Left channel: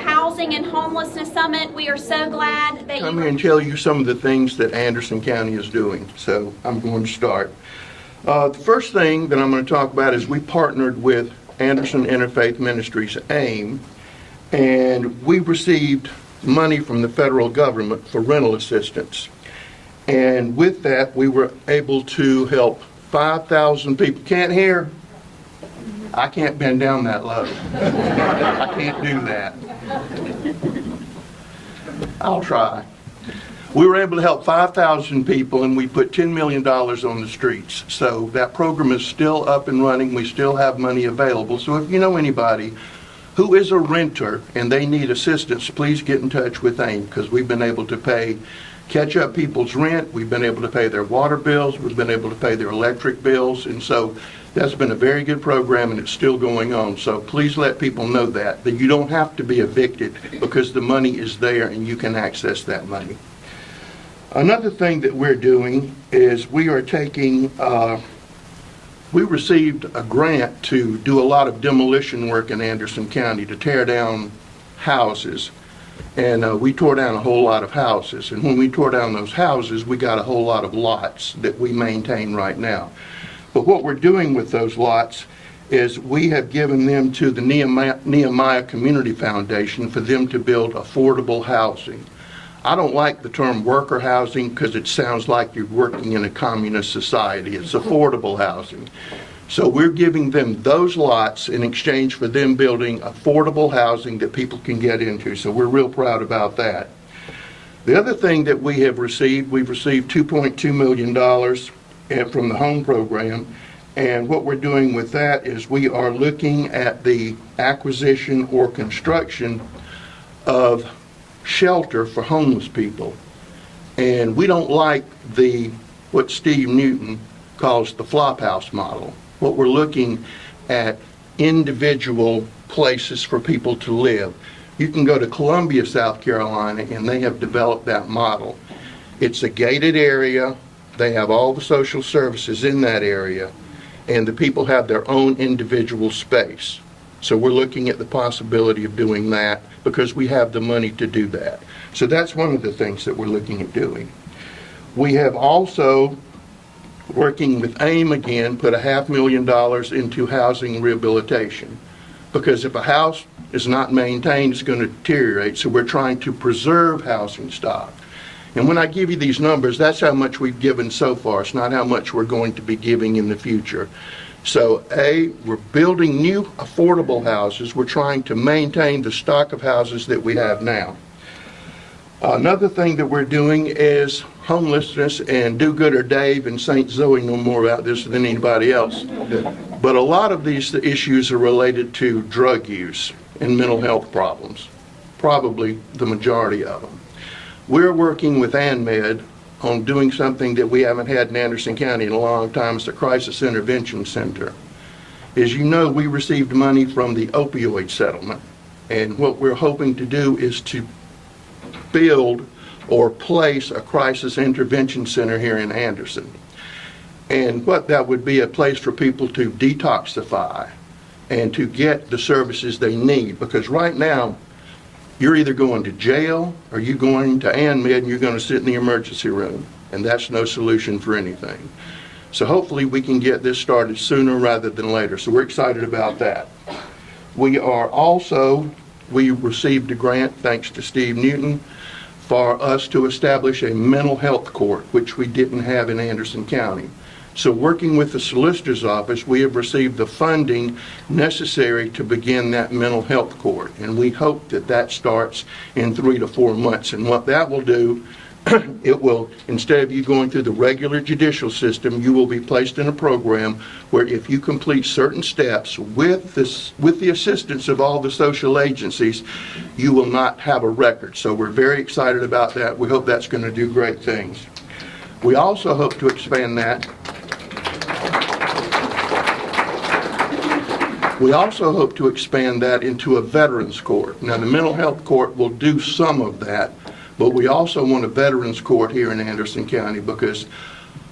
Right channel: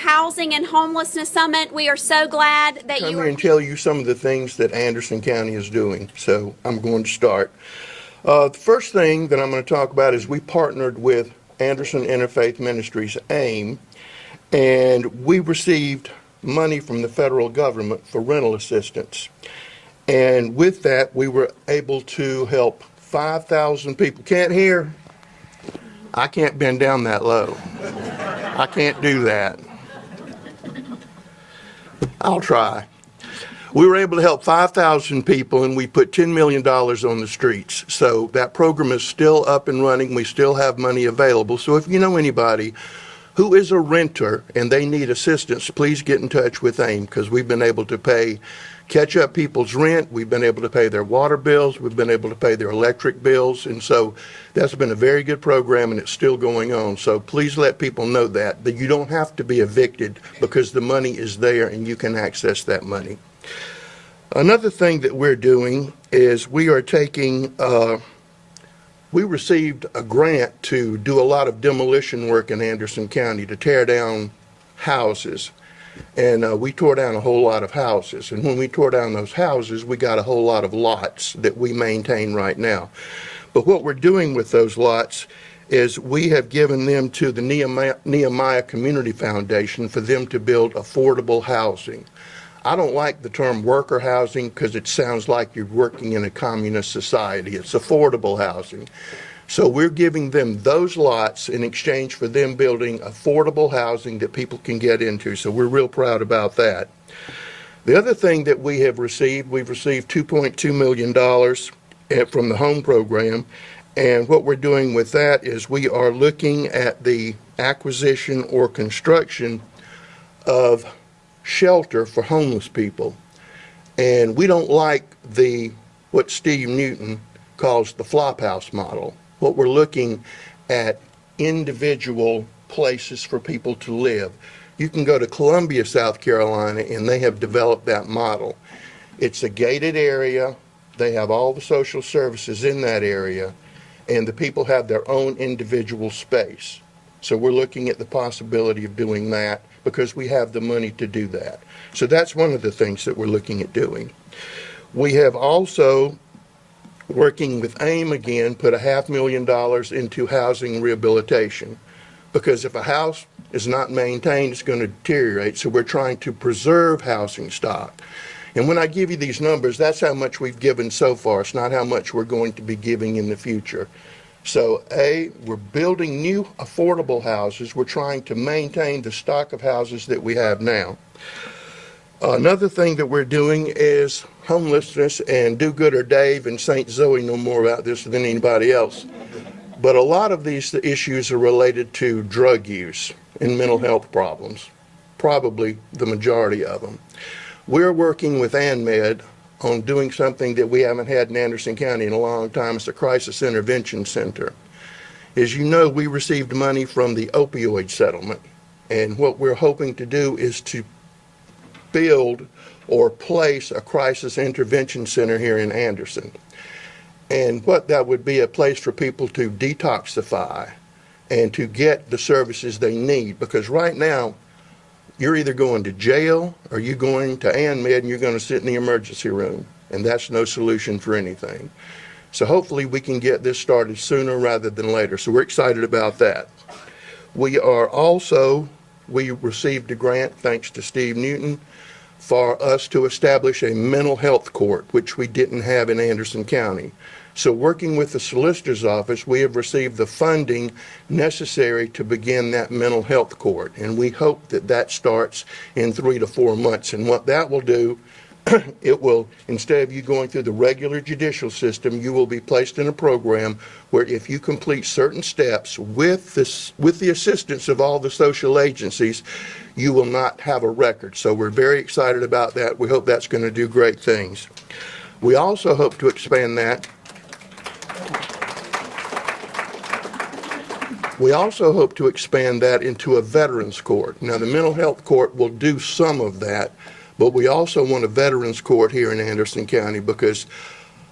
Housing and Homelessness Summit. We are so glad that Come you here and tell you some of the things that Anderson County is doing. So I'm going to start. The first thing that I'm going to talk about is we partnered with Anderson Interfaith Ministries, AIM, and we received money from the federal government for rental assistance. And with that, we were able to help 5,000 people. Can't hear? I can't bend down that low. I can't do that. I'll try. We were able to help 5,000 people, and we put $10 million on the streets. So that program is still up and running. We still have money available. So if you know anybody who is a renter and they need assistance, please get in touch with AIM, because we've been able to catch up people's rent. We've been able to pay their water bills. We've been able to pay their electric bills. And so that's been a very good program, and it's still going on. So please let people know that you don't have to be evicted, because the money is there and you can access that money. Another thing that we're doing is we are taking, we received a grant to do a lot of demolition work in Anderson County to tear down houses. And we tore down a whole lot of houses. And when we tore down those houses, we got a whole lot of lots that we maintain right now. But what we're doing with those lots is we have given them to the Nehemiah Community Foundation for them to build affordable housing. I don't like the term worker housing because it sounds like you're working in a communist society. It's affordable housing. So we're giving them those lots in exchange for them building affordable housing that people can get into. So we're real proud about that. The other thing that we have received, we've received $2.2 million from the home program. And what we're doing with that is we are looking at the acquisition or construction of shelter for homeless people. And we don't like what Steve Newton calls the flophouse model. What we're looking at individual places for people to live. You can go to Columbia, South Carolina, and they have developed that model. It's a gated area. They have all the social services in that area, and the people have their own individual space. So we're looking at the possibility of doing that because we have the money to do that. So that's one of the things that we're looking at doing. We have also, working with AIM again, put $500,000 into housing rehabilitation, because if a house is not maintained, it's going to deteriorate. So we're trying to preserve housing stock. And when I give you these numbers, that's how much we've given so far. It's not how much we're going to be giving in the future. So we're building new affordable houses. We're trying to maintain the stock of houses that we have now. Another thing that we're doing is homelessness, and Do-Gooder Dave and St. Zoe know more about this than anybody else. But a lot of these issues are related to drug use and mental health problems, probably the majority of them. We're working with ANMED on doing something that we haven't had in Anderson County in a long time. It's a crisis intervention center. As you know, we received money from the opioid settlement, and what we're hoping to do is to build or place a crisis intervention center here in Anderson. And what that would be, a place for people to detoxify and to get the services they need, because right now you're either going to jail or you're going to ANMED and you're going to sit in the emergency room, and that's no solution for anything. So hopefully we can get this started sooner rather than later. So we're excited about that. We received a grant, thanks to Steve Newton, for us to establish a mental health court, which we didn't have in Anderson County. So working with the solicitor's office, we have received the funding necessary to begin that mental health court. And we hope that that starts in 3 to 4 months. And what that will do, it will, instead of you going through the regular judicial system, you will be placed in a program where if you complete certain steps with the assistance of all the social agencies, you will not have a record. So we're very excited about that. We hope that's going to do great things. We also hope to expand that. We also hope to expand that into a veterans court. Now, the mental health court will do some of that, but we also want a veterans court here in Anderson County, because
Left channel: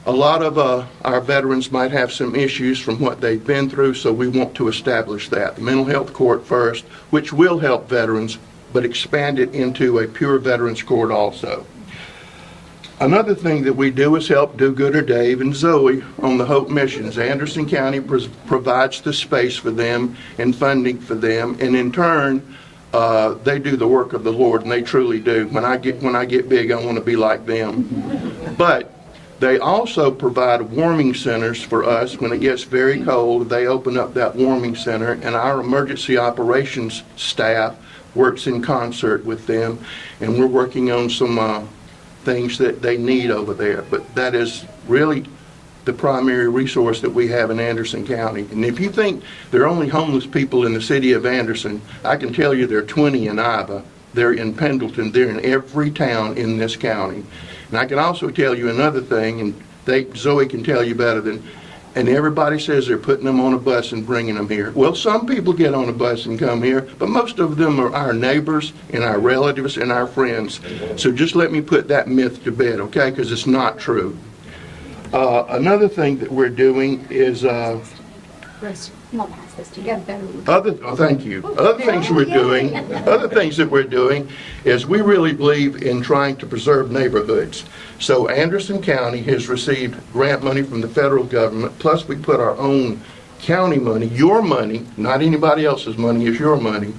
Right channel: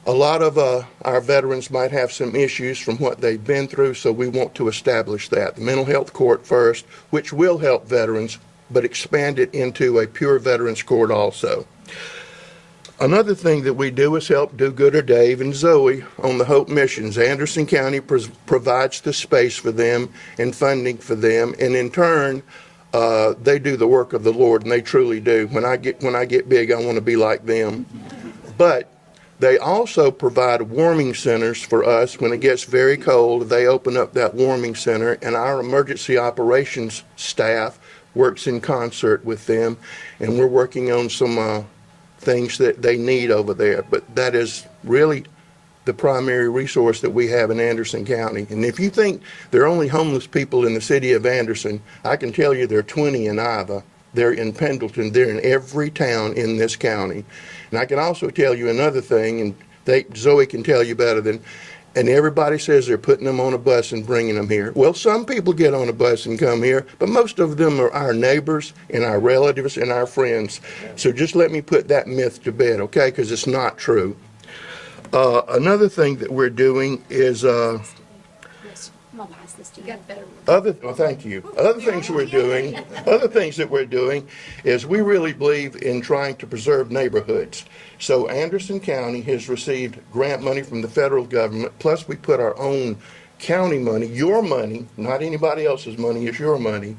a lot of our veterans might have some issues from what they've been through, so we want to establish that. The mental health court first, which will help veterans, but expand it into a pure veterans court also. Another thing that we do is help Do-Gooder Dave and Zoe on the Hope missions. Anderson County provides the space for them and funding for them, and in turn, they do the work of the Lord, and they truly do. When I get big, I want to be like them. But they also provide warming centers for us. When it gets very cold, they open up that warming center, and our emergency operations staff works in concert with them, and we're working on some things that they need over there. But that is really the primary resource that we have in Anderson County. And if you think there are only homeless people in the city of Anderson, I can tell you there are 20 in Iva, they're in Pendleton, they're in every town in this county. And I can also tell you another thing, and Zoe can tell you better than, and everybody says they're putting them on a bus and bringing them here. Well, some people get on a bus and come here, but most of them are our neighbors and our relatives and our friends. So just let me put that myth to bed, okay? Because it's not true. Another thing that we're doing is I'm gonna pass this to you. thank you. Other things that we're doing is we really believe in trying to preserve neighborhoods. So Anderson County has received grant money from the federal government, plus we put our own county money, your money, not anybody else's money, it's your money,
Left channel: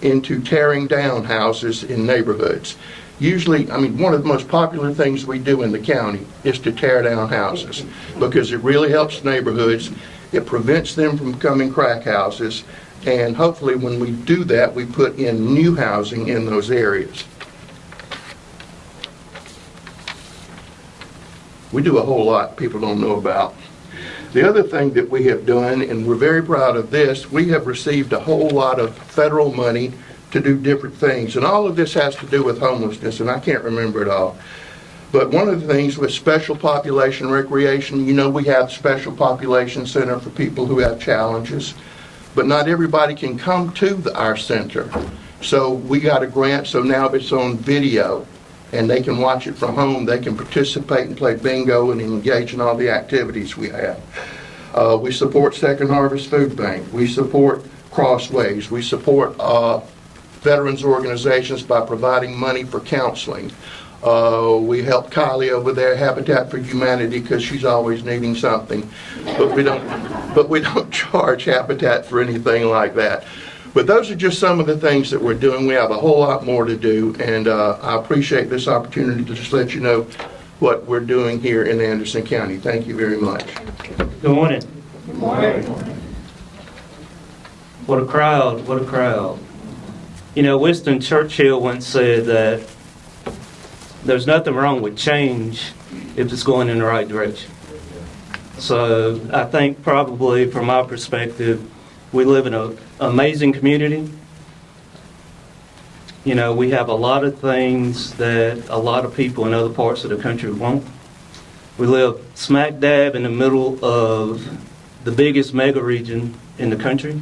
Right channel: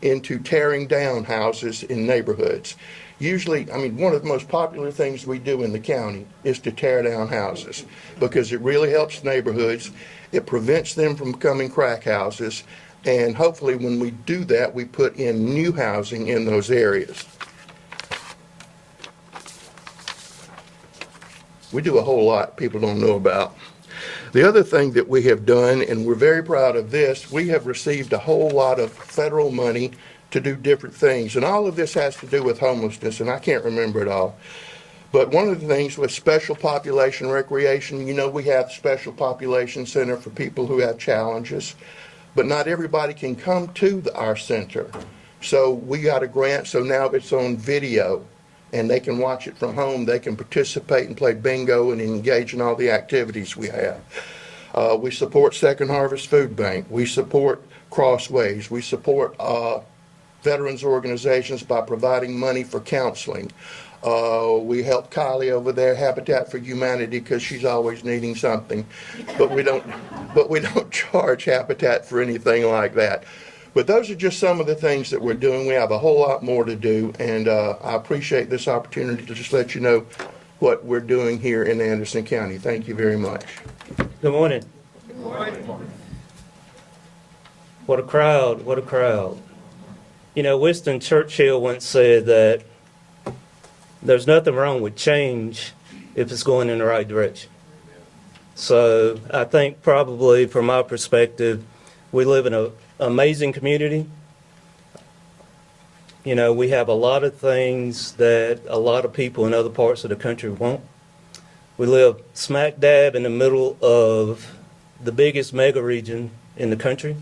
into tearing down houses in neighborhoods. Usually, one of the most popular things we do in the county is to tear down houses because it really helps neighborhoods. It prevents them from becoming crack houses, and hopefully when we do that, we put in new housing in those areas. We do a whole lot people don't know about. The other thing that we have done, and we're very proud of this, we have received a whole lot of federal money to do different things, and all of this has to do with homelessness, and I can't remember it all. But one of the things with special population recreation, we have special population center for people who have challenges, but not everybody can come to our center. So we got a grant, so now it's on video, and they can watch it from home. They can participate and play bingo and engage in all the activities we have. We support Second Harvest Food Bank. We support Crossways. We support veterans organizations by providing money for counseling. We help Kylie over there, Habitat for Humanity, because she's always needing something. But we don't charge Habitat for anything like that. But those are just some of the things that we're doing. We have a whole lot more to do, and I appreciate this opportunity to just let you know what we're doing here in Anderson County. Thank you very much. Good morning. Good morning. What a crowd, what a crowd. Winston Churchill once said that there's nothing wrong with change if it's going in the right direction. So I think probably from my perspective, we live in an amazing community. We have a lot of things that a lot of people in other parts of the country won't. We live smack dab in the middle of the biggest mega region in the country,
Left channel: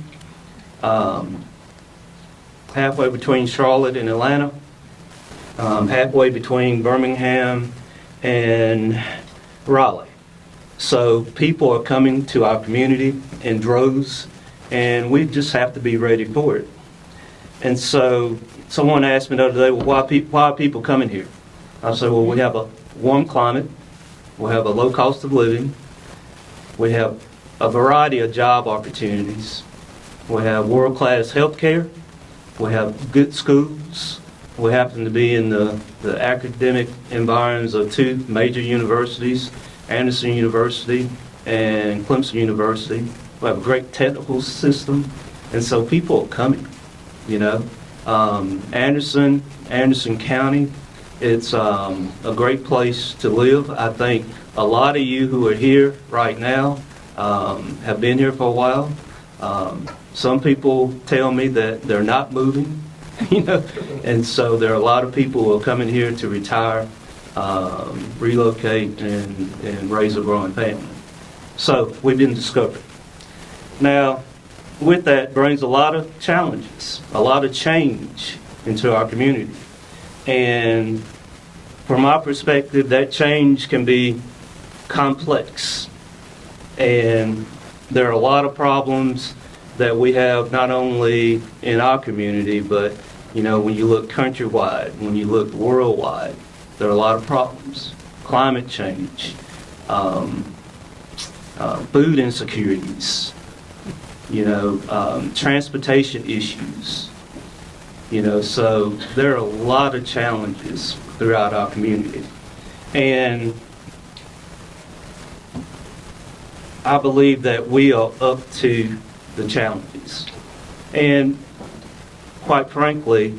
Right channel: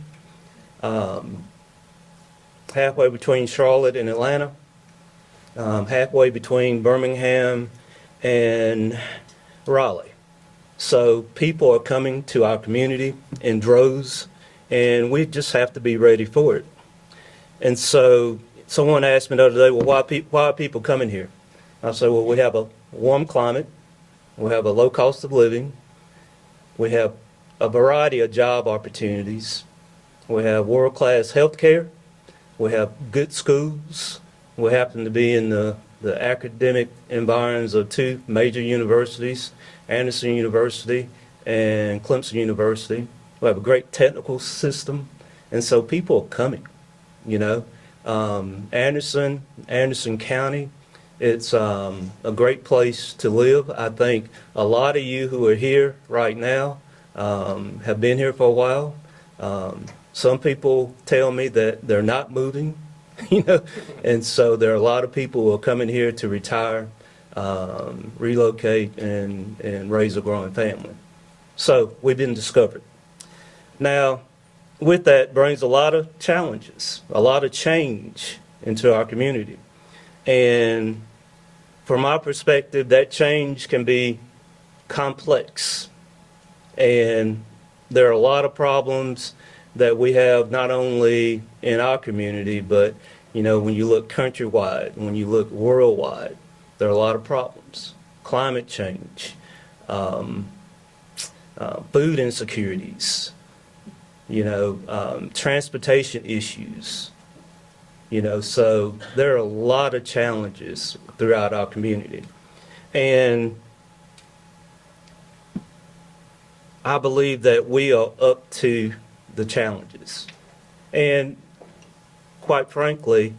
halfway between Charlotte and Atlanta. Halfway between Birmingham and Raleigh. So people are coming to our community in droves, and we just have to be ready for it. And so someone asked me the other day, well, why are people coming here? I said, well, we have a warm climate, we have a low cost of living, we have a variety of job opportunities, we have world-class health care, we have good schools. We happen to be in the academic environs of two major universities, Anderson University and Clemson University. We have a great technical system, and so people are coming, Anderson County, it's a great place to live. I think a lot of you who are here right now have been here for a while. Some people tell me that they're not moving. And so there are a lot of people who are coming here to retire, relocate, and raise a growing family. So we've been discovered. Now, with that brings a lot of challenges, a lot of change into our community. And from my perspective, that change can be complex. And there are a lot of problems that we have not only in our community, but You know, when you look countrywide, when you look worldwide, there are a lot of problems. Climate change, food insecurities, transportation issues. So there are a lot of challenges throughout our community. And I believe that we are up to the challenges. And quite frankly,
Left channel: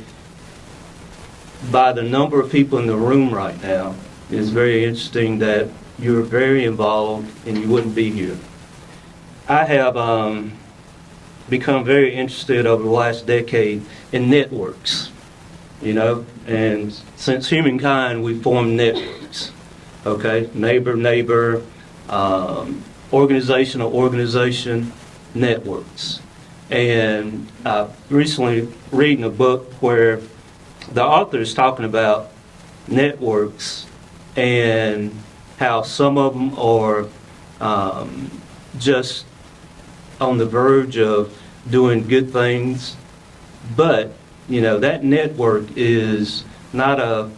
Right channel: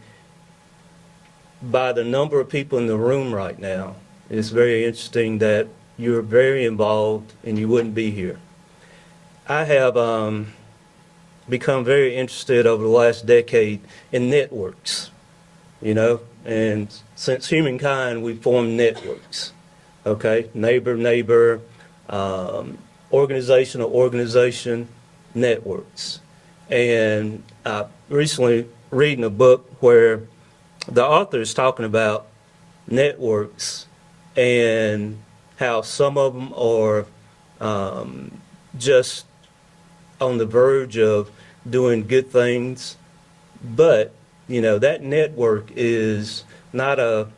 by the number of people in the room right now, it's very interesting that you're very involved and you wouldn't be here. I have become very interested over the last decade in networks, and since humankind, we formed networks, okay? Neighbor, organization networks. And I recently reading a book where the author is talking about networks and how some of them are just on the verge of doing good things, but that network is not a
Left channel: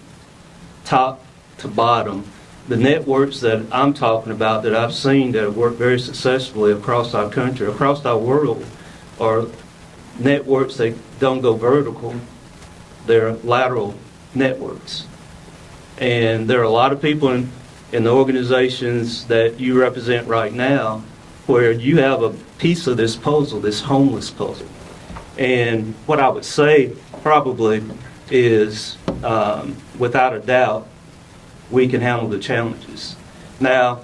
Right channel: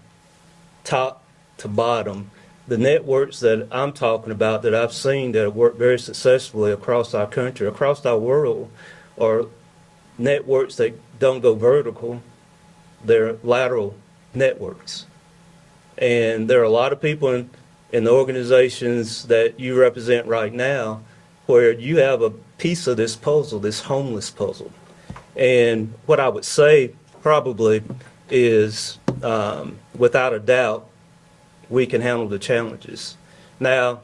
top to bottom. The networks that I'm talking about that I've seen that have worked very successfully across our country, across our world, are networks that don't go vertical, they're lateral networks. And there are a lot of people in the organizations that you represent right now where you have a piece of this puzzle, this homeless puzzle. And what I would say probably is, without a doubt, we can handle the challenges. Now,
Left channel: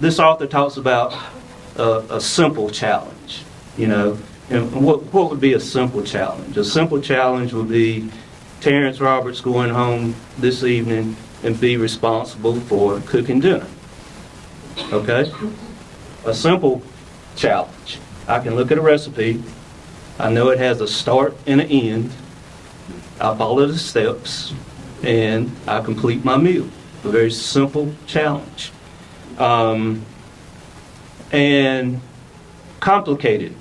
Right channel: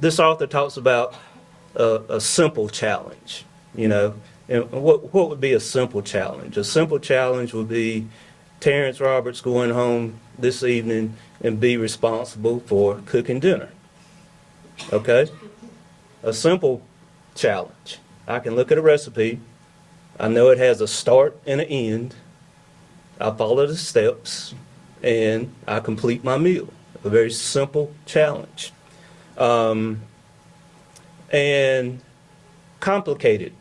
this author talks about a simple challenge, and what would be a simple challenge? A simple challenge would be Terrence Roberts going home this evening and be responsible for cooking dinner, okay? A simple challenge. I can look at a recipe. I know it has a start and an end. I follow the steps, and I complete my meal. A very simple challenge. And complicated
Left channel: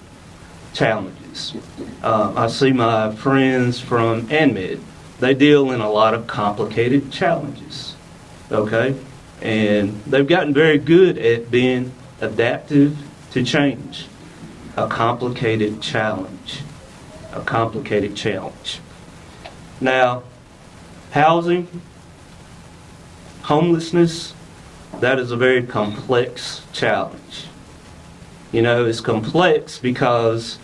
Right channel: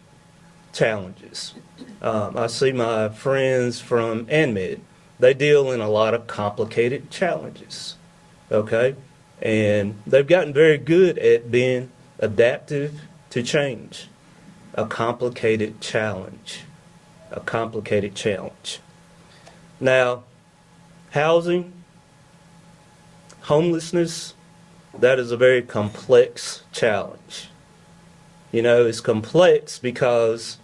challenges. I see my friends from ANMED. They deal in a lot of complicated challenges, okay? And they've gotten very good at being adaptive to change. A complicated challenge. A complicated challenge. Now, housing, homelessness, that is a very complex challenge. It's complex because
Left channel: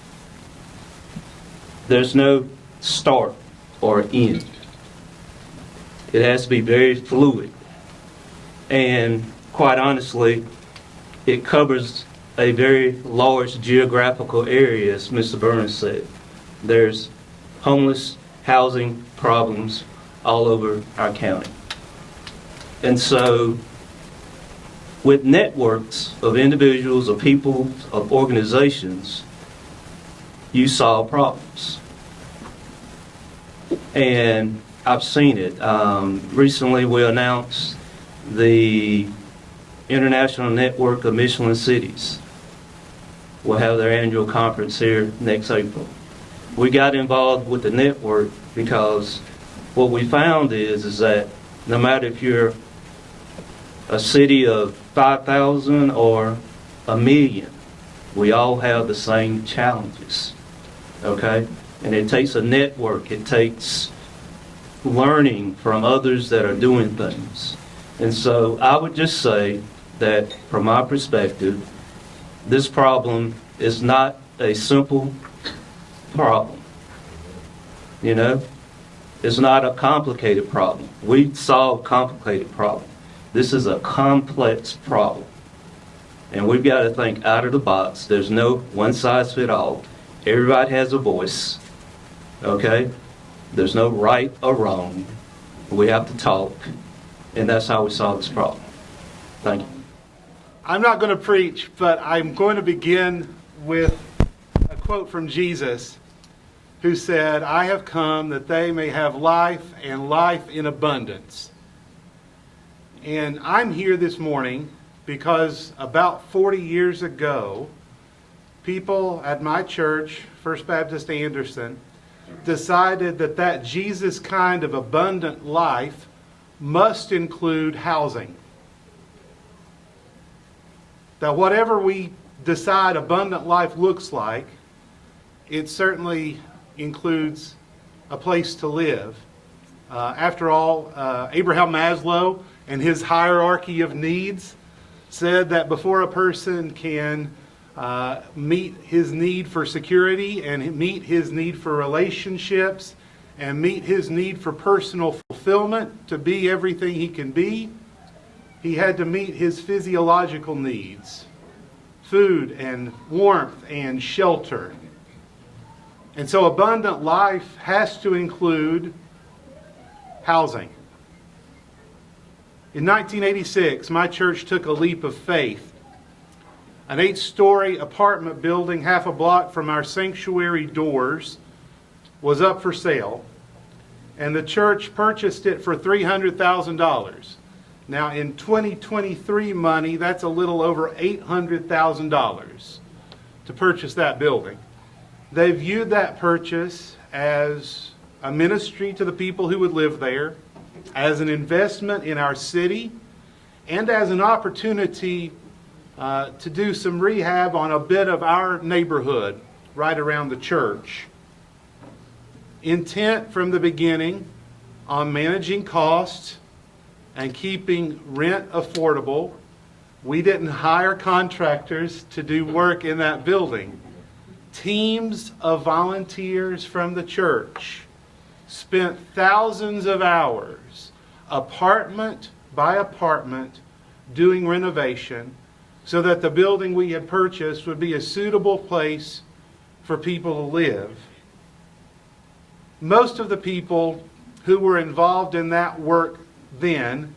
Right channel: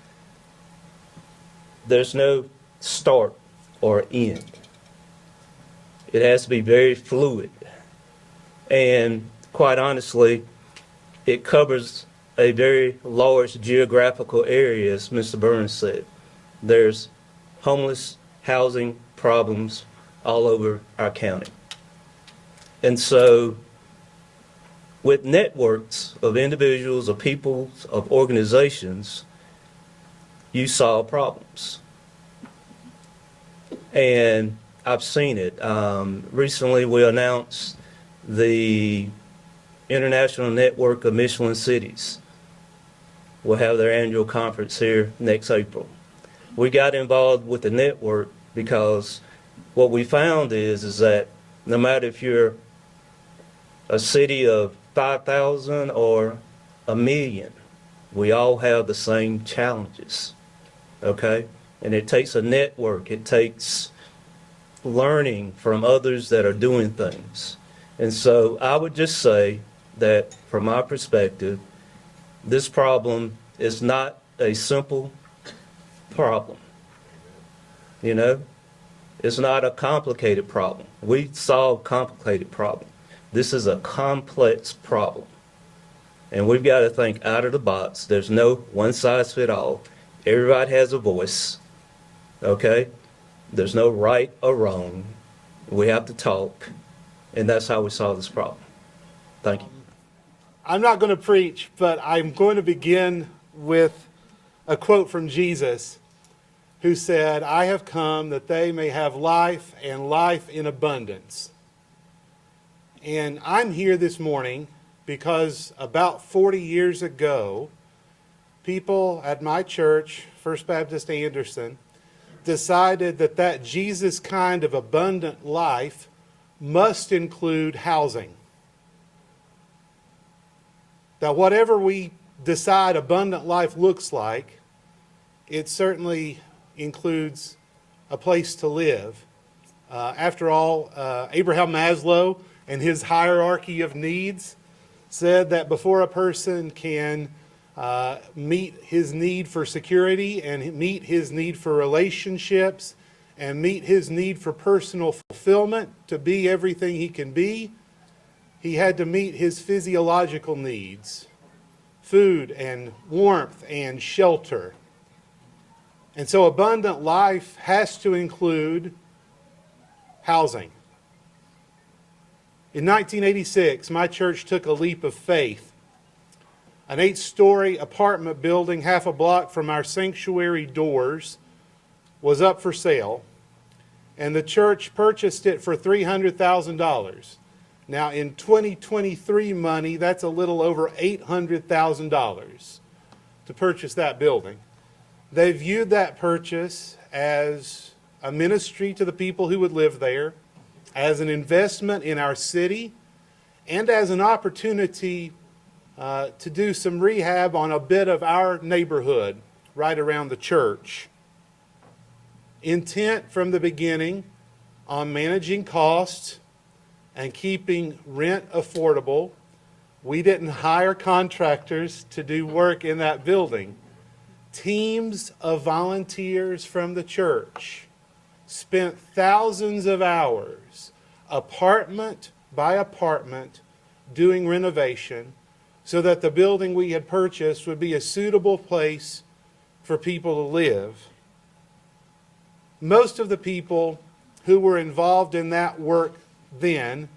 there's no start or end. It has to be very fluid. And quite honestly, it covers a very large geographical area, as Mr. Burns said. There's homeless housing problems all over our county. And so, with networks of individuals, of people, of organizations, you solve problems. And I've seen it. Recently, we announced the International Network of Michelin Cities will have their annual conference here next April. We got involved with the network because what we found is that no matter if you're a city of 5,000 or a million, we all have the same challenges, okay? And it takes a network. It takes learning from others that are doing things. And so I would just say that from my perspective, this problem is not a simple problem. It's not a complicated problem. We solve complicated problems. This is a complex problem. And we've got to think out of the box. There's no one size fits all. Everybody has a voice, okay? There's no right or wrong. We have to talk, and that's how we solve this problem. Thank you. I'm not going to preach, but I'm going to begin with a quote from Jesus, who said, "I have come that they may have life and life in abundance." And I'm here this morning because about 40 years ago, people at my church, First Baptist Anderson, decided that Jesus kind of abundant life must include housing. That whatever we decide abundant life looks like, it certainly includes a place to live. After all, Abraham Maslow and his hierarchy of needs said that before a person can meet his need for security and meet his need for relationships and meet his need for personal fulfillment to be everything he can be, he had to meet his physiological needs, food and warmth and shelter. And so abundant life has to include housing. In 1986, my church took a leap of faith. An 8-story apartment building half a block from our sanctuary doors was up for sale, and the church purchased it for $300,000. Now, in 2023 money, that's a little over $800,000 to purchase that building. They viewed that purchase as a ministry to the people who would live there, as an investment in our city, and as an opportunity to do some rehab on a bit of our neighborhood right around the church. Intent from the beginning on managing costs and keeping rent affordable. We didn't hire contractors to do work in that building. Teams of volunteers from the church spent thousands of hours, apartment by apartment, doing renovation so that the building we had purchased would be a suitable place for people to live. Most of the people who were involved in that work then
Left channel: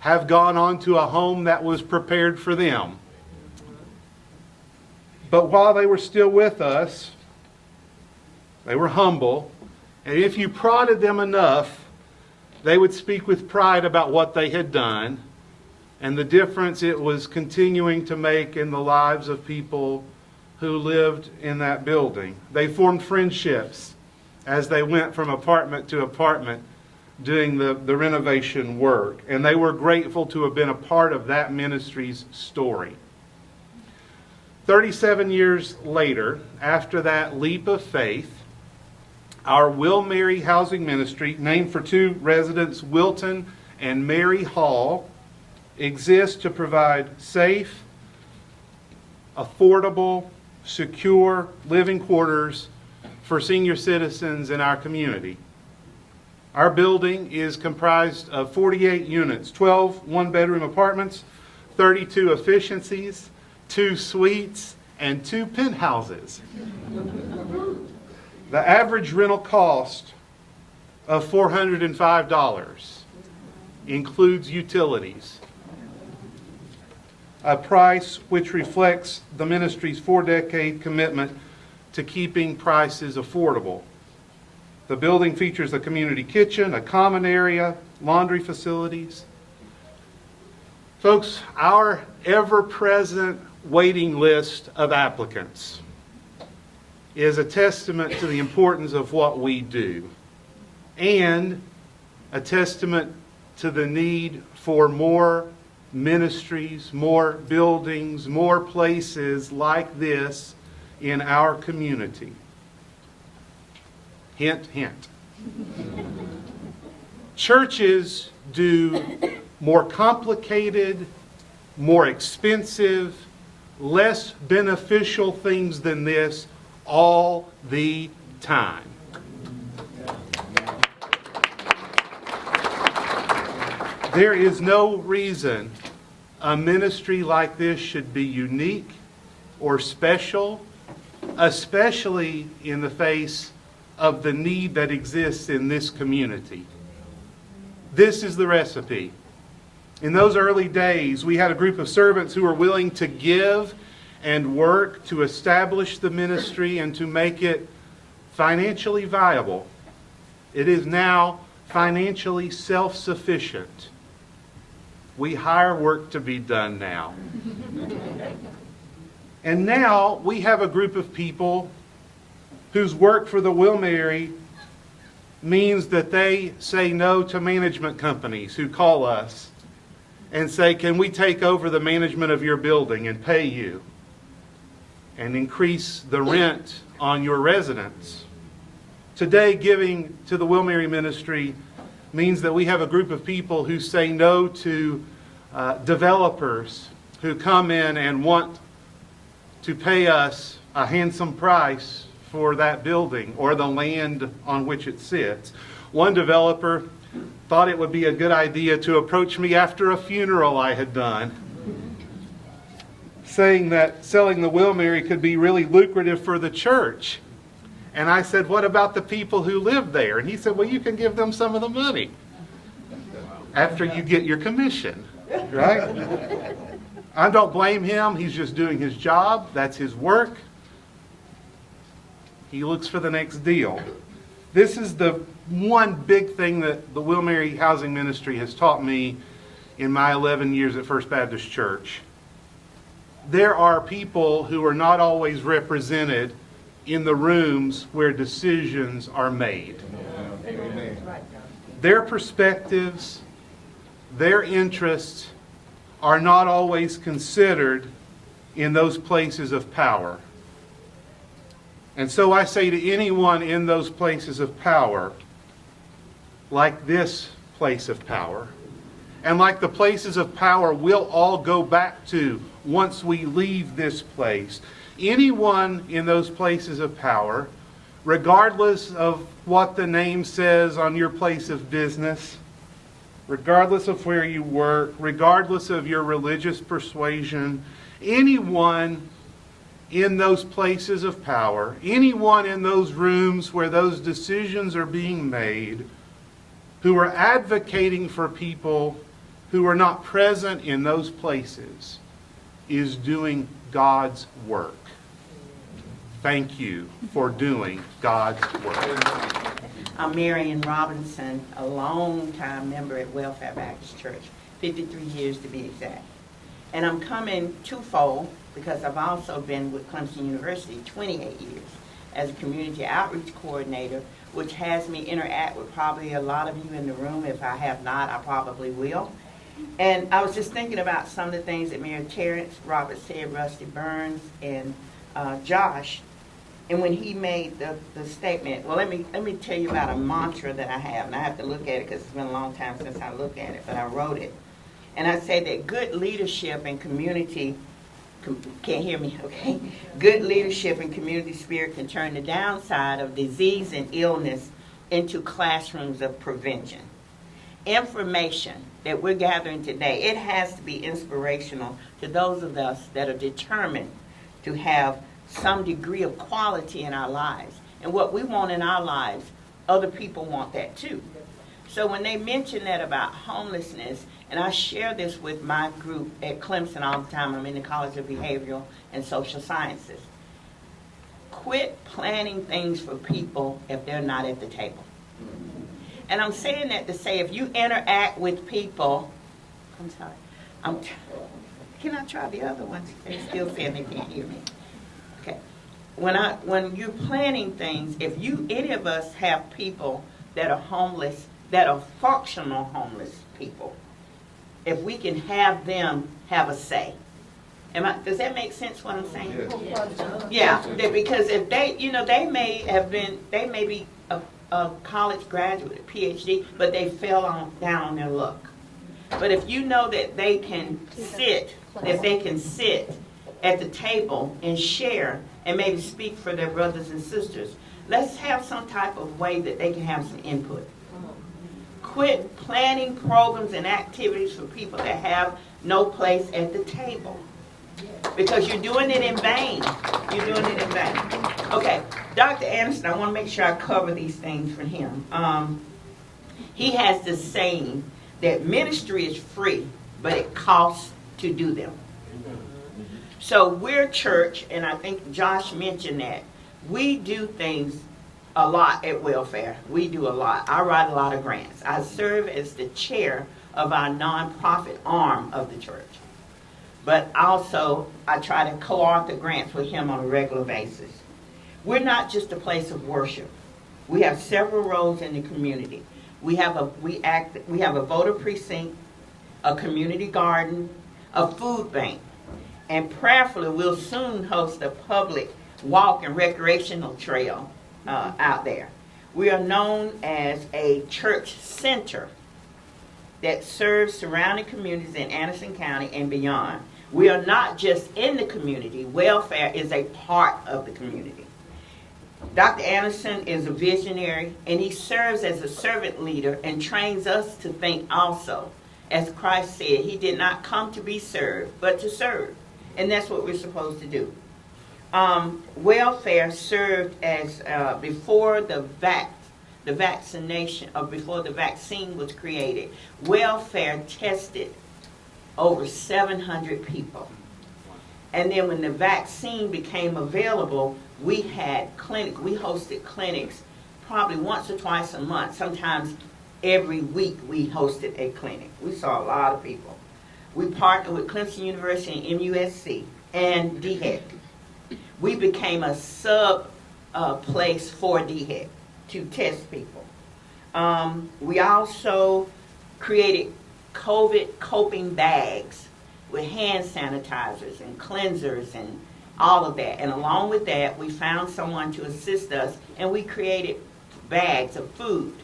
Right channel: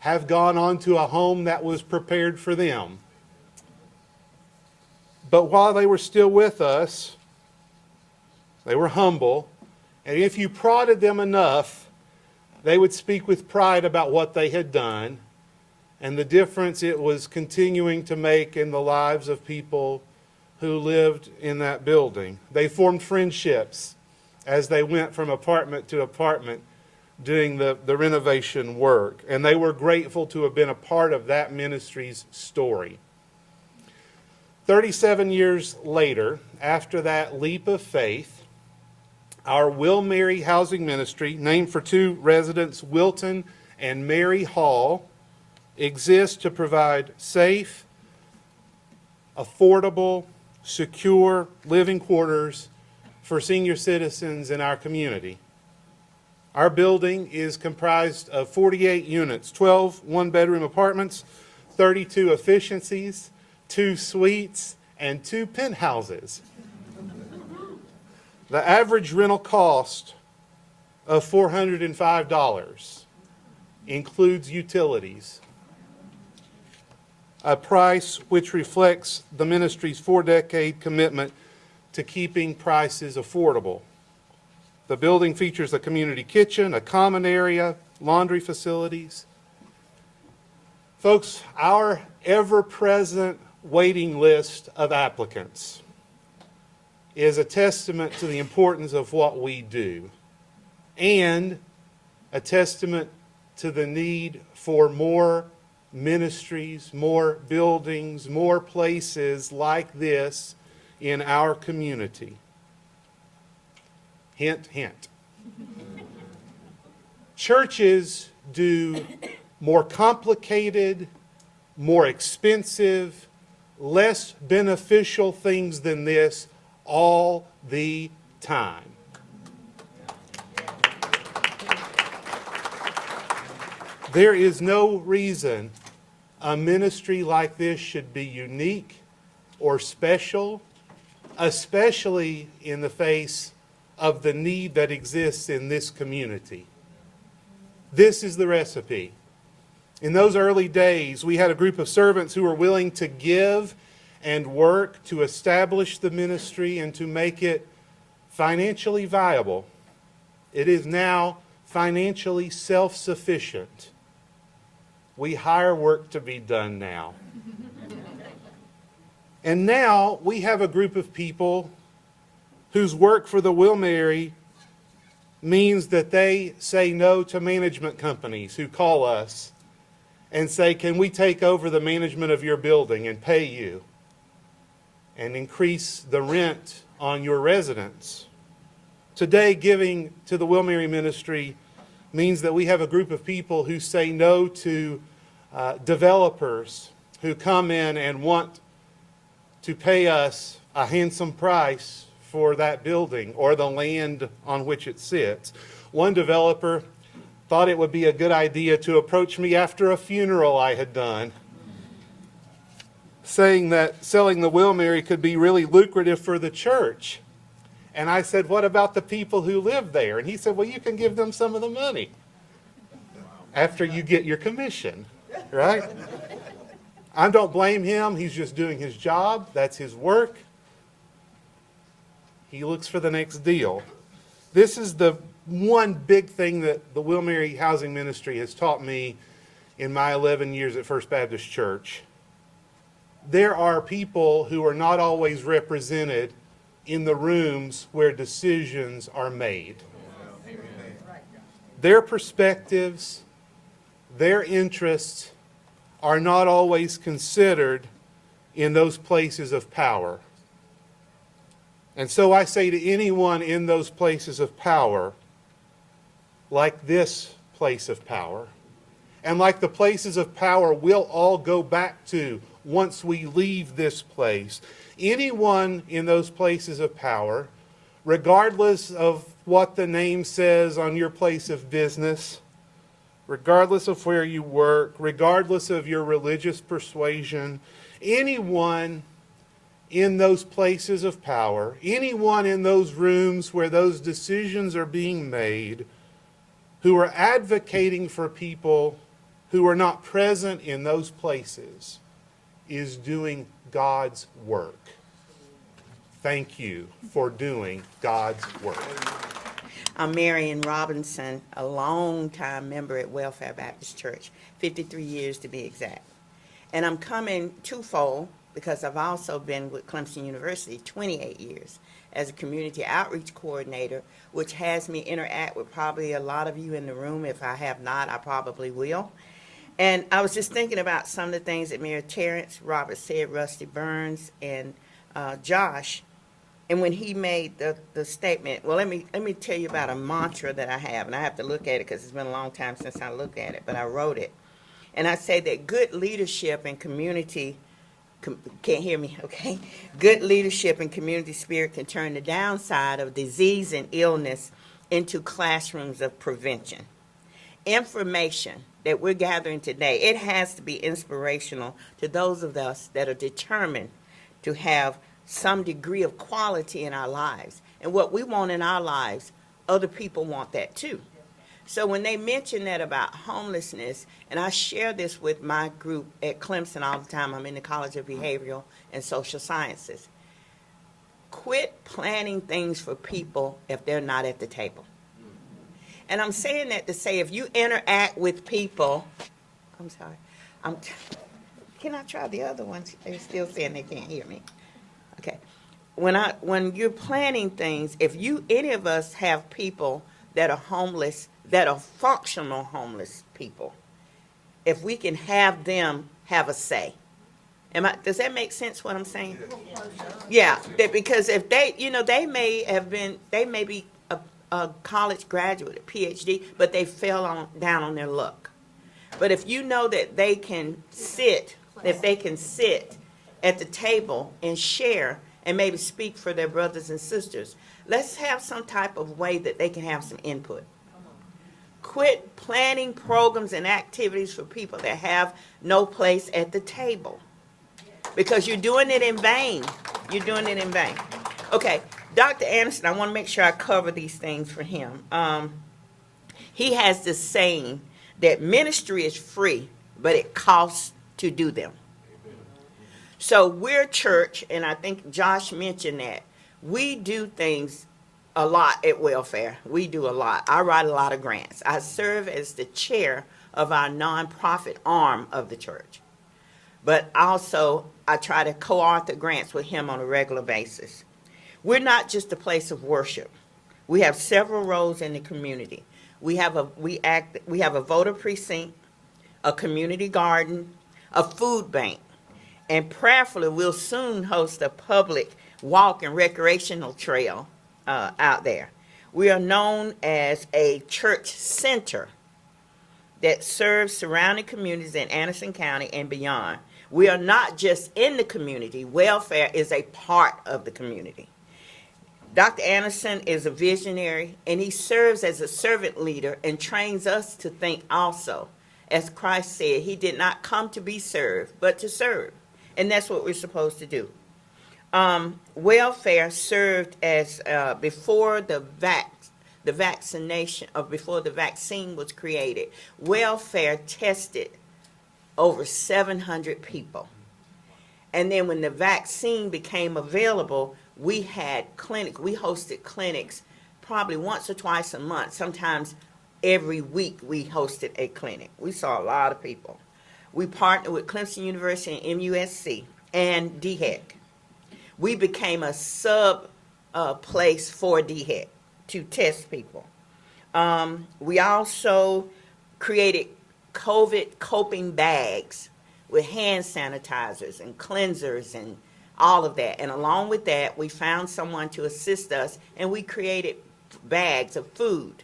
have gone on to a home that was prepared for them. But while they were still with us, they were humble, and if you prodded them enough, they would speak with pride about what they had done and the difference it was continuing to make in the lives of people who lived in that building. They formed friendships as they went from apartment to apartment doing the renovation work, and they were grateful to have been a part of that ministry's story. 37 years later, after that leap of faith, our Will Mary Housing Ministry, named for two residents, Wilton and Mary Hall, exists to provide safe, affordable, secure living quarters for senior citizens in our community. Our building is comprised of 48 units, 12 one-bedroom apartments, 32 efficiencies, 2 suites, and 2 penthouses. The average rental cost of $405 includes utilities, a price which reflects the ministry's 4-decade commitment to keeping prices affordable. The building features a community kitchen, a common area, laundry facilities. Folks, our ever-present waiting list of applicants is a testament to the importance of what we do and a testament to the need for more ministries, more buildings, more places like this in our community. Hint, hint. Churches do more complicated, more expensive, less beneficial things than this all the time. There is no reason a ministry like this should be unique or special, especially in the face of the need that exists in this community. This is the recipe. In those early days, we had a group of servants who were willing to give and work to establish the ministry and to make it financially viable. It is now financially self-sufficient. We hire work to be done now. And now we have a group of people whose work for the Will Mary means that they say no to management companies who call us and say, can we take over the management of your building and pay you and increase the rent on your residence? Today, giving to the Will Mary Ministry means that we have a group of people who say no to developers who come in and want to pay us a handsome price for that building or the land on which it sits. One developer thought it would be a good idea to approach me after a funeral I had done, saying that selling the Will Mary could be really lucrative for the church. And I said, what about the people who live there? And he said, well, you can give them some of the money after you get your commission, right? I don't blame him. He's just doing his job. That's his work. He looks for the next deal. This is the one big thing that the Will Mary Housing Ministry has taught me in my 11 years at First Baptist Church. There are people who are not always represented in the rooms where decisions are made. Their perspectives, their interests are not always considered in those places of power. And so I say to anyone in those places of power, like this place of power, and like the places of power we'll all go back to once we leave this place, anyone in those places of power, regardless of what the name says on your place of business, regardless of where you work, regardless of your religious persuasion, anyone in those places of power, anyone in those rooms where those decisions are being made, who are advocating for people who are not present in those places, is doing God's work. Thank you for doing God's work. I'm Marion Robinson, a long-time member at Welfare Baptist Church, 53 years to be exact. And I'm coming twofold because I've also been with Clemson University 28 years as a community outreach coordinator, which has me interact with probably a lot of you in the room. If I have not, I probably will. And I was just thinking about some of the things that Mayor Terrence, Robert said, Rusty Burns, and Josh. And when he made the statement, well, let me tell you about a mantra that I have, and I have to look at it because it's been a long time since I looked at it, but I wrote it. And I say that good leadership and community, can't hear me, okay? Good leadership and community spirit can turn the downside of disease and illness into classrooms of prevention. Information that we're gathering today, it has to be inspirational to those of us that are determined to have some degree of quality in our lives. And what we want in our lives, other people want that too. So when they mention that about homelessness, and I share this with my group at Clemson all the time, I'm in the College of Behavioral and Social Sciences. Quit planning things for people if they're not at the table. And I'm saying that to say if you interact with people, I'm sorry, can I try the other ones? They're still saying they can't hear me. Okay. When you're planning things, if any of us have people that are homeless, that are functional homeless people, if we can have them have a say. Does that make sense what I'm saying? Yeah, because if they may be a college graduate, a PhD, but they fell down on their luck. But if you know that they can sit at the table and share and maybe speak for their brothers and sisters, let's have some type of way that they can have some input. Quit planning programs and activities for people that have no place at the table. Because you're doing it in vain. You're doing it in vain. Okay, Dr. Anderson, I want to make sure I cover these things for him. He has this saying that ministry is free, but it costs to do them. So we're church, and I think Josh mentioned that. We do things a lot at welfare. We do a lot. I write a lot of grants. I serve as the chair of our nonprofit arm of the church. But also, I try to co-author grants with him on a regular basis. We're not just a place of worship. We have several roles in the community. We have a voter precinct, a community garden, a food bank, and prayerfully we'll soon host a public walk and recreational trail out there. We are known as a church center that serves surrounding communities in Anderson County and beyond. We are not just in the community. Welfare is a part of the community. Dr. Anderson is a visionary, and he serves as a servant leader and trains us to think also. As Christ said, he did not come to be served, but to serve. And that's what we're supposed to do. Welfare served as before the vaccination, or before the vaccine was created, welfare tested over 700 people. And then when the vaccine became available, we had clinics. We hosted clinics probably once or twice a month. Sometimes every week we hosted a clinic. We saw a lot of people. We partnered with Clemson University and MUSC and DHEC. We became a sub place for DHEC to test people. We also created COVID coping bags with hand sanitizers and cleansers and all of that. And along with that, we found someone to assist us, and we created bags of food.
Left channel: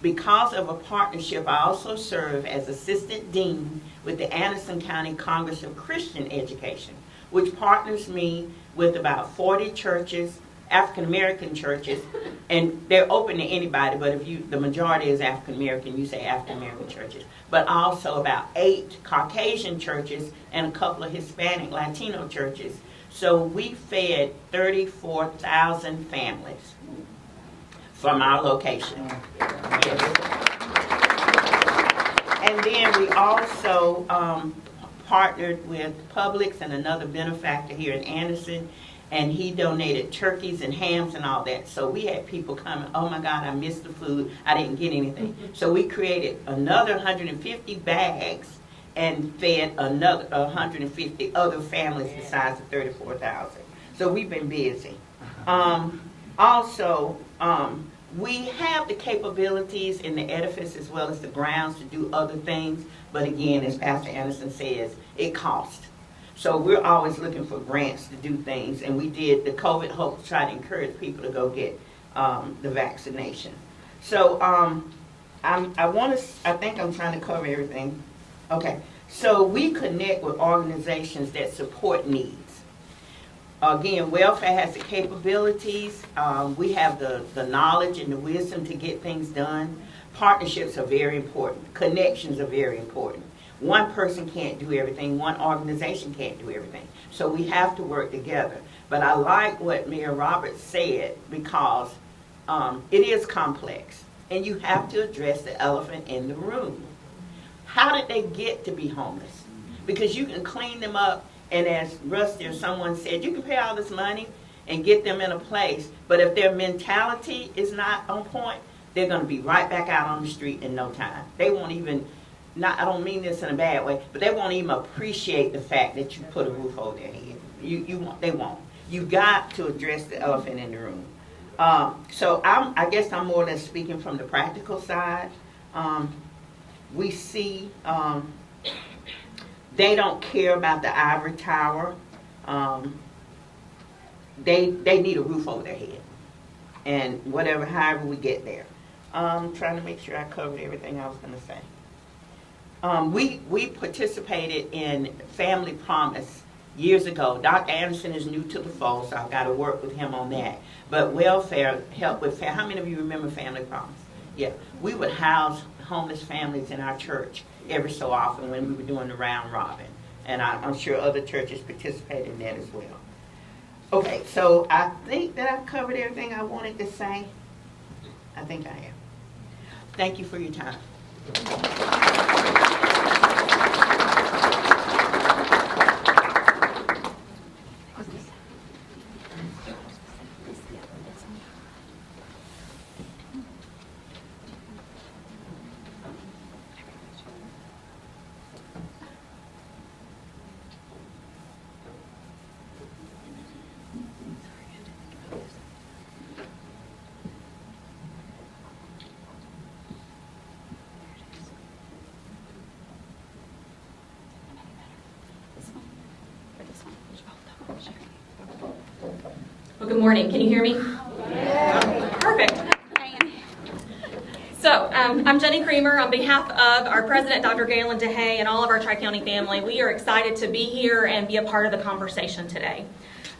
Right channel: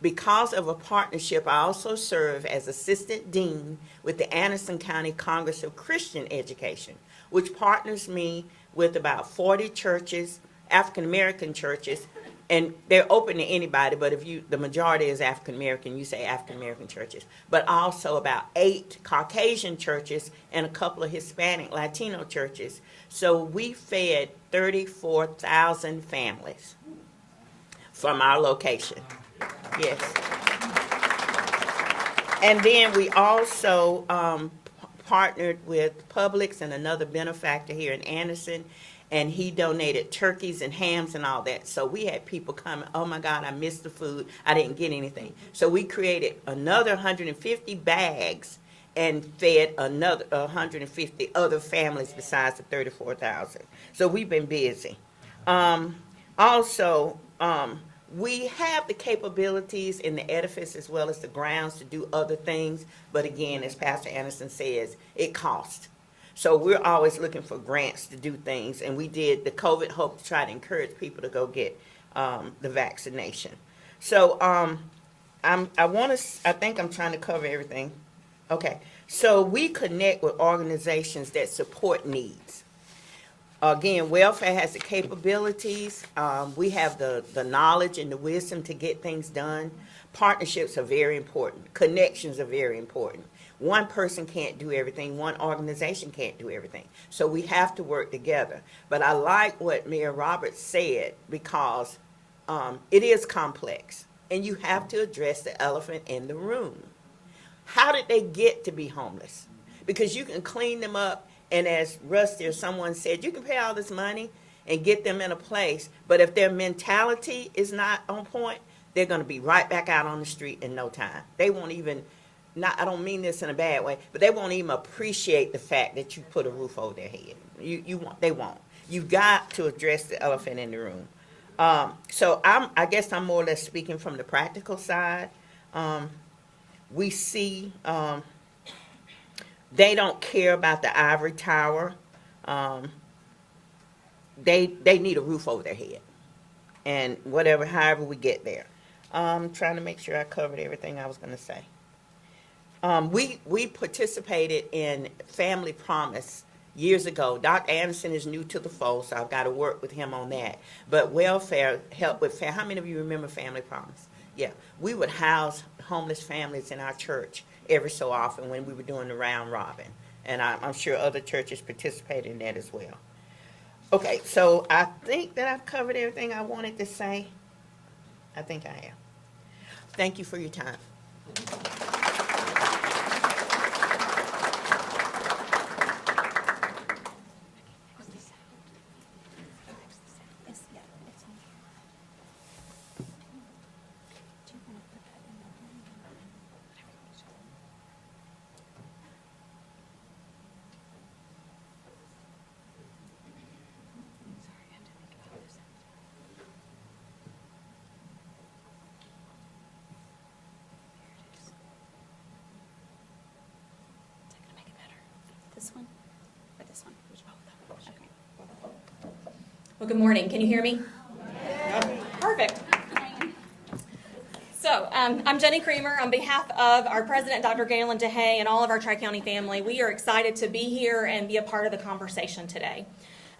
Because of a partnership, I also serve as Assistant Dean with the Anderson County Congress of Christian Education, which partners me with about 40 churches, African American churches, and they're open to anybody, but if the majority is African American, you say African American churches, but also about 8 Caucasian churches and a couple of Hispanic Latino churches. So we fed 34,000 families from our location. Yes. And then we also partnered with Publix and another benefactor here in Anderson, and he donated turkeys and hams and all that. So we had people coming, oh my God, I missed the food, I didn't get anything. So we created another 150 bags and fed another 150 other families besides the 34,000. So we've been busy. Also, we have the capabilities in the edifice as well as the grounds to do other things, but again, as Pastor Anderson says, it costs. So we're always looking for grants to do things, and we did the COVID Hope to try to encourage people to go get the vaccination. So I think I'm trying to cover everything. Okay, so we connect with organizations that support needs. Again, welfare has the capabilities. We have the knowledge and the wisdom to get things done. Partnerships are very important. Connections are very important. One person can't do everything. One organization can't do everything. So we have to work together. But I like what Mayor Roberts said, because it is complex. And you have to address the elephant in the room. How did they get to be homeless? Because you can clean them up, and as Rusty or someone said, you can pay all this money and get them in a place, but if their mentality is not on point, they're going to be right back out on the street in no time. They won't even, I don't mean this in a bad way, but they won't even appreciate the fact that you put a roof over their head. They won't. You got to address the elephant in the room. So I guess I'm more or less speaking from the practical side. We see they don't care about the ivory tower. They need a roof over their head, and however we get there. I'm trying to make sure I covered everything I was going to say. We participated in Family Promise years ago. Dr. Anderson is new to the fold, so I've got to work with him on that. But welfare helped with how many of you remember Family Promise? Yeah, we would house homeless families in our church every so often when we were doing the round robin. And I'm sure other churches participate in that as well. Okay, so I think that I've covered everything I wanted to say. I think I have. Thank you for your time. Well, good morning. Can you hear me? Perfect. So, I'm Jenny Creamer. On behalf of our president, Dr. Galen DeHay, and all of our Tri-County family, we are excited to be here and be a part of the conversation today.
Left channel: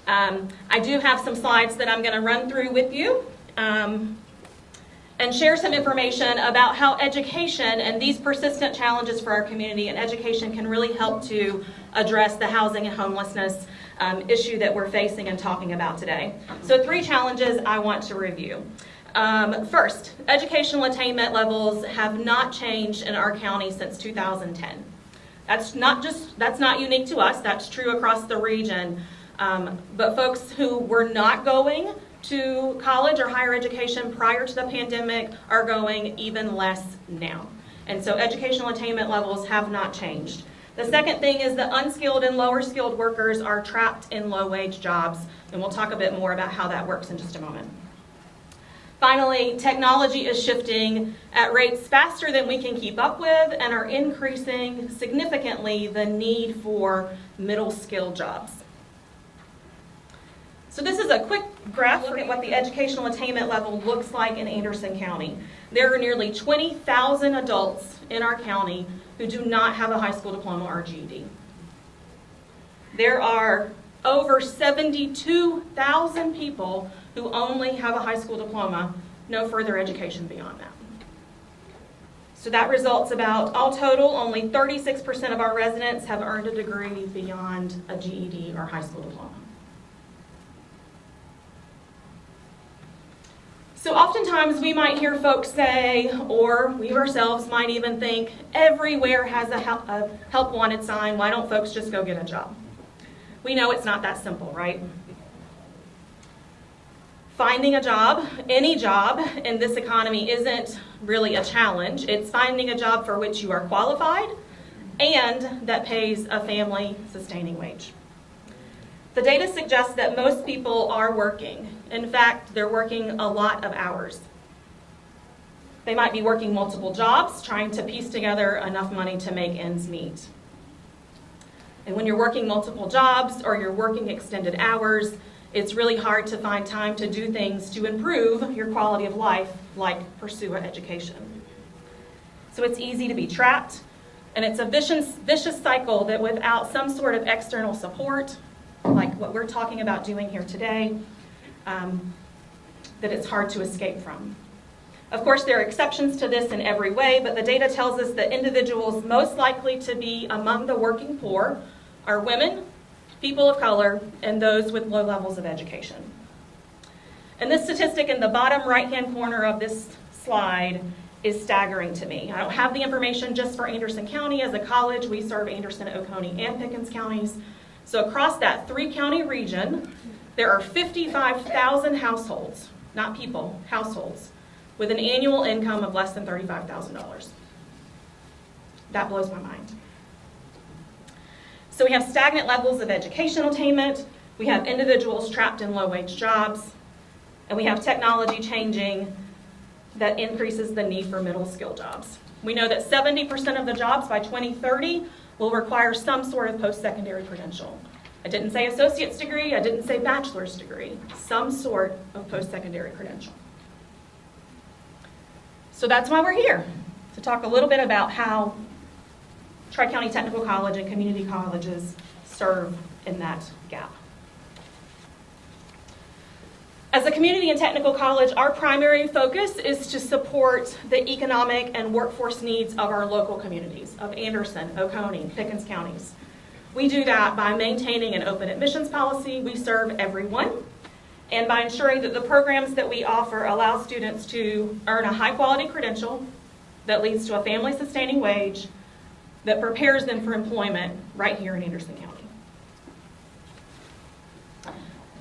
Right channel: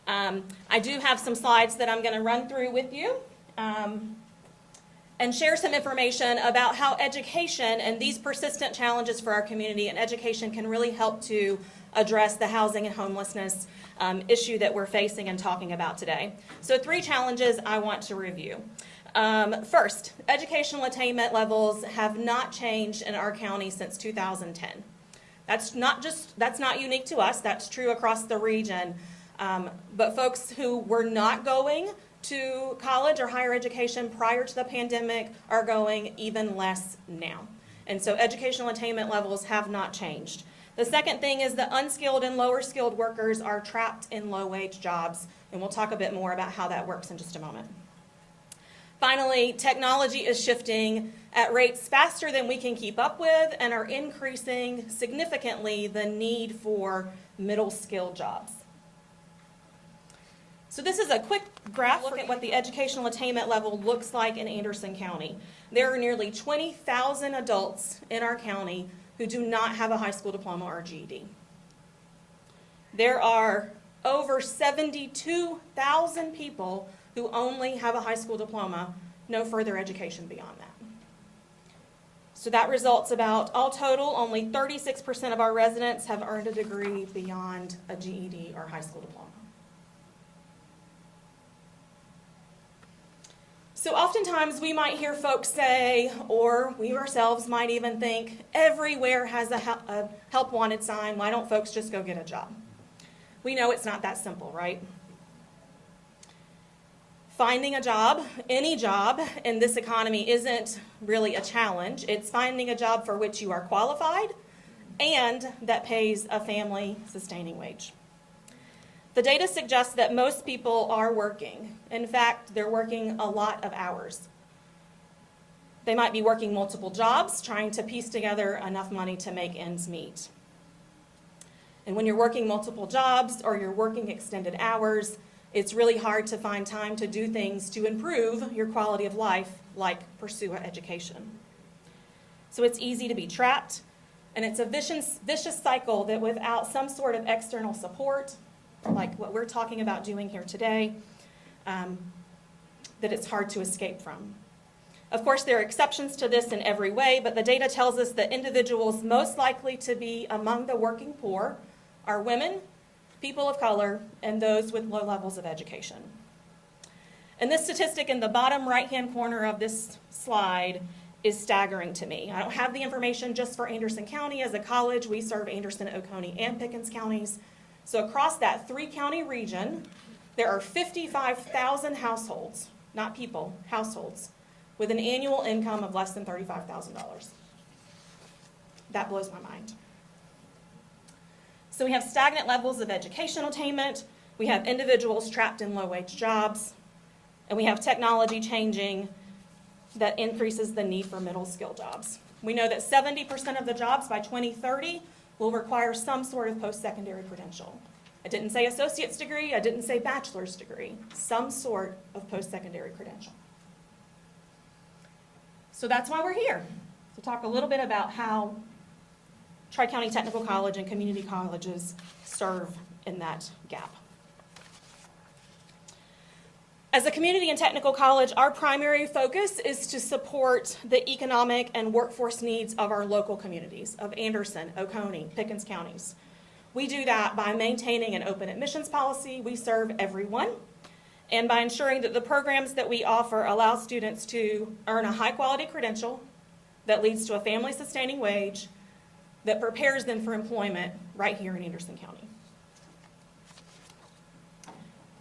I do have some slides that I'm going to run through with you and share some information about how education and these persistent challenges for our community and education can really help to address the housing and homelessness issue that we're facing and talking about today. So 3 challenges I want to review. First, educational attainment levels have not changed in our county since 2010. That's not unique to us, that's true across the region. But folks who were not going to college or higher education prior to the pandemic are going even less now. And so educational attainment levels have not changed. The second thing is that unskilled and lower skilled workers are trapped in low wage jobs, and we'll talk a bit more about how that works in just a moment. Finally, technology is shifting at rates faster than we can keep up with and are increasing significantly the need for middle skill jobs. So this is a quick graph looking at what the educational attainment level looks like in Anderson County. There are nearly 20,000 adults in our county who do not have a high school diploma or GED. There are over 72,000 people who only have a high school diploma, no further education beyond that. So that results about, all total, only 36% of our residents have earned a degree beyond a GED or high school diploma. So oftentimes we might hear folks say, or we ourselves might even think, everywhere has a help wanted sign, why don't folks just go get a job? We know it's not that simple, right? Finding a job, any job in this economy isn't really a challenge. It's finding a job for which you are qualified and that pays a family sustaining wage. The data suggests that most people are working. In fact, they're working a lot of hours. They might be working multiple jobs, trying to piece together enough money to make ends meet. And when you're working multiple jobs or you're working extended hours, it's really hard to find time to do things to improve your quality of life, like pursue an education. So it's easy to be trapped, and it's a vicious cycle that without some sort of external support, like what we're talking about doing here today, that it's hard to escape from. Of course, there are exceptions to this in every way, but the data tells us that individuals most likely to be among the working poor are women, people of color, and those with low levels of education. And this statistic in the bottom right-hand corner of this slide is staggering to me. I don't have the information just for Anderson County. As a college, we serve Anderson, Oconee, and Pickens counties. So across that 3-county region, there are 55,000 households, not people, households, with an annual income of less than $35,000. That blows my mind. So we have stagnant levels of educational attainment, we have individuals trapped in low-wage jobs, and we have technology changing that increases the need for middle-skill jobs. We know that 70% of the jobs by 2030 will require some sort of post-secondary credential. I didn't say associate's degree, I didn't say bachelor's degree, some sort of post-secondary credential. So that's why we're here, to talk a little bit about how Tri-County Technical College and community colleges serve in that gap. As a community and technical college, our primary focus is to support the economic and workforce needs of our local communities, of Anderson, Oconee, Pickens counties. We do that by maintaining an open admissions policy. We serve everyone, and by ensuring that the programs that we offer allow students to earn a high-quality credential that leads to a family-sustaining wage that prepares them for employment right here in Anderson County.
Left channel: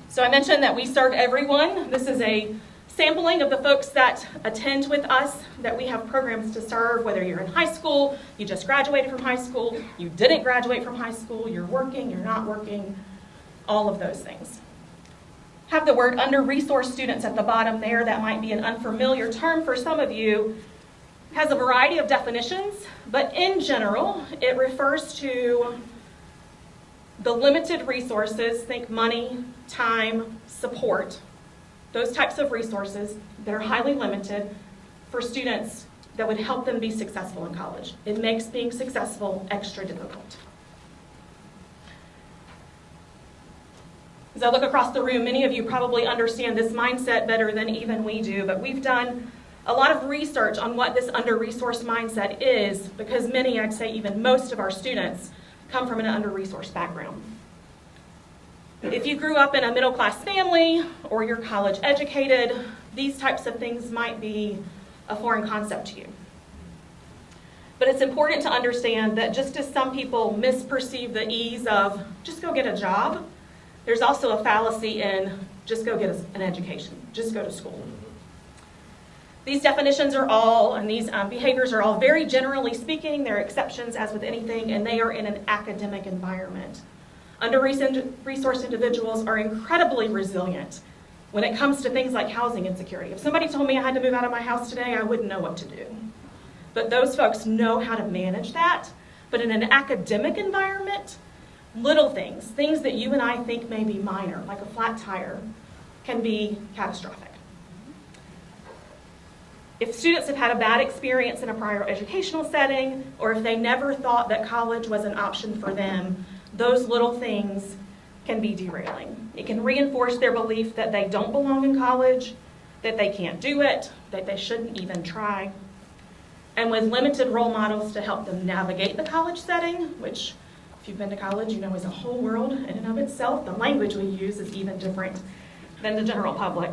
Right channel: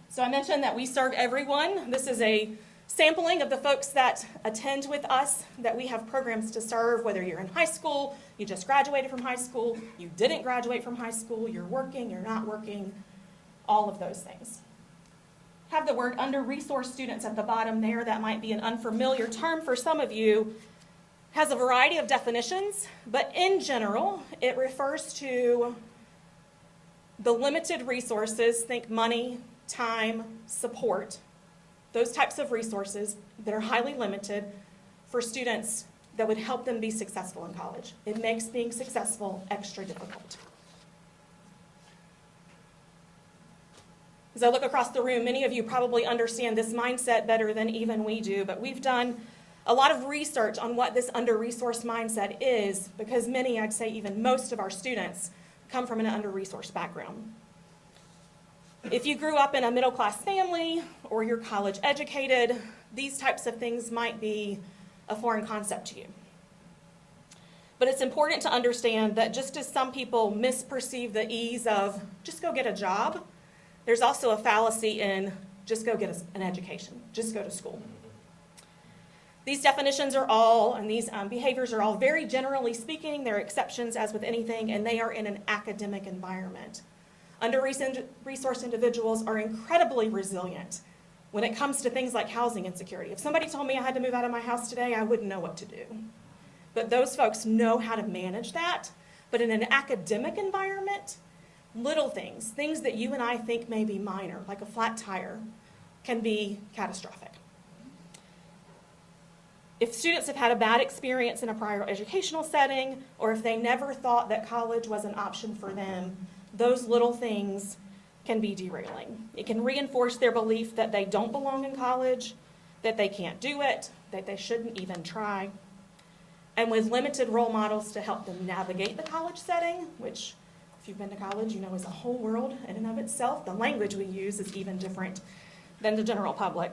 So I mentioned that we serve everyone. This is a sampling of the folks that attend with us, that we have programs to serve, whether you're in high school, you just graduated from high school, you didn't graduate from high school, you're working, you're not working, all of those things. Have the word under-resourced students at the bottom there. That might be an unfamiliar term for some of you. Has a variety of definitions, but in general, it refers to the limited resources, think money, time, support, those types of resources that are highly limited for students that would help them be successful in college. It makes being successful extra difficult. As I look across the room, many of you probably understand this mindset better than even we do, but we've done a lot of research on what this under-resourced mindset is, because many, I'd say even most of our students, come from an under-resourced background. If you grew up in a middle-class family or you're college educated, these types of things might be a foreign concept to you. But it's important to understand that just as some people misperceive the ease of just go get a job, there's also a fallacy in just go get an education, just go to school. These definitions are all, and these behaviors are all very generally speaking. There are exceptions as with anything, and they are in an academic environment. Under-resourced individuals are incredibly resilient when it comes to things like housing insecurity. If somebody told me I had to move out of my house today, I wouldn't know what to do. But those folks know how to manage that. But in an academic environment, little things that you and I think may be minor, like a flat tire, can be catastrophic. If students have had a bad experience in a prior educational setting, or if they never thought that college was an option for them, those little things can be derailing. It can reinforce their belief that they don't belong in college, that they can't do it, that they shouldn't even try. And with limited role models to help them navigate the college setting, which if you've been to college, you know is a whole world in and of itself. The language we use is even different than the general public.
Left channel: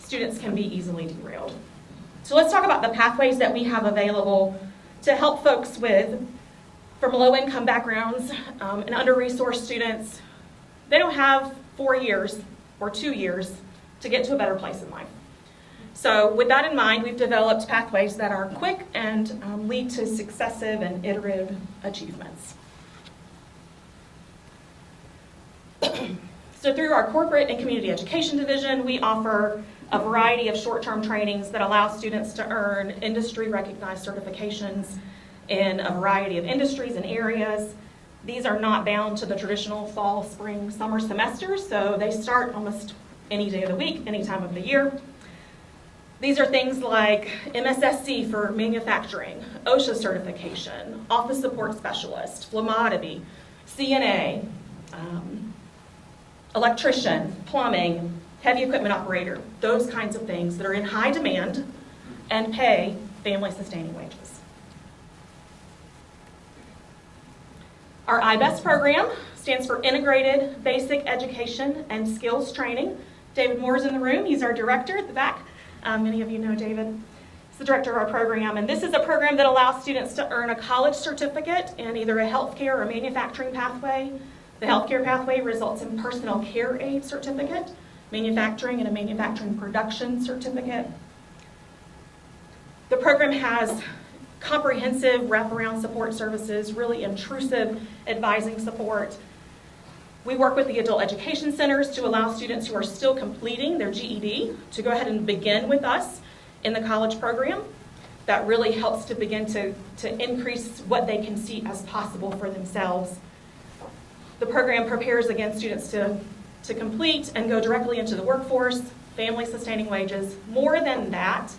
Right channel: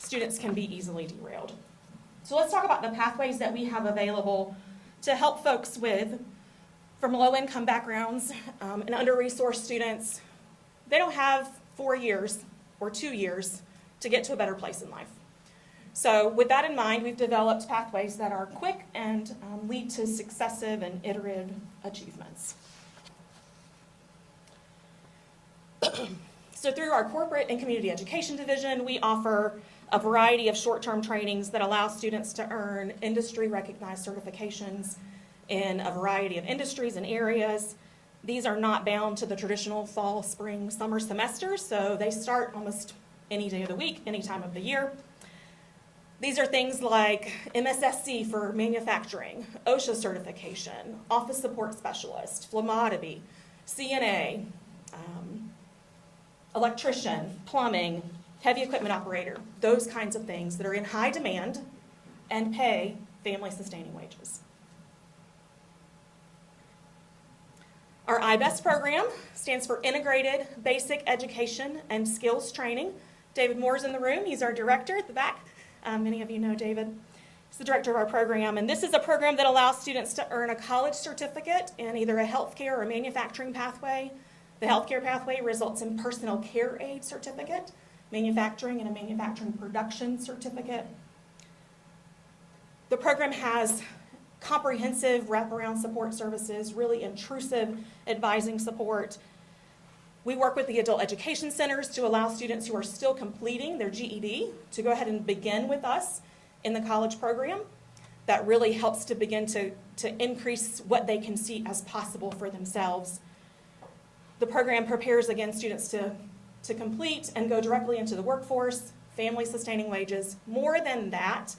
Students can be easily derailed. So let's talk about the pathways that we have available to help folks from low-income backgrounds and under-resourced students. They don't have 4 years or 2 years to get to a better place in life. So with that in mind, we've developed pathways that are quick and lead to successive and iterative achievements. So through our corporate and community education division, we offer a variety of short-term trainings that allow students to earn industry-recognized certifications in a variety of industries and areas. These are not bound to the traditional fall, spring, summer semesters, so they start almost any day of the week, any time of the year. These are things like MSSC for manufacturing, OSHA certification, office support specialist, phlebotomy, CNA, electrician, plumbing, heavy equipment operator, those kinds of things that are in high demand and pay family-sustaining wages. Our IBEST program stands for Integrated Basic Education and Skills Training. David Moore's in the room. He's our director at the back. Many of you know David. He's the director of our program, and this is a program that allows students to earn a college certificate in either a healthcare or manufacturing pathway. The healthcare pathway results in personal care aid certificate, manufacturing and a manufacturing production certificate. The program has comprehensive wraparound support services, really intrusive advising support. We work with the adult education centers to allow students who are still completing their GED to go ahead and begin with us in the college program. That really helps to begin to increase what they can see as possible for themselves. The program prepares, again, students to complete and go directly into the workforce, family-sustaining wages. More than that,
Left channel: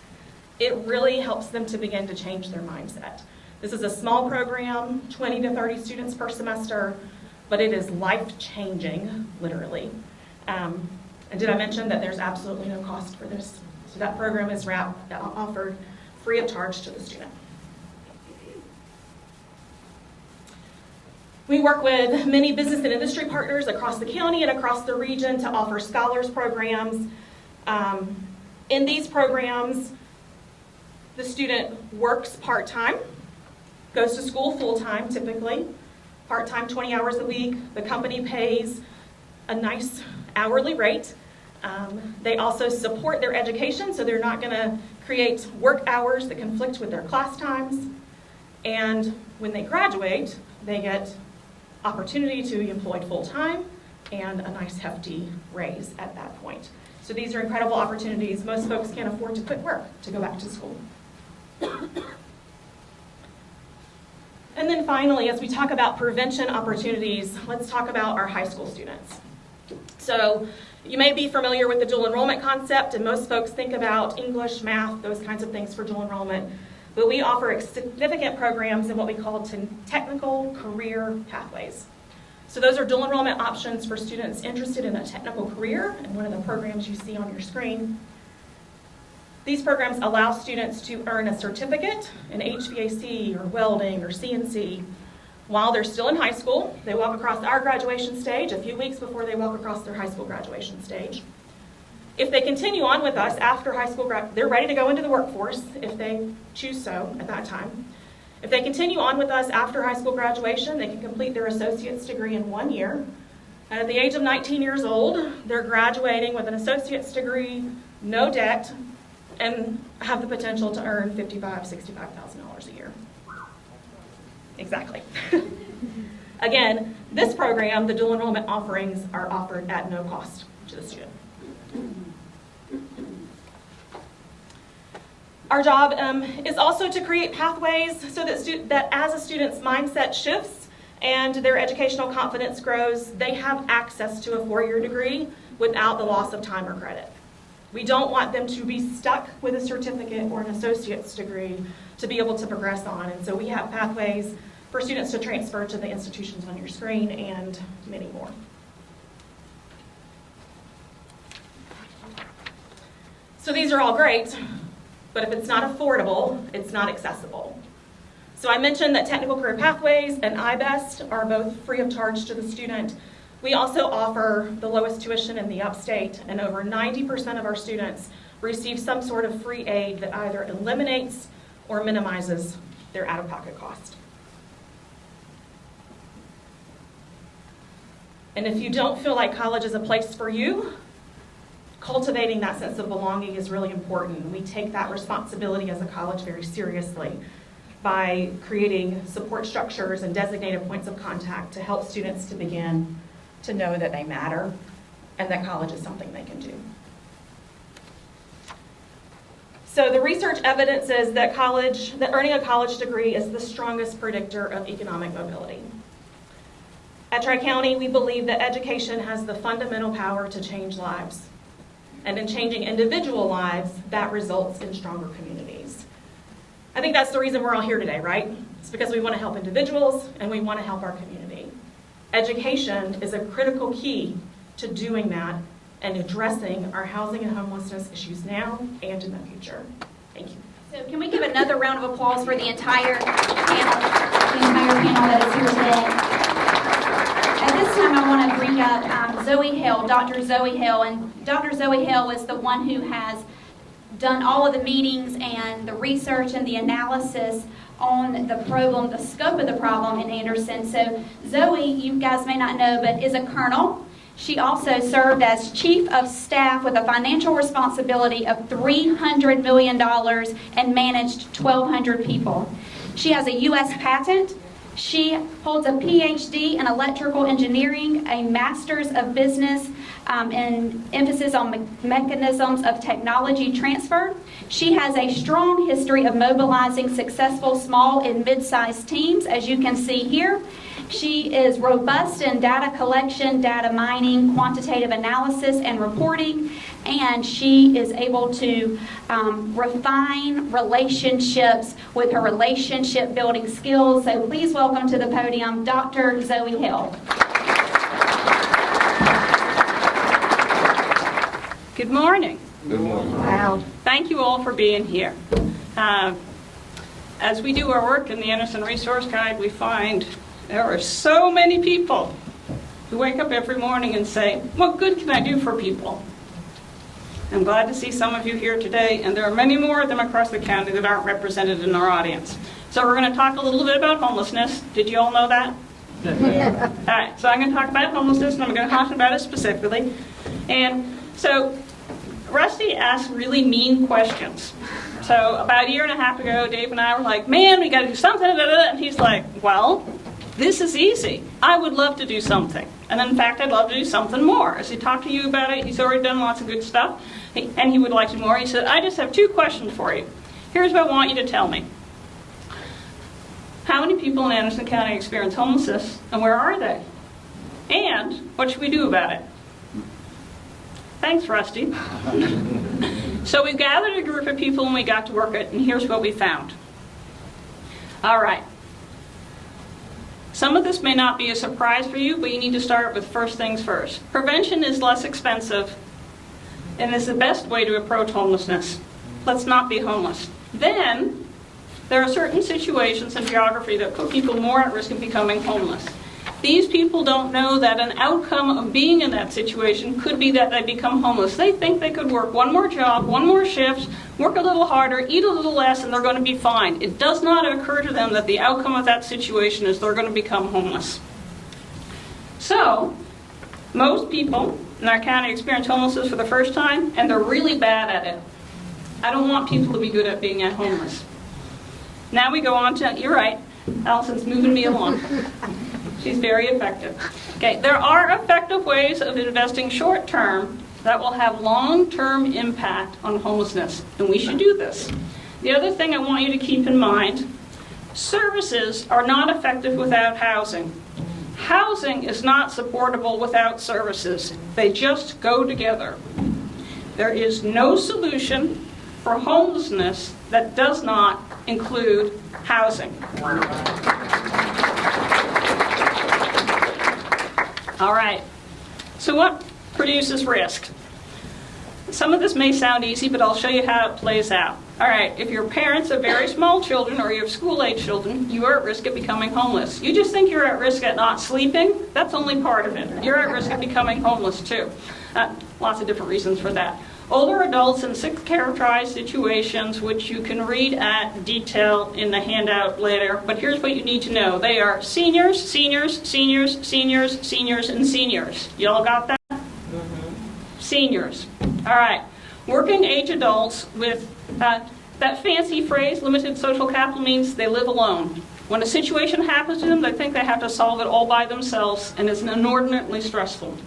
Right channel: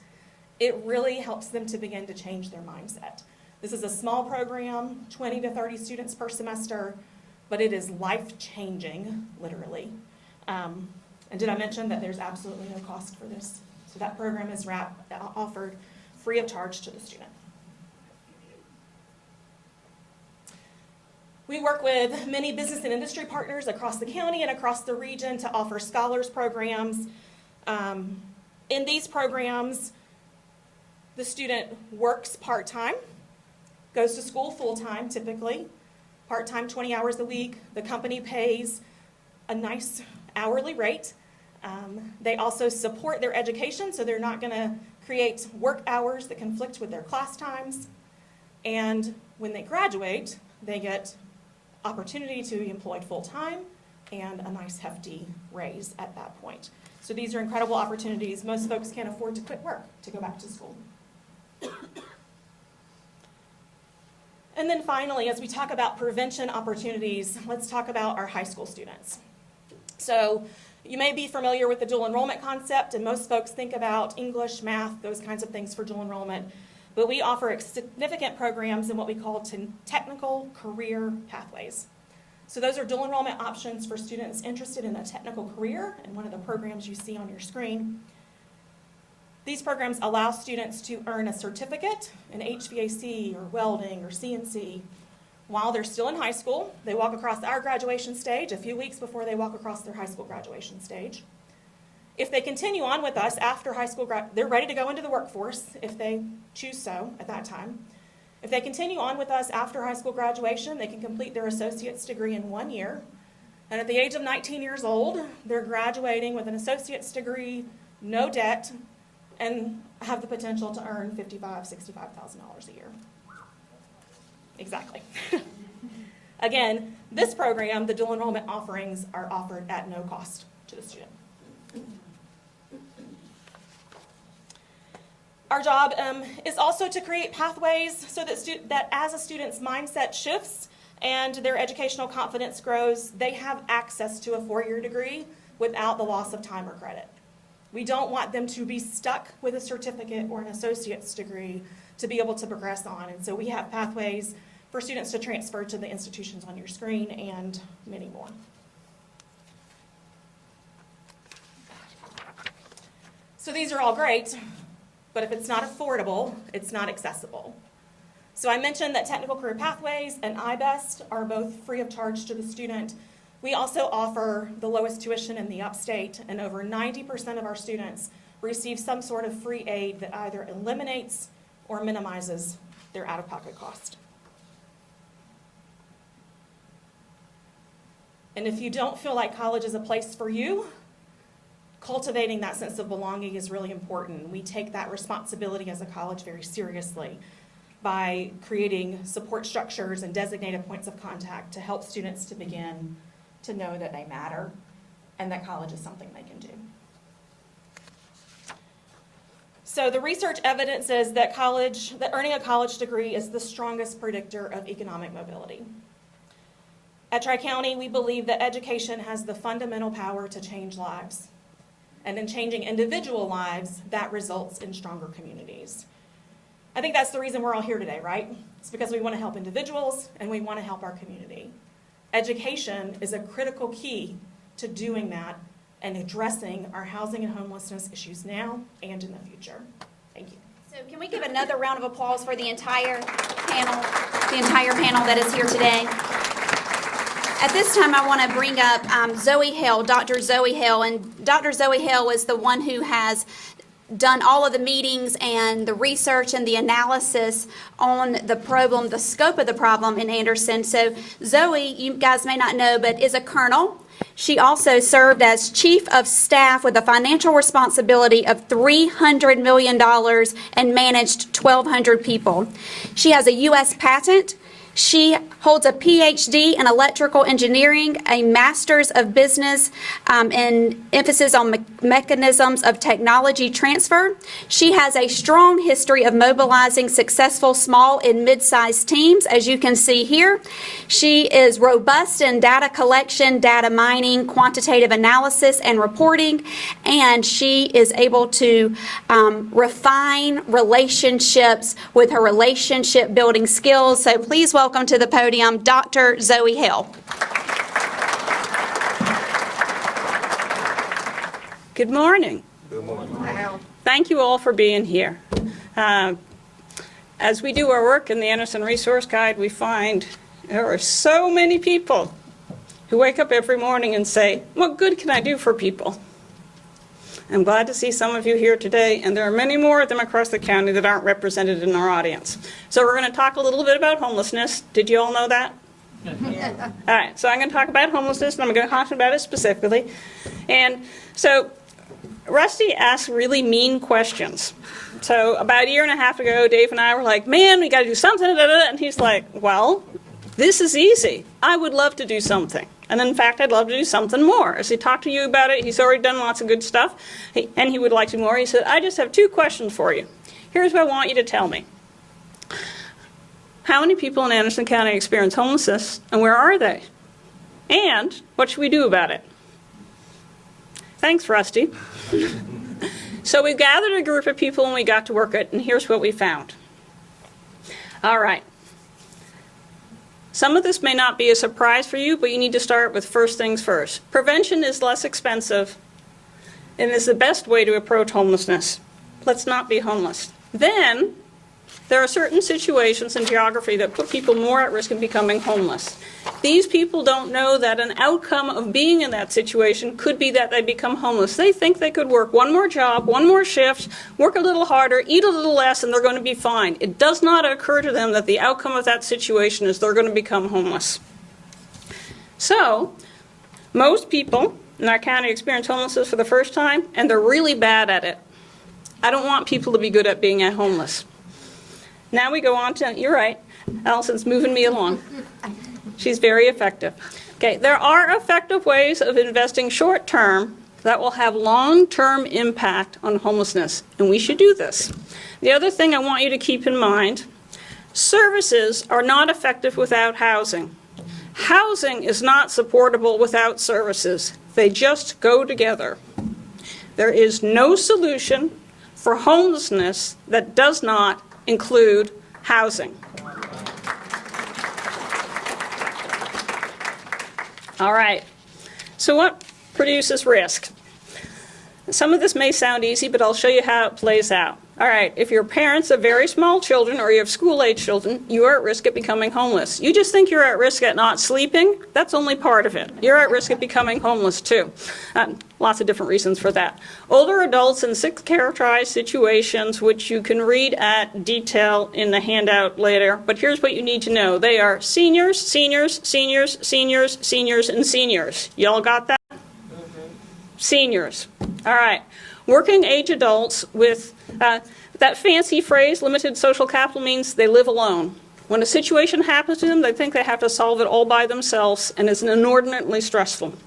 it really helps them to begin to change their mindset. This is a small program, 20 to 30 students per semester, but it is life-changing, literally. And did I mention that there's absolutely no cost for this? So that program is offered free of charge to the student. We work with many business and industry partners across the county and across the region to offer scholars programs. In these programs, the student works part-time, goes to school full-time typically, part-time 20 hours a week. The company pays a nice hourly rate. They also support their education, so they're not going to create work hours that conflict with their class times. And when they graduate, they get opportunity to be employed full-time and a nice hefty raise at that point. So these are incredible opportunities. Most folks can't afford to quit work to go back to school. And then finally, as we talk about prevention opportunities, let's talk about our high school students. So you may be familiar with the dual enrollment concept, and most folks think about English, math, those kinds of things for dual enrollment. But we offer significant programs in what we call technical career pathways. So those are dual enrollment options for students interested in a technical career, and one of the programs you see on your screen. These programs allow students to earn a certificate in HVAC or welding or CNC while they're still in high school. They walk across our graduation stage a few weeks before they walk across their high school graduation stage. If they continue on with us after high school, they're ready to go into the workforce if they choose so at that time. If they continue on with us after high school graduation, they can complete their associate's degree in 1 year. And at the age of 19 years old, they're graduating with an associate's degree, no debt, and have the potential to earn $55,000, $65,000 a year. Exactly. Again, this program, the dual enrollment offerings, are offered at no cost to the student. Our job is also to create pathways so that as a student's mindset shifts and their educational confidence grows, they have access to a 4-year degree without the loss of time or credit. We don't want them to be stuck with a certificate or an associate's degree to be able to progress on. And so we have pathways for students to transfer to the institutions on your screen and many more. So these are all great, but if it's not affordable, it's not accessible. So I mentioned that Technical Career Pathways and iBest are both free of charge to the student. We also offer the lowest tuition in the upstate, and over 90% of our students receive some sort of free aid that either eliminates or minimizes their out-of-pocket cost. And if you don't feel like college is a place for you, cultivating that sense of belonging is really important. We take that responsibility as a college very seriously by creating support structures and designated points of contact to help students to begin to know that they matter and that college is something they can do. So the research evidence is that earning a college degree is the strongest predictor of economic mobility. At Tri-County, we believe that education has the fundamental power to change lives. And in changing individual lives, that results in stronger communities. I think that's the reason we're all here today, right? It's because we want to help individuals and we want to help our community. Education is a critical key to doing that and addressing our housing and homelessness issues now and in the future. Thank you. So can we give another round of applause for the entire panel that is here today? At this time, I want to bring up Zoe Hill, Dr. Zoe Hill. And Dr. Zoe Hill is the one who has done all of the meetings and the research and the analysis on the problem, the scope of the problem in Anderson. So Zoe, you guys may not know, but is a colonel. She also served as chief of staff with a financial responsibility of $300 million and managed 1,200 people. She has a U.S. patent. She holds a PhD in electrical engineering, a master's of business, and emphasis on mechanisms of technology transfer. She has a strong history of mobilizing successful small and mid-sized teams, as you can see here. She is robust in data collection, data mining, quantitative analysis, and reporting, and she is able to refine relationships with her relationship building skills. So please welcome to the podium Dr. Zoe Hill. Good morning. Good morning. Wow. Thank you all for being here. As we do our work in the Anderson Resource Guide, we find there are so many people who wake up every morning and say, what good can I do for people? I'm glad to see some of you here today, and there are many more of them across the county that aren't represented in our audience. So we're going to talk a little bit about homelessness. Did you all know that? Yeah. All right, so I'm going to talk about homelessness, and I'm going to talk about it specifically. And so Rusty asked really mean questions. So about a year and a half ago, Dave and I were like, man, we got to do something, and he's like, well, this is easy. I would love to do something. And in fact, I'd love to do something more. As he talked to you about it, he's already done lots of good stuff, and he would like to do more. He said, I just have 2 questions for you. Here's what I want you to tell me. how many people in Anderson County experience homelessness, and where are they? And what should we do about it? Thanks, Rusty. So we gathered a group of people and we got to work it, and here's what we found. All right. Some of this may not be a surprise for you, but you need to start with first things first. Prevention is less expensive and is the best way to approach homelessness. Let's not be homeless. Then, there are certain situations in geography that put people more at risk of becoming homeless. These people don't know that an outcome of being in that situation could be that they become homeless. They think they could work one more job, one more shift, work a little harder, eat a little less, and they're going to be fine. It does not occur to them that the outcome of that situation is they're going to become homeless. So, most people in our county experience homelessness for the first time, and they're really bad at it. I don't want people to be good at being homeless. Now we go on to, you're right, Allison's moving me along. She's very effective. Okay, there are effective ways of investing short term that will have long-term impact on homelessness, and we should do this. The other thing I want you to keep in mind, services are not effective without housing. Housing is not supportable without services. They just go together. There is no solution for homelessness that does not include housing. All right, so what produces risk? Some of this may sound easy, but I'll show you how it plays out. All right, if your parents have very small children or you have school-age children, you are at risk of becoming homeless. You just think you're at risk at not sleeping? That's only part of it. You're at risk of becoming homeless too. Lots of different reasons for that. Older adults in sick characterized situations, which you can read at detail in the handout later, but here's what you need to know. They are seniors, seniors, seniors, seniors, seniors, and seniors. Y'all got that? Seniors. All right. Working age adults with that fancy phrase, limited social capital, means they live alone. When a situation happens to them, they think they have to solve it all by themselves, and it's inordinately stressful.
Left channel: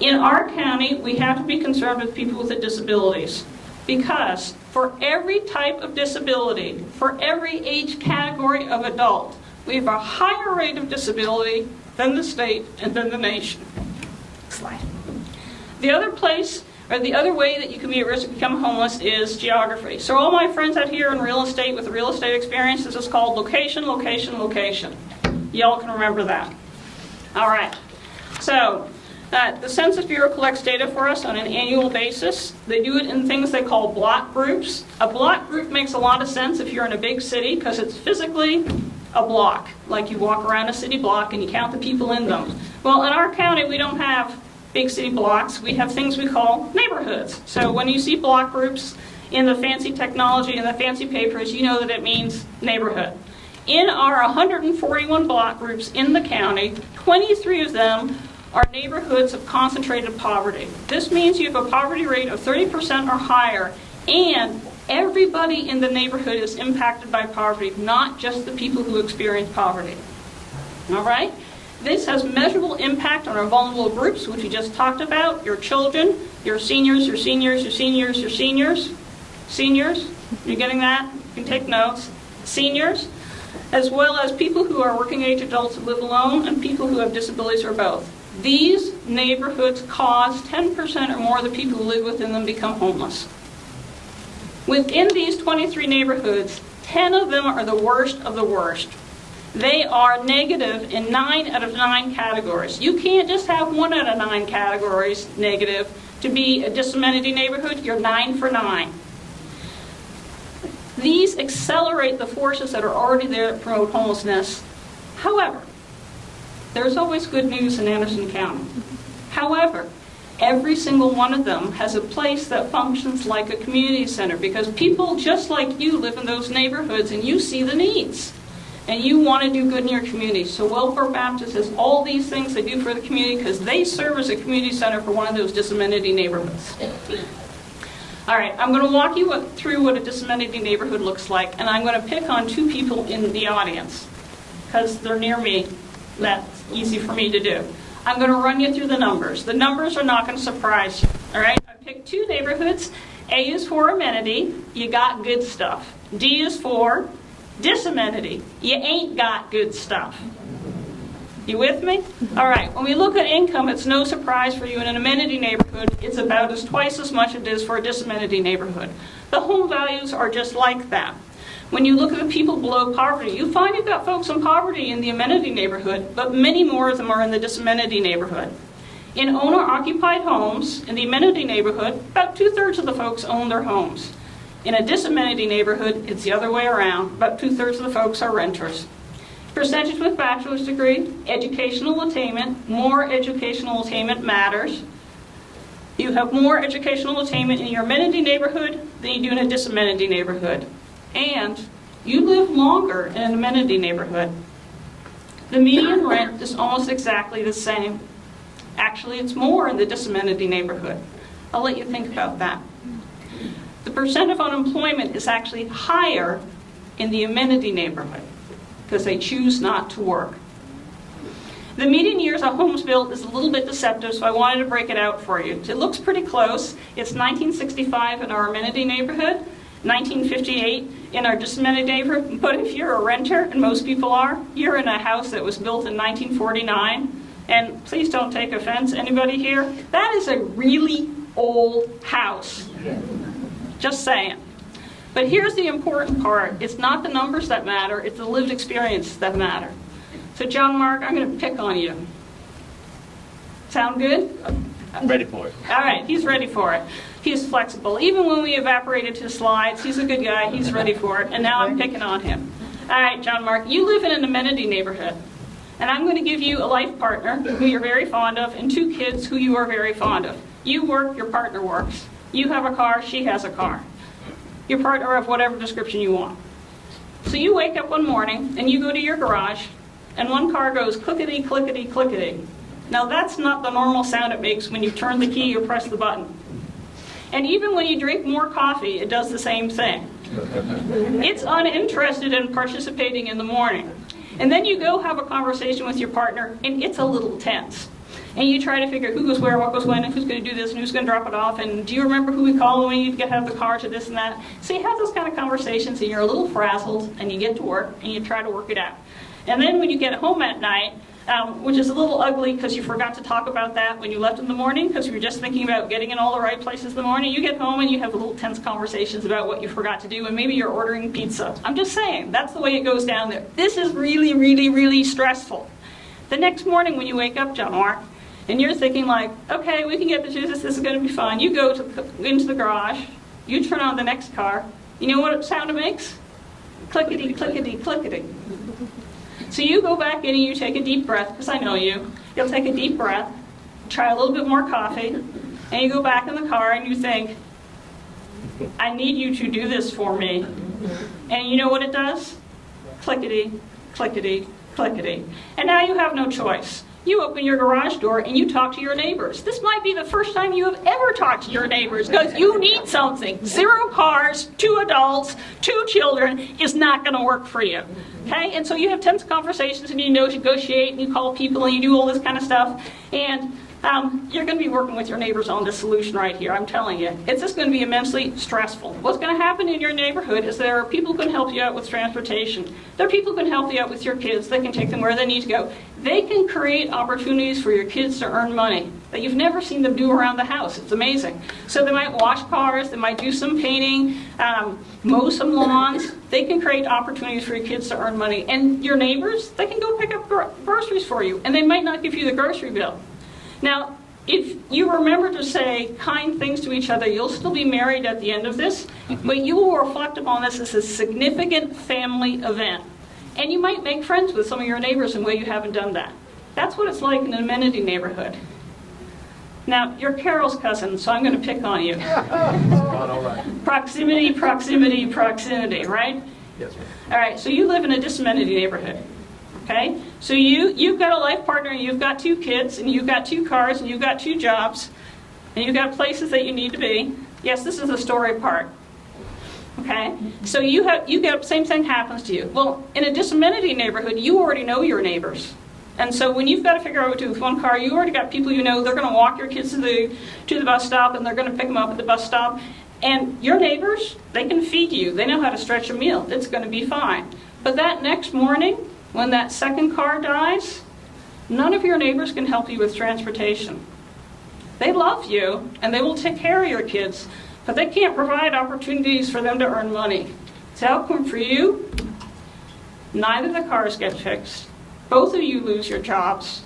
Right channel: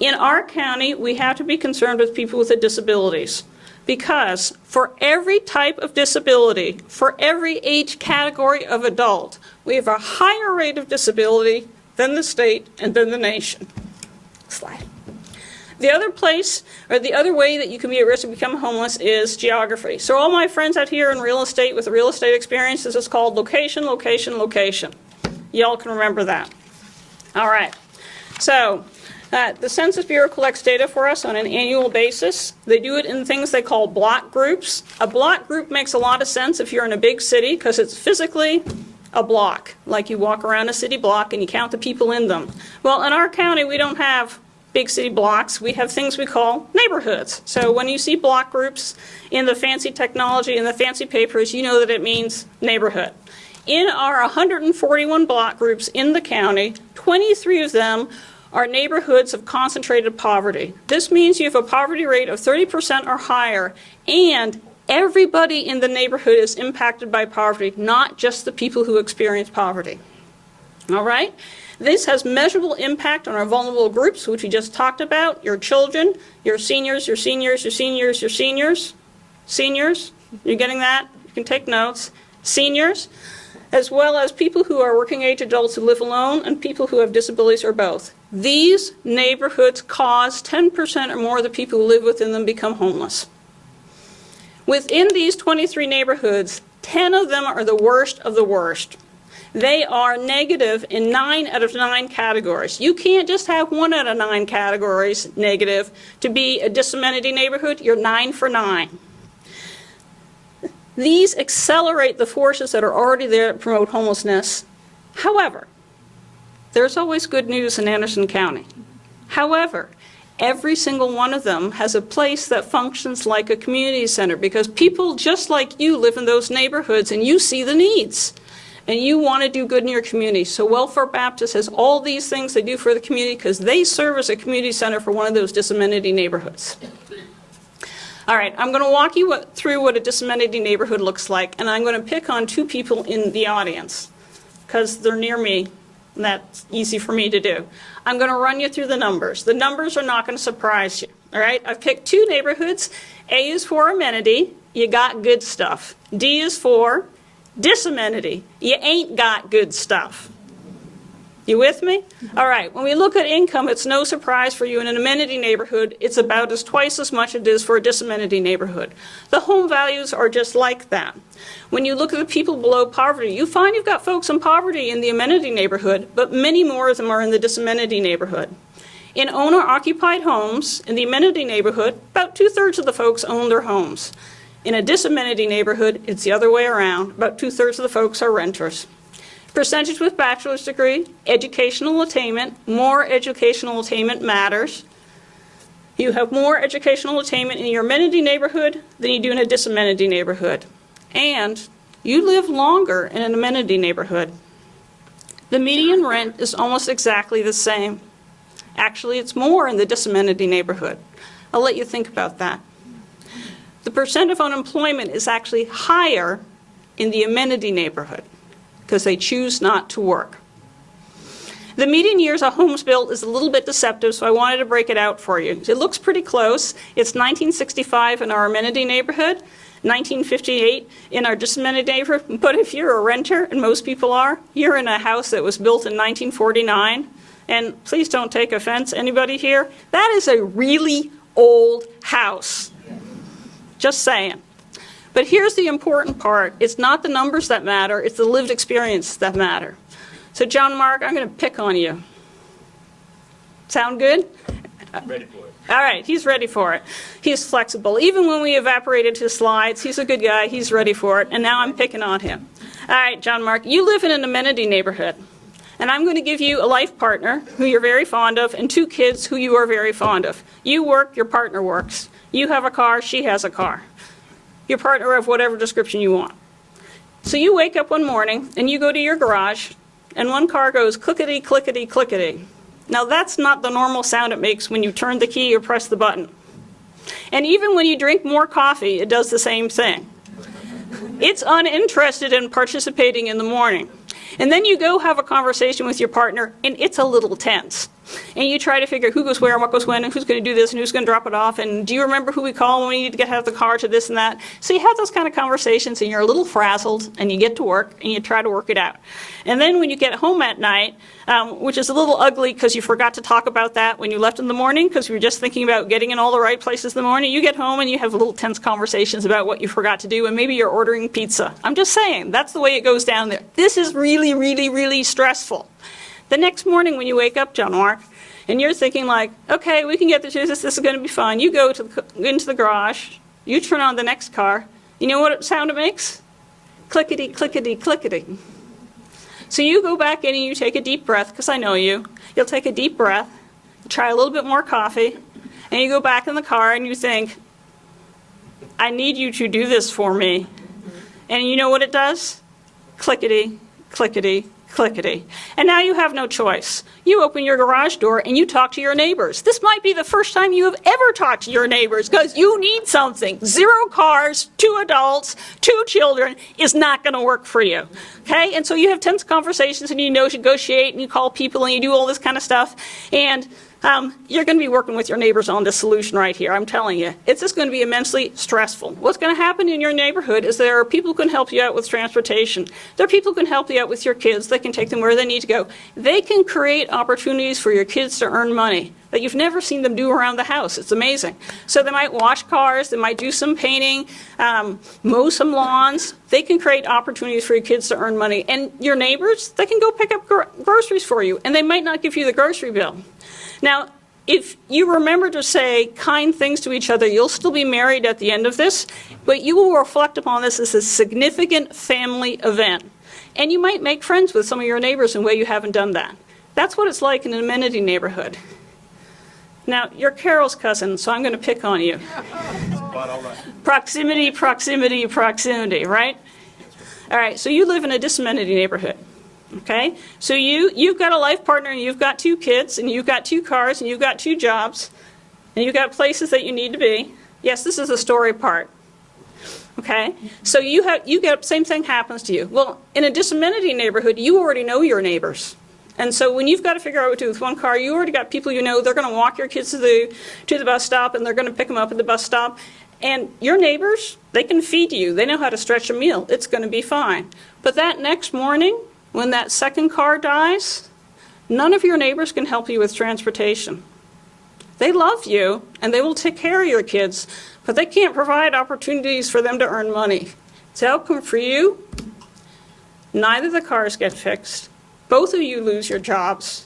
In our county, we have to be concerned with people with disabilities, because for every type of disability, for every age category of adult, we have a higher rate of disability than the state and than the nation. Slide. The other place, or the other way that you can be at risk of becoming homeless is geography. So all my friends out here in real estate with real estate experience, this is called location, location, location. Y'all can remember that. All right. So the Census Bureau collects data for us on an annual basis. They do it in things they call block groups. A block group makes a lot of sense if you're in a big city because it's physically a block. Like you walk around a city block and you count the people in them. Well, in our county, we don't have big city blocks. We have things we call neighborhoods. So when you see block groups in the fancy technology and the fancy papers, you know that it means neighborhood. In our 141 block groups in the county, 23 of them are neighborhoods of concentrated poverty. This means you have a poverty rate of 30% or higher, and everybody in the neighborhood is impacted by poverty, not just the people who experience poverty. All right? This has measurable impact on our vulnerable groups, which we just talked about, your children, your seniors, your seniors, your seniors, your seniors. Seniors, you getting that? You can take notes. Seniors, as well as people who are working age adults who live alone and people who have disabilities or both. These neighborhoods cause 10% or more of the people who live within them become homeless. Within these 23 neighborhoods, 10 of them are the worst of the worst. They are negative in 9 out of 9 categories. You can't just have 1 out of 9 categories negative to be a disamenity neighborhood. You're 9 for 9. These accelerate the forces that are already there to promote homelessness. However, there's always good news in Anderson County. However, every single one of them has a place that functions like a community center because people just like you live in those neighborhoods and you see the needs. And you want to do good in your community. So Welfare Baptist has all these things they do for the community because they serve as a community center for one of those disamenity neighborhoods. All right, I'm going to walk you through what a disamenity neighborhood looks like, and I'm going to pick on 2 people in the audience because they're near me. That's easy for me to do. I'm going to run you through the numbers. The numbers are not going to surprise you. All right, I've picked 2 neighborhoods. A is for amenity. You got good stuff. D is for Disamenity. You ain't got good stuff. You with me? All right, when we look at income, it's no surprise for you in an amenity neighborhood, it's about twice as much as it is for a disamenity neighborhood. The home values are just like that. When you look at the people below poverty, you find you've got folks in poverty in the amenity neighborhood, but many more of them are in the disamenity neighborhood. In owner-occupied homes, in the amenity neighborhood, about 2/3 of the folks own their homes. In a disamenity neighborhood, it's the other way around. About 2/3 of the folks are renters. Percentage with bachelor's degree, educational attainment, more educational attainment matters. You have more educational attainment in your amenity neighborhood than you do in a disamenity neighborhood. And you live longer in an amenity neighborhood. The median rent is almost exactly the same. Actually, it's more in the disamenity neighborhood. I'll let you think about that. The percent of unemployment is actually higher in the amenity neighborhood because they choose not to work. The median years of homes built is a little bit deceptive, so I wanted to break it out for you. It looks pretty close. It's 1965 in our amenity neighborhood, 1958 in our disamenity neighborhood. But if you're a renter, and most people are, you're in a house that was built in 1949. And please don't take offense, anybody here? That is a really old house. Just saying. But here's the important part. It's not the numbers that matter, it's the lived experience that matter. So John Mark, I'm going to pick on you. Sound good? I'm ready for it. All right, he's ready for it. He's flexible. Even when we evaporated his slides, he's a good guy, he's ready for it, and now I'm picking on him. All right, John Mark, you live in an amenity neighborhood, and I'm going to give you a life partner who you're very fond of and 2 kids who you are very fond of. You work, your partner works. You have a car, she has a car. Your partner of whatever description you want. So you wake up one morning and you go to your garage and one car goes clickety, clickety, clickety. Now that's not the normal sound it makes when you turn the key or press the button. And even when you drink more coffee, it does the same thing. It's uninterested in participating in the morning. And then you go have a conversation with your partner and it's a little tense. And you try to figure who goes where, what goes when, and who's going to do this, and who's going to drop it off, and do you remember who we call when we need to have the car to this and that? So you have those kind of conversations, and you're a little frazzled, and you get to work, and you try to work it out. And then when you get home at night, which is a little ugly because you forgot to talk about that when you left in the morning because you were just thinking about getting in all the right places in the morning, you get home and you have little tense conversations about what you forgot to do, and maybe you're ordering pizza. I'm just saying, that's the way it goes down there. This is really, really, really stressful. The next morning when you wake up, John Mark, and you're thinking like, okay, we can get through this is going to be fun. You go into the garage, you turn on the next car. You know what sound it makes? Clickety, clickety, clickety. So you go back in and you take a deep breath, because I know you. You'll take a deep breath, try a little bit more coffee, and you go back in the car and you think, I need you to do this for me. And you know what it does? Clickety, clickety, clickety. And now you have no choice. You open your garage door and you talk to your neighbors. This might be the first time you have ever talked to your neighbors because you need something. 0 cars, 2 adults, 2 children is not going to work for you. Okay? And so you have tense conversations and you negotiate and you call people and you do all this kind of stuff. And you're going to be working with your neighbors on this solution right here, I'm telling you. It's just going to be immensely stressful. What's going to happen in your neighborhood is there are people who can help you out with transportation. There are people who can help you out with your kids. They can take them where they need to go. They can create opportunities for your kids to earn money that you've never seen them do around the house. It's amazing. So they might wash cars, they might do some painting, mow some lawns. They can create opportunities for your kids to earn money. And your neighbors, they can go pick up groceries for you, and they might not give you the grocery bill. Now, if you remember to say kind things to each other, you'll still be married at the end of this, but you will reflect upon this as a significant family event. And you might make friends with some of your neighbors in a way you haven't done that. That's what it's like in an amenity neighborhood. Now, you're Carol's cousin, so I'm going to pick on you. Proximity, proximity, proximity, right? Yes, ma'am. All right, so you live in a disamenity neighborhood. Okay, so you've got a life partner, and you've got 2 kids, and you've got 2 cars, and you've got 2 jobs, and you've got places that you need to be. Yes, this is the story part. Okay, so you get same thing happens to you. Well, in a disamenity neighborhood, you already know your neighbors, and so when you've got to figure out what to do with one car, you already got people you know. They're going to walk your kids to the bus stop, and they're going to pick them up at the bus stop. And your neighbors, they can feed you. They know how to stretch a meal. It's going to be fine. But that next morning, when that second car dies, none of your neighbors can help you with transportation. They love you, and they will take care of your kids, but they can't provide opportunities for them to earn money. The outcome for you, neither the cars get fixed, both of you lose your jobs,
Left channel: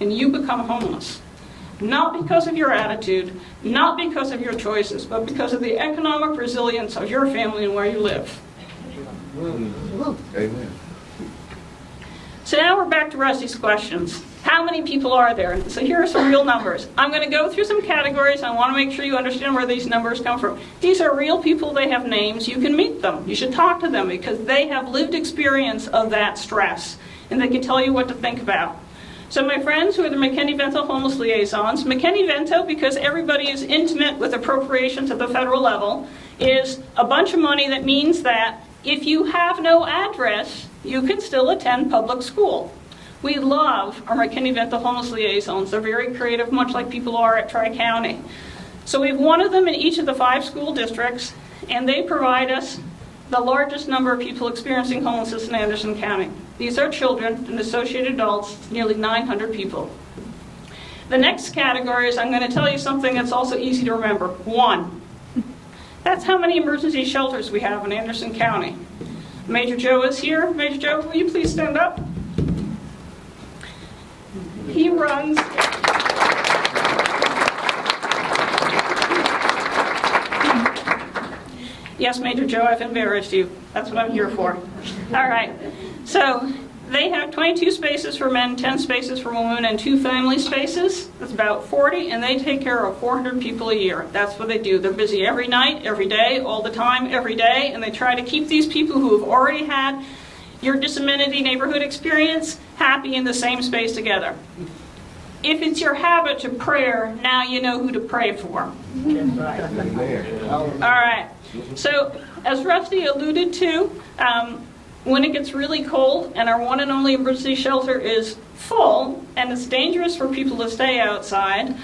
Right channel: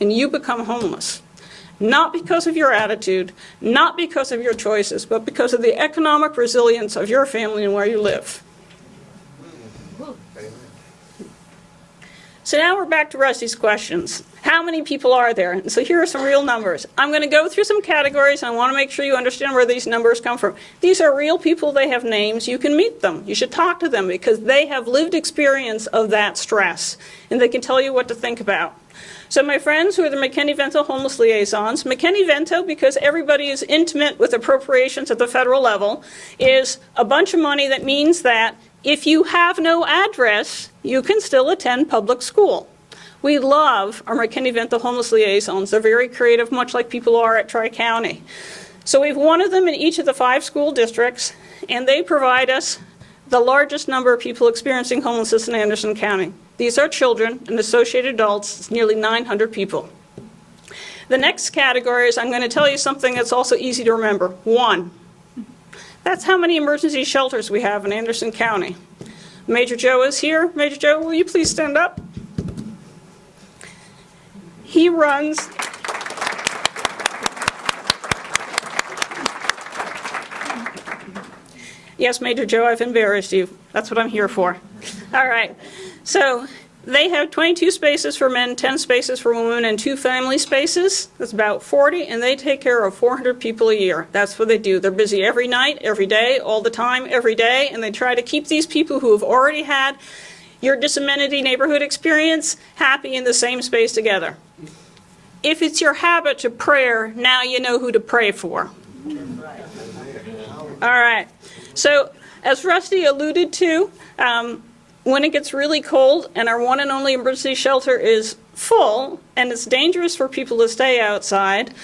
and you become homeless. Not because of your attitude, not because of your choices, but because of the economic resilience of your family and where you live. Amen. So now we're back to Rusty's questions. How many people are there? So here are some real numbers. I'm going to go through some categories. I want to make sure you understand where these numbers come from. These are real people. They have names. You can meet them. You should talk to them because they have lived experience of that stress, and they can tell you what to think about. So my friends who are the McKinney-Vento homeless liaisons, McKinney-Vento, because everybody is intimate with appropriations at the federal level, is a bunch of money that means that if you have no address, you can still attend public school. We love our McKinney-Vento homeless liaisons. They're very creative, much like people are at Tri-County. So we have one of them in each of the 5 school districts, and they provide us the largest number of people experiencing homelessness in Anderson County. These are children and associated adults. It's nearly 900 people. The next category is, I'm going to tell you something that's also easy to remember. 1. That's how many emergency shelters we have in Anderson County. Major Joe is here. Major Joe, will you please stand up? He runs... Yes, Major Joe, I've embarrassed you. That's what I'm here for. All right. So they have 22 spaces for men, 10 spaces for women, and 2 family spaces. That's about 40, and they take care of 400 people a year. That's what they do. They're busy every night, every day, all the time, every day, and they try to keep these people who have already had your disamenity neighborhood experience happy in the same space together. If it's your habit to prayer, now you know who to pray for. All right. So, as Rusty alluded to, when it gets really cold and our one and only emergency shelter is full and it's dangerous for people to stay outside,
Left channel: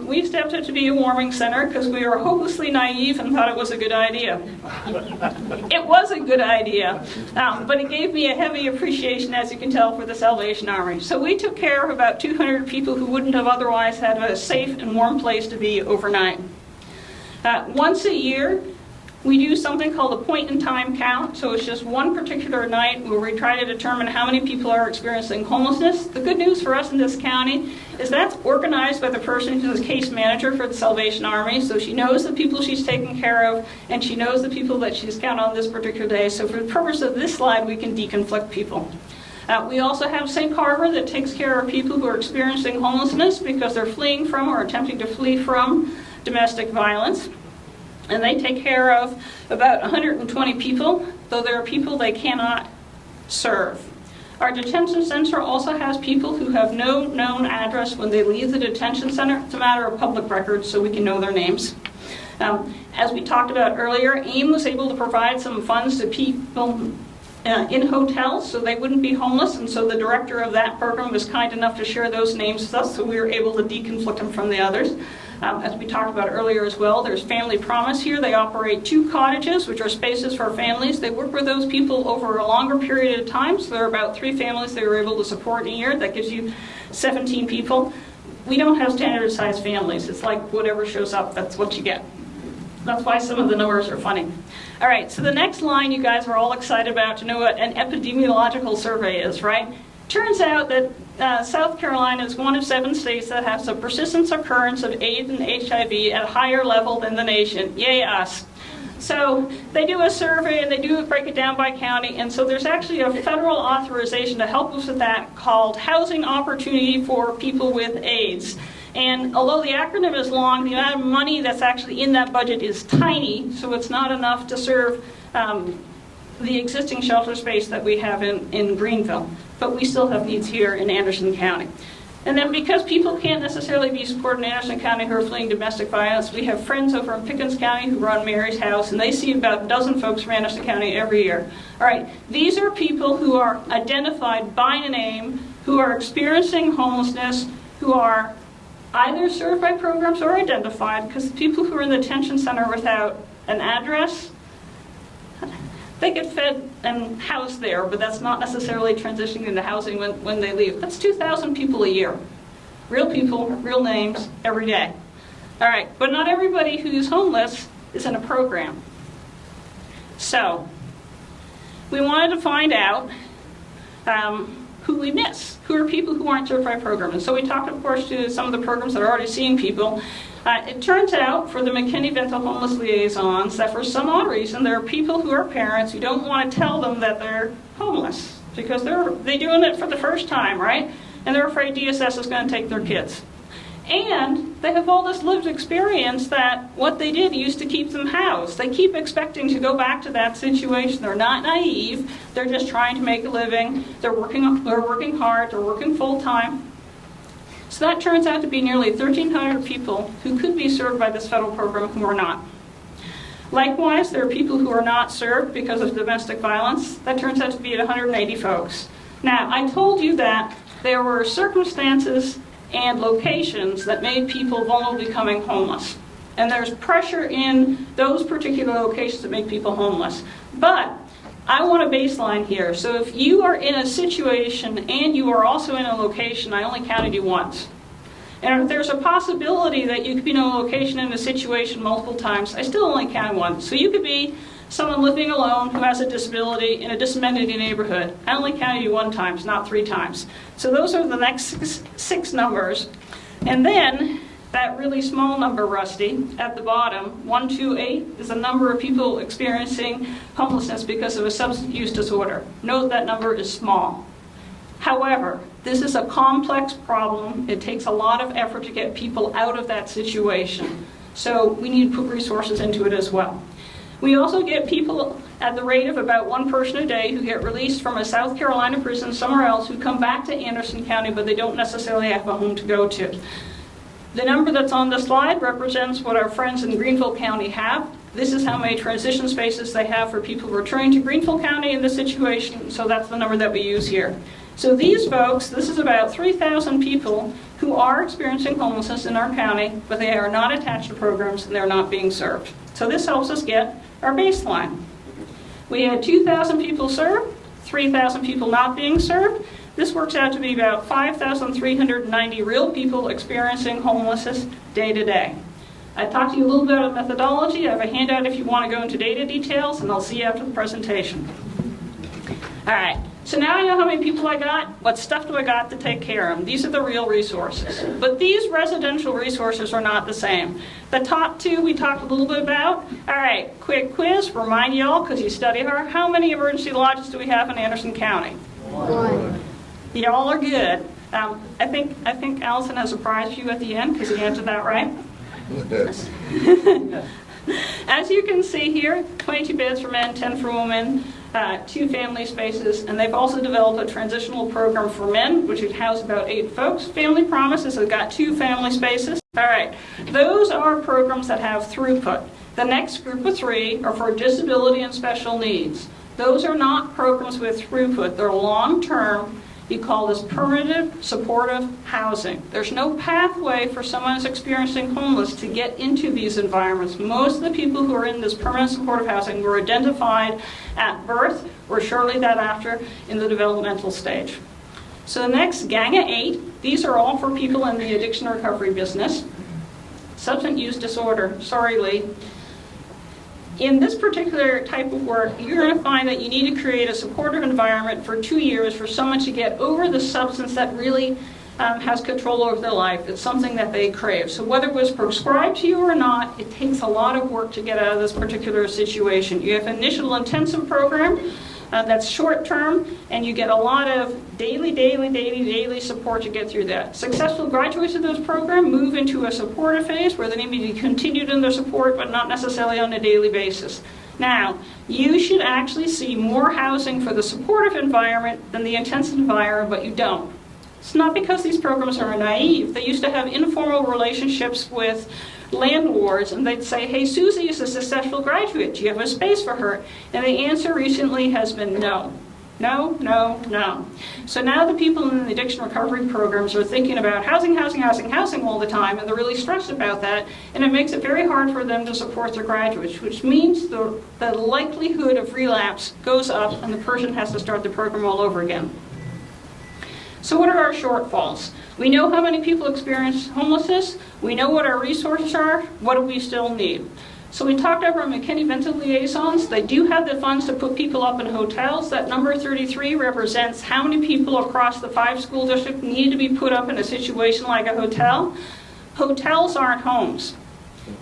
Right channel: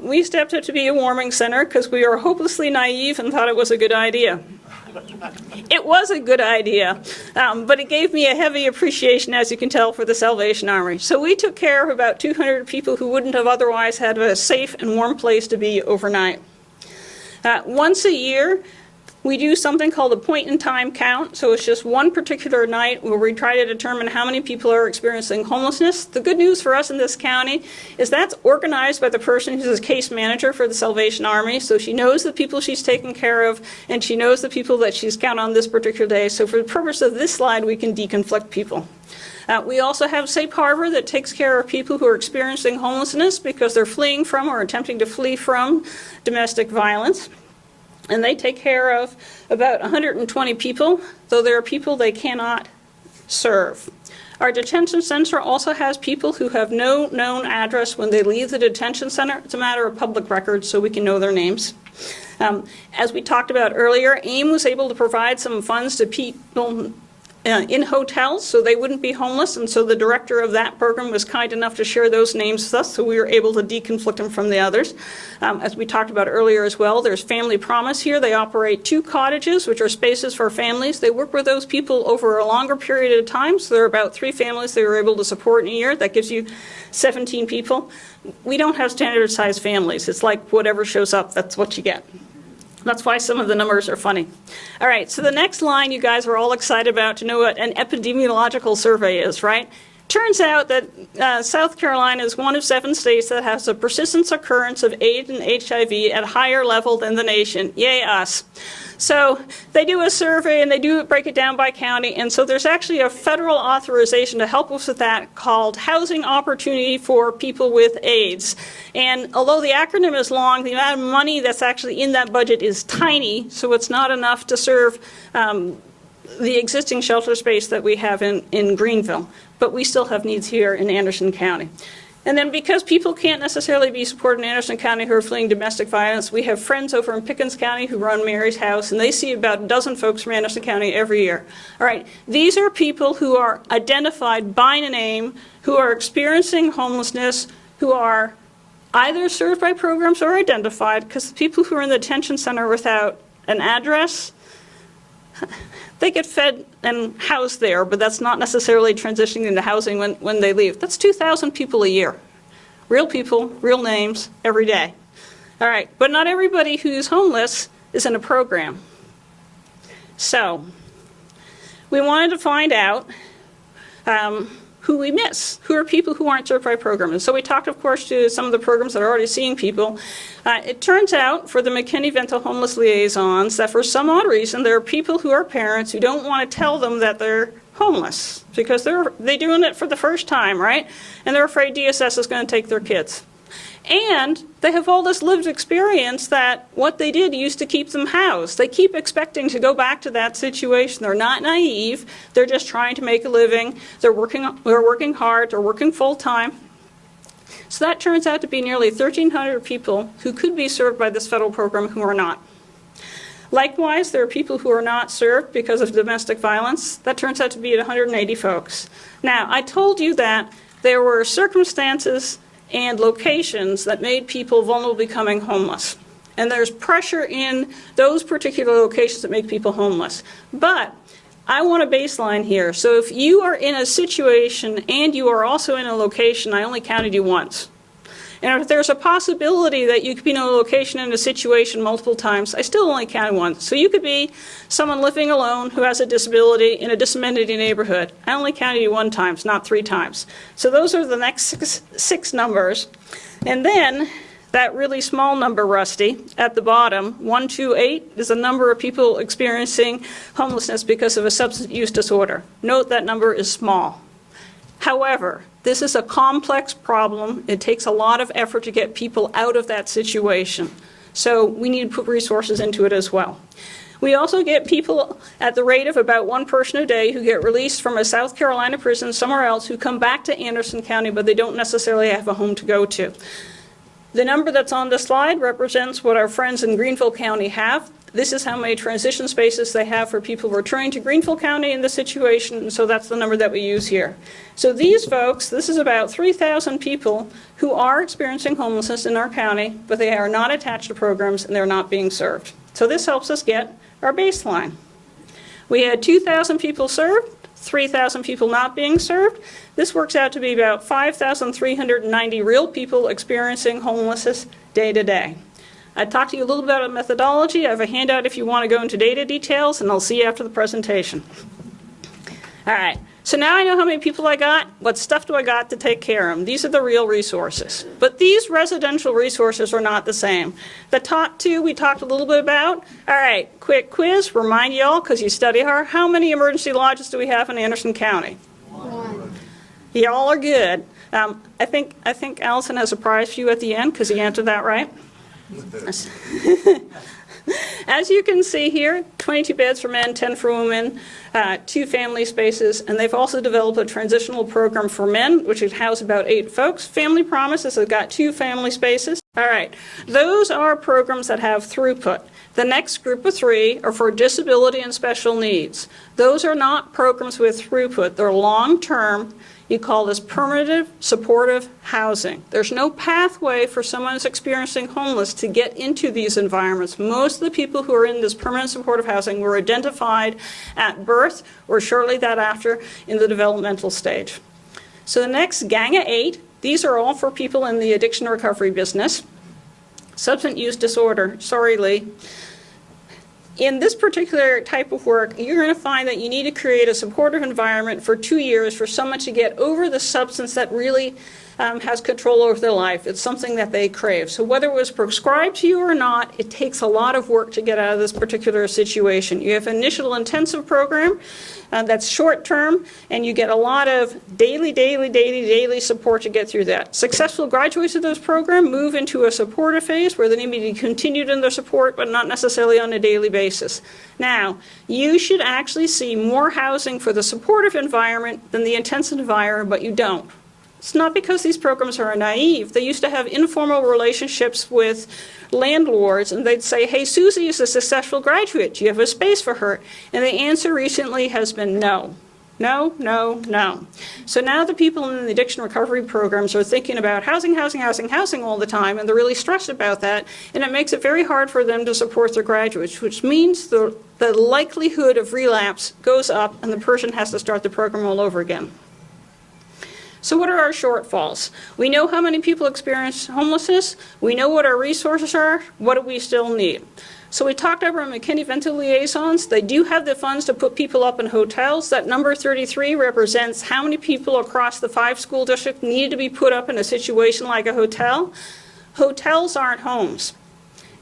we stepped up to be a warming center because we were hopelessly naive and thought it was a good idea. It was a good idea, but it gave me a heavy appreciation, as you can tell, for the Salvation Army. So we took care of about 200 people who wouldn't have otherwise had a safe and warm place to be overnight. Once a year, we do something called a point-in-time count, so it's just one particular night where we try to determine how many people are experiencing homelessness. The good news for us in this county is that's organized by the person who's a case manager for the Salvation Army, so she knows the people she's taking care of, and she knows the people that she's counted on this particular day. So for the purpose of this slide, we can deconflict people. We also have Safe Harbor that takes care of people who are experiencing homelessness because they're fleeing from or attempting to flee from domestic violence. And they take care of about 120 people, though there are people they cannot serve. Our detention center also has people who have no known address when they leave the detention center. It's a matter of public record, so we can know their names. As we talked about earlier, AIM was able to provide some funds to people in hotels so they wouldn't be homeless, and so the director of that program was kind enough to share those names with us, so we were able to deconflict them from the others. As we talked about earlier as well, there's Family Promise here. They operate 2 cottages, which are spaces for families. They work with those people over a longer period of time, so there are about 3 families they were able to support in a year. That gives you 17 people. We don't have standard-sized families. It's like whatever shows up, that's what you get. That's why some of the numbers are funny. All right, so the next line you guys are all excited about to know what an epidemiological survey is, right? Turns out that South Carolina is one of 7 states that has a persistent occurrence of AIDS and HIV at a higher level than the nation. Yay, us. So they do a survey and they do break it down by county, and so there's actually a federal authorization to help us with that called Housing Opportunity for People with AIDS. And although the acronym is long, the amount of money that's actually in that budget is tiny, so it's not enough to serve the existing shelter space that we have in Greenville. But we still have needs here in Anderson County. And then because people can't necessarily be supported in Anderson County who are fleeing domestic violence, we have friends over in Pickens County who run Mary's House, and they see about a dozen folks from Anderson County every year. All right, these are people who are identified by name, who are experiencing homelessness, who are either served by programs or identified, because the people who are in the detention center without an address, they get fed and housed there, but that's not necessarily transitioning into housing when they leave. That's 2,000 people a year. Real people, real names, every day. All right, but not everybody who's homeless is in a program. So, we wanted to find out who we miss, who are people who aren't served by programs. And so we talked, of course, to some of the programs that are already seeing people. It turns out, for the McKinney-Vento homeless liaisons, that for some odd reason, there are people who are parents who don't want to tell them that they're homeless because they're doing it for the first time, right? And they're afraid DSS is going to take their kids. And they have all this lived experience that what they did used to keep them housed. They keep expecting to go back to that situation. They're not naive. They're just trying to make a living. They're working hard. They're working full time. So that turns out to be nearly 1,300 people who could be served by this federal program who are not. Likewise, there are people who are not served because of domestic violence. That turns out to be 180 folks. Now, I told you that there were circumstances and locations that made people vulnerable to becoming homeless. And there's pressure in those particular locations that make people homeless. But I want a baseline here. So if you are in a situation and you are also in a location, I only counted you once. And if there's a possibility that you could be in a location and a situation multiple times, I still only counted once. So you could be someone living alone who has a disability in a disability neighborhood. I only counted you one time, not 3 times. So those are the next six numbers. And then that really small number, Rusty, at the bottom, 128, is the number of people experiencing homelessness because of a substance use disorder. Note that number is small. However, this is a complex problem. It takes a lot of effort to get people out of that situation. So we need to put resources into it as well. We also get people at the rate of about 1 person a day who get released from a South Carolina prison somewhere else who come back to Anderson County, but they don't necessarily have a home to go to. The number that's on the slide represents what our friends in Greenville County have. This is how many transition spaces they have for people returning to Greenville County in this situation, so that's the number that we use here. So these folks, this is about 3,000 people who are experiencing homelessness in our county, but they are not attached to programs and they're not being served. So this helps us get our baseline. We had 2,000 people served, 3,000 people not being served. This works out to be about 5,390 real people experiencing homelessness day to day. I talked to you a little bit about methodology. I have a handout if you want to go into data details, and I'll see you after the presentation. All right, so now I know how many people I got. What stuff do I got to take care of them? These are the real resources. But these residential resources are not the same. The top 2 we talked a little bit about. All right, quick quiz. Remind y'all, because you study hard, how many emergency lodges do we have in Anderson County? 1. Y'all are good. I think Allison has a prize for you at the end because he answered that right. As you can see here, 22 beds for men, 10 for women, 2 family spaces, and they've also developed a transitional program for men, which would house about 8 folks. Family Promises has got 2 family spaces. All right, those are programs that have throughput. The next group of 3 are for disability and special needs. Those are not programs with throughput. They're long-term. We call this permanent supportive housing. There's no pathway for someone who's experiencing homeless to get into these environments. Most of the people who are in this permanent supportive housing were identified at birth or shortly thereafter in the developmental stage. So the next gang of 8, these are all for people in the addiction recovery business. Substance use disorder, sorry Lee. In this particular type of work, you're going to find that you need to create a supportive environment for 2 years for someone to get over the substance that really has control over their life. It's something that they crave. So whether it was prescribed to you or not, it takes a lot of work to get out of this particular situation. You have an initial intensive program that's short term, and you get a lot of daily support to get through that. Successful graduates of this program move into a supportive phase where they need to be continued in their support, but not necessarily on a daily basis. Now, you should actually see more housing for the supportive environment than the intensive environment, but you don't. It's not because these programs are naive. They used to have informal relationships with landlords, and they'd say, hey, Susie is a successful graduate. Do you have a space for her? And the answer recently has been no. No, no, no. So now the people in the addiction recovery programs are thinking about housing all the time, and they're really stressed about that, and it makes it very hard for them to support their graduates, which means the likelihood of relapse goes up, and the person has to start the program all over again. So what are our shortfalls? We know how many people experience homelessness. We know what our resources are. What do we still need? So we talked about our McKinney-Vento liaisons. They do have the funds to put people up in hotels. That number 33 represents how many people across the 5 school district need to be put up in a situation like a hotel. Hotels aren't homes.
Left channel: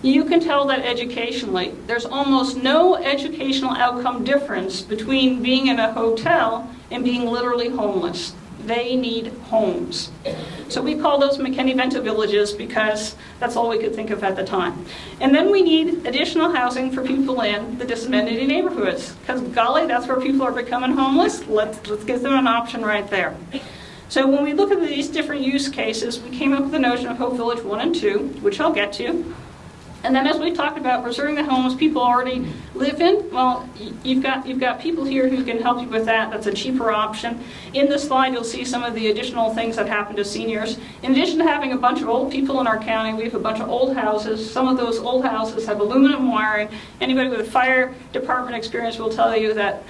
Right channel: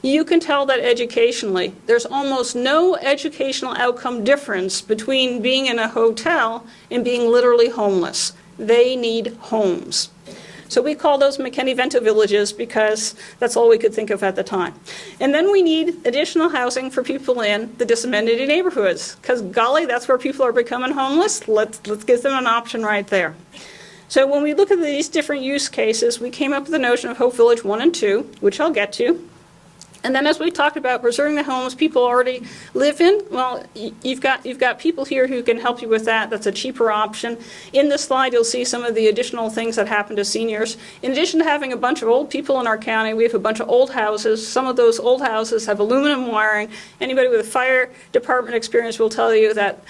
You can tell that educationally. There's almost no educational outcome difference between being in a hotel and being literally homeless. They need homes. So we call those McKinney-Vento villages because that's all we could think of at the time. And then we need additional housing for people in the disability neighborhoods, because golly, that's where people are becoming homeless. Let's give them an option right there. So when we look at these different use cases, we came up with the notion of Hope Village 1 and 2, which I'll get to. And then as we talked about preserving the homes people already live in, well, you've got people here who can help you with that. That's a cheaper option. In this slide, you'll see some of the additional things that happen to seniors. In addition to having a bunch of old people in our county, we have a bunch of old houses. Some of those old houses have aluminum wiring. Anybody with a fire department experience will tell you that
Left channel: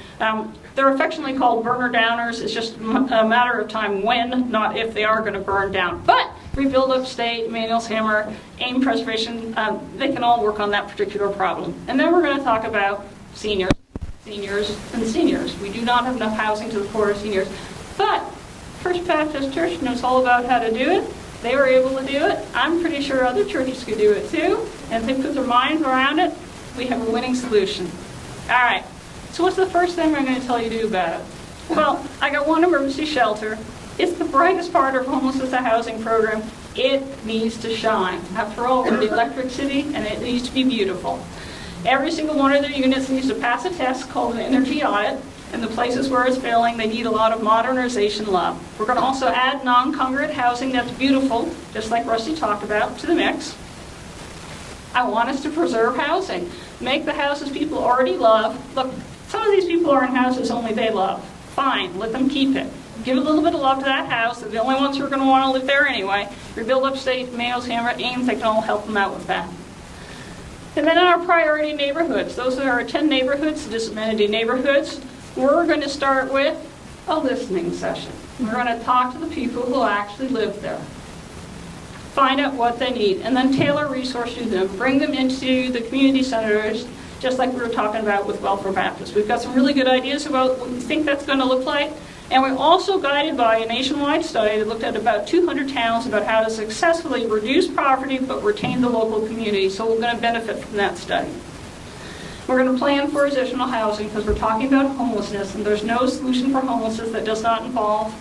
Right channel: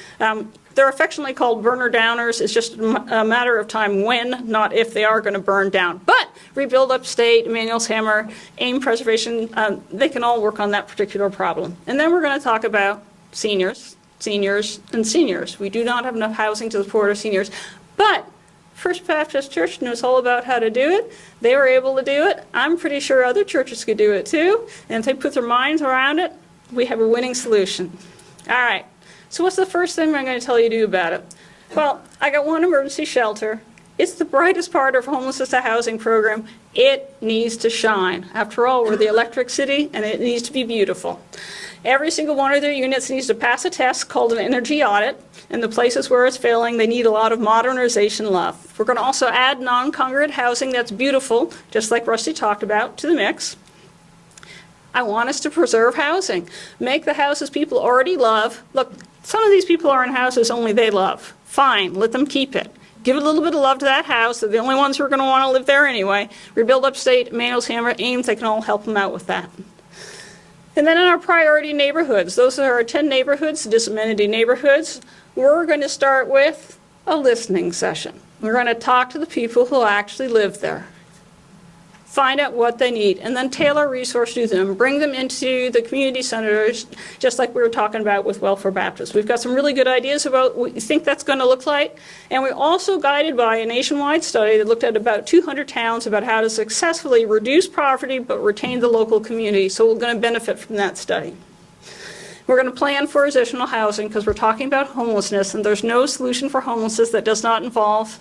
they're affectionately called burner downers. It's just a matter of time when, not if, they are going to burn down. But Rebuild Upstate, Emmanuel's Hammer, AIM Preservation, they can all work on that particular problem. And then we're going to talk about seniors. We do not have enough housing to support our seniors. But First Baptist Church knows all about how to do it. They were able to do it. I'm pretty sure other churches could do it too. And if they put their minds around it, we have a winning solution. All right. So what's the first thing I'm going to tell you to do about it? Well, I got one emergency shelter. It's the brightest part of homelessness to housing program. It needs to shine. After all, we're the electric city, and it needs to be beautiful. Every single one of their units needs to pass a test called an energy audit. In the places where it's failing, they need a lot of modernization love. We're going to also add non-congregate housing that's beautiful, just like Rusty talked about, to the mix. I want us to preserve housing. Make the houses people already love. Look, some of these people are in houses only they love. Fine, let them keep it. Give a little bit of love to that house. They're the only ones who are going to want to live there anyway. Rebuild Upstate, Emmanuel's Hammer, Ames, they can all help them out with that. And then in our priority neighborhoods, those are our 10 neighborhoods, disability neighborhoods, we're going to start with a listening session. We're going to talk to the people who actually live there. Find out what they need, and then tailor resources to them. Bring them into the community centers, just like we were talking about with Welfare Baptist. We've got some really good ideas about what you think that's going to look like, and we're also guided by a nationwide study that looked at about 200 towns about how to successfully reduce poverty but retain the local community, so we're going to benefit from that study. We're going to plan for additional housing because we're talking about homelessness, and there's no solution for homelessness that does not involve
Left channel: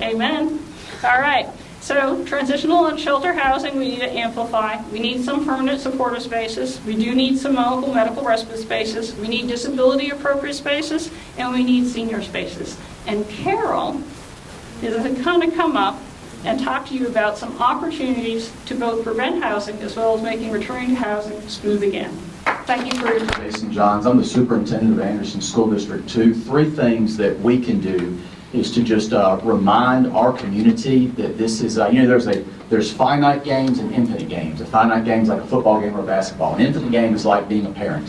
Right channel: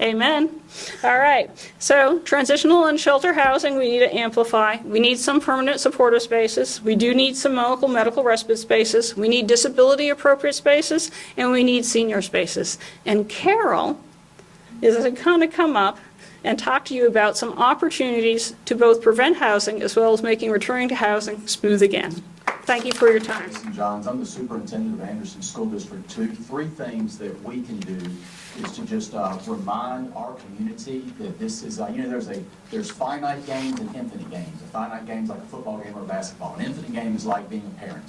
Amen. All right. So transitional and shelter housing, we need to amplify. We need some permanent supportive spaces. We do need some local medical respite spaces. We need disability appropriate spaces, and we need senior spaces. And Carol is going to kind of come up and talk to you about some opportunities to both prevent housing as well as making returning to housing smooth again. Thank you for your time. Jason Johns. I'm the superintendent of Anderson School District 2. 3 things that we can do is to just remind our community that this is, there's finite games and infinite games. A finite game is like a football game or a basketball. An infinite game is like being a parent,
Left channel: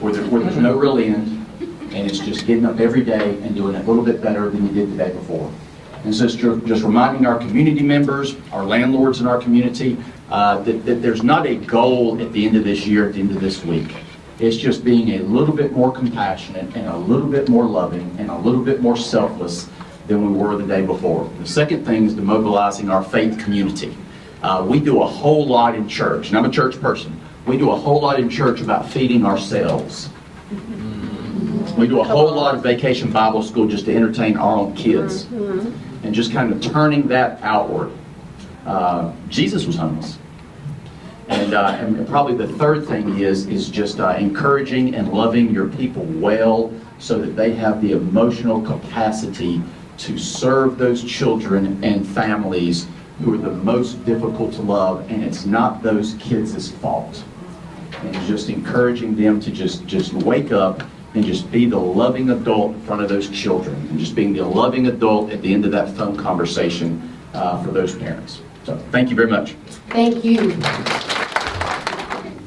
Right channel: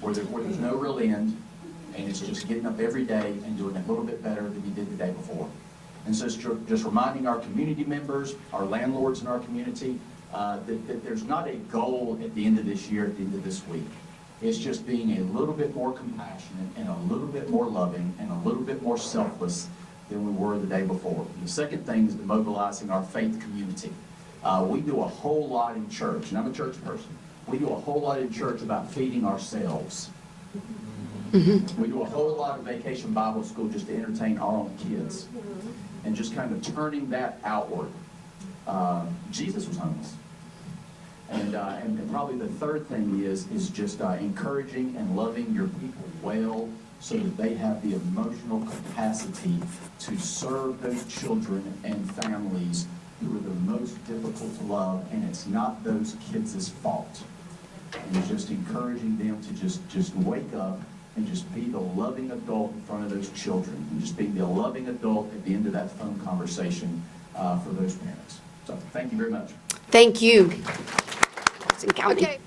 where there's no real end, and it's just getting up every day and doing it a little bit better than you did the day before. And so it's just reminding our community members, our landlords in our community, that there's not a goal at the end of this year, at the end of this week. It's just being a little bit more compassionate and a little bit more loving and a little bit more selfless than we were the day before. The second thing is mobilizing our faith community. We do a whole lot in church, and I'm a church person. We do a whole lot in church about feeding ourselves. We do a whole lot of vacation Bible school just to entertain our own kids and just kind of turning that outward. Jesus was homeless. And probably the third thing is just encouraging and loving your people well so that they have the emotional capacity to serve those children and families who are the most difficult to love, and it's not those kids' fault. And just encouraging them to just wake up and just be the loving adult in front of those children, and just being the loving adult at the end of that phone conversation for those parents. So thank you very much. Thank you. Okay.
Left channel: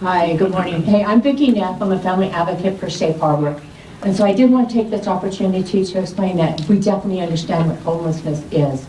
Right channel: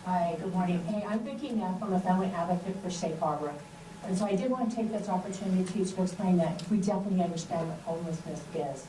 Hi, good morning. Hey, I'm Vicki Neff. I'm a family advocate for Safe Harbor. And so I did want to take this opportunity to explain that we definitely understand what homelessness is.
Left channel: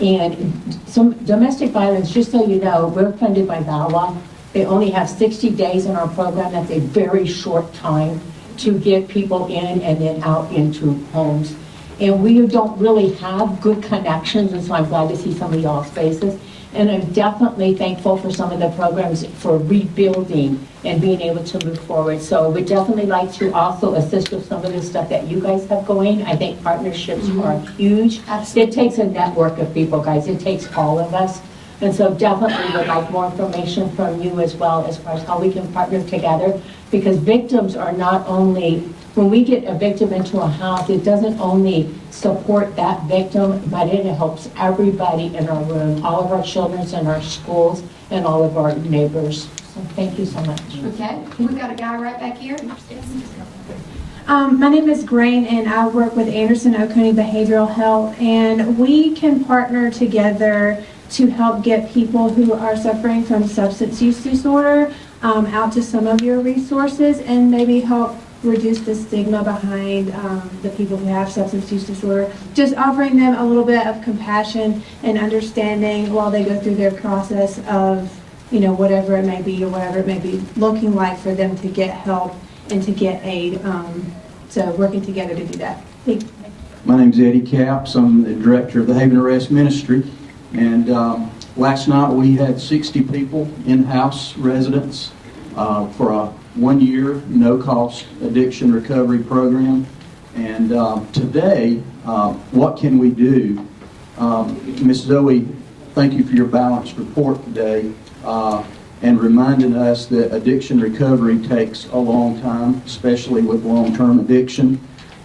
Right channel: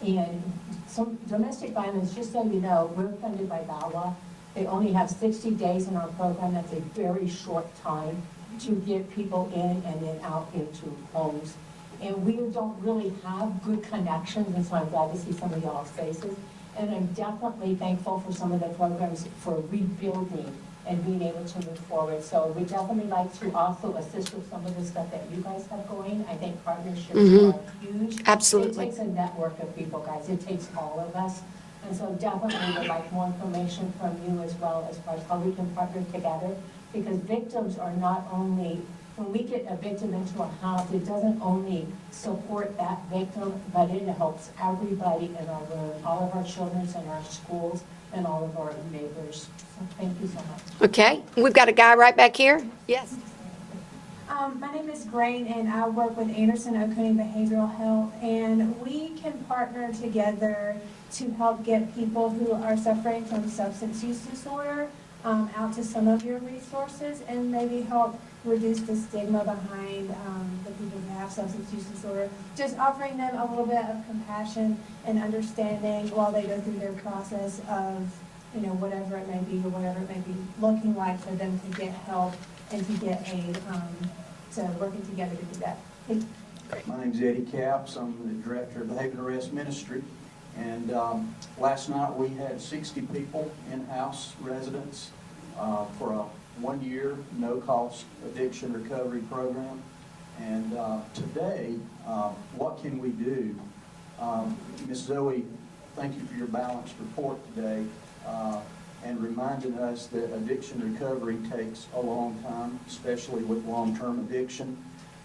And some domestic violence, just so you know, we're funded by VAWA. They only have 60 days in our program. That's a very short time to get people in and then out into homes. And we don't really have good connections, and so I'm glad to see some of y'all's faces. And I'm definitely thankful for some of the programs for rebuilding and being able to move forward. So we'd definitely like to also assist with some of the stuff that you guys have going. I think partnerships are huge. Absolutely. It takes a network of people, guys. It takes all of us. And so definitely would like more information from you as well as far as how we can partner together. Because victims are not only, when we get a victim into a house, it doesn't only support that victim, but it helps everybody in our room, all of our children in our schools, and all of our neighbors. So thank you so much. Okay, we've got a guy right back here. Yes. My name is Grain, and I work with Anderson Oconee Behavioral Health, and we can partner together to help get people who are suffering from substance use disorder out to some of your resources and maybe help reduce the stigma behind the people who have substance use disorder. Just offering them a little bit of compassion and understanding while they go through their process of, you know, whatever it may be or whatever it may be looking like for them to get help and to get aid. So working together to do that. Thank you. My name's Eddie Capps. I'm the director of the Haven Arrest Ministry. And last night we had 60 people, in-house residents, for a 1-year, no-cost addiction recovery program. And today, what can we do? Ms. Zoe, thank you for your balanced report today and reminding us that addiction recovery takes a long time, especially with long-term addiction.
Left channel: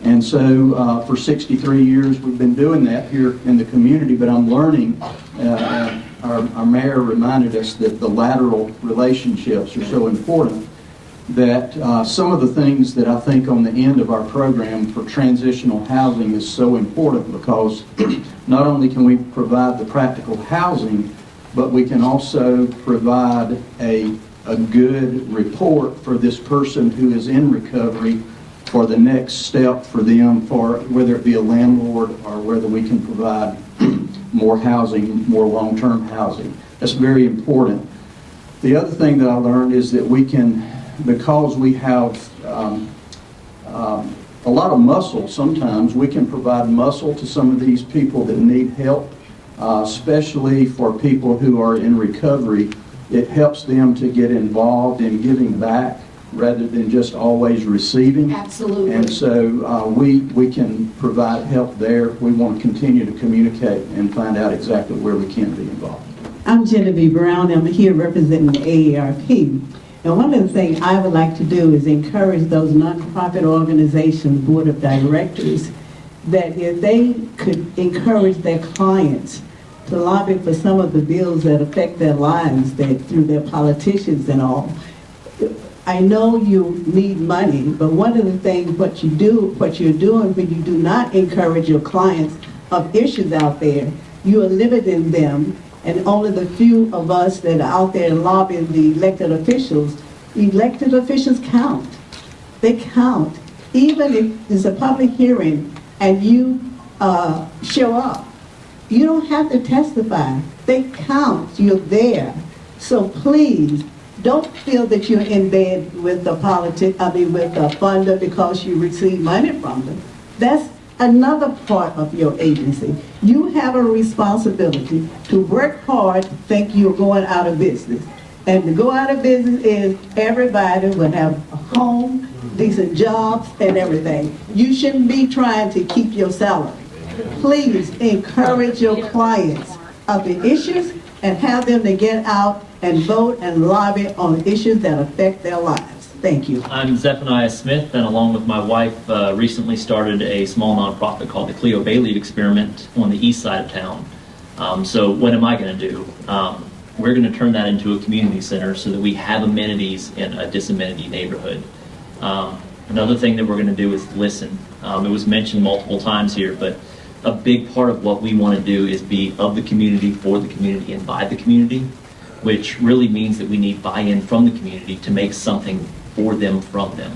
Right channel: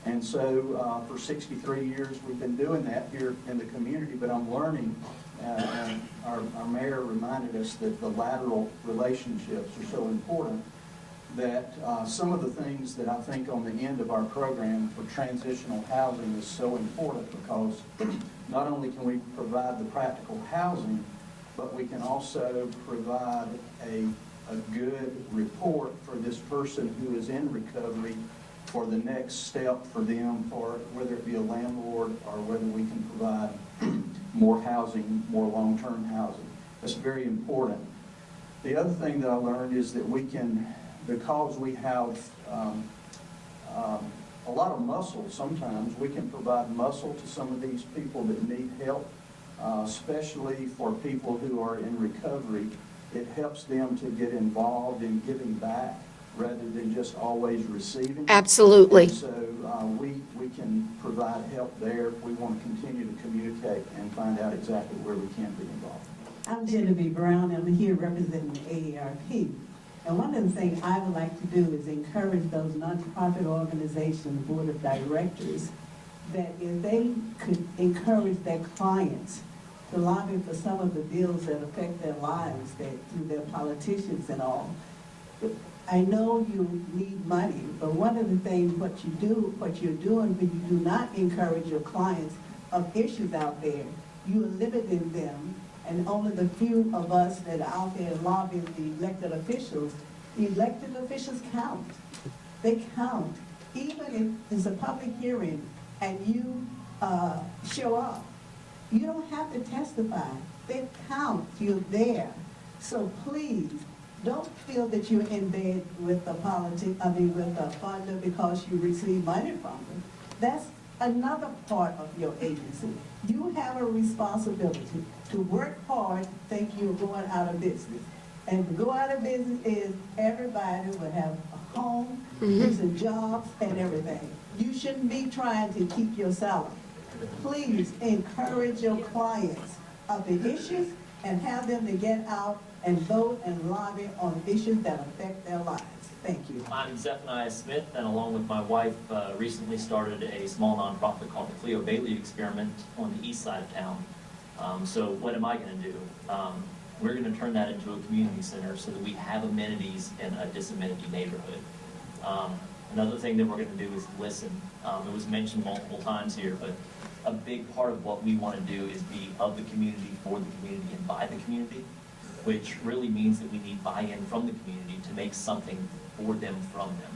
And so for 63 years we've been doing that here in the community, but I'm learning, our mayor reminded us that the lateral relationships are so important, that some of the things that I think on the end of our program for transitional housing is so important, because not only can we provide the practical housing, but we can also provide a good report for this person who is in recovery for the next step for them, for whether it be a landlord or whether we can provide more housing, more long-term housing. That's very important. The other thing that I learned is that we can, because we have a lot of muscle sometimes, we can provide muscle to some of these people that need help, especially for people who are in recovery. It helps them to get involved in giving back rather than just always receiving. Absolutely. And so we can provide help there. We want to continue to communicate and find out exactly where we can be involved. I'm Genevieve Brown. I'm here representing the AARP. And one of the things I would like to do is encourage those nonprofit organizations, board of directors, that if they could encourage their clients to lobby for some of the bills that affect their lives, that through their politicians and all. I know you need money, but one of the things what you're doing when you do not encourage your clients of issues out there, you are limiting them, and only the few of us that are out there lobbying the elected officials count. They count. Even if there's a public hearing and you show up, you don't have to testify. They count. You're there. So please, don't feel that you're in bed with the with the funder because you receive money from them. That's another part of your agency. You have a responsibility to work hard, think you're going out of business. And to go out of business is everybody will have a home, decent jobs, and everything. You shouldn't be trying to keep your salary. Please encourage your clients of the issues and have them to get out and vote and lobby on issues that affect their lives. Thank you. I'm Zephaniah Smith, and along with my wife, recently started a small nonprofit called the Cleo Bailey Experiment on the east side of town. So what am I going to do? We're going to turn that into a community center so that we have amenities in a disamenities neighborhood. Another thing that we're going to do is listen. It was mentioned multiple times here, but a big part of what we want to do is be of the community, for the community, and by the community, which really means that we need buy-in from the community to make something for them, from them.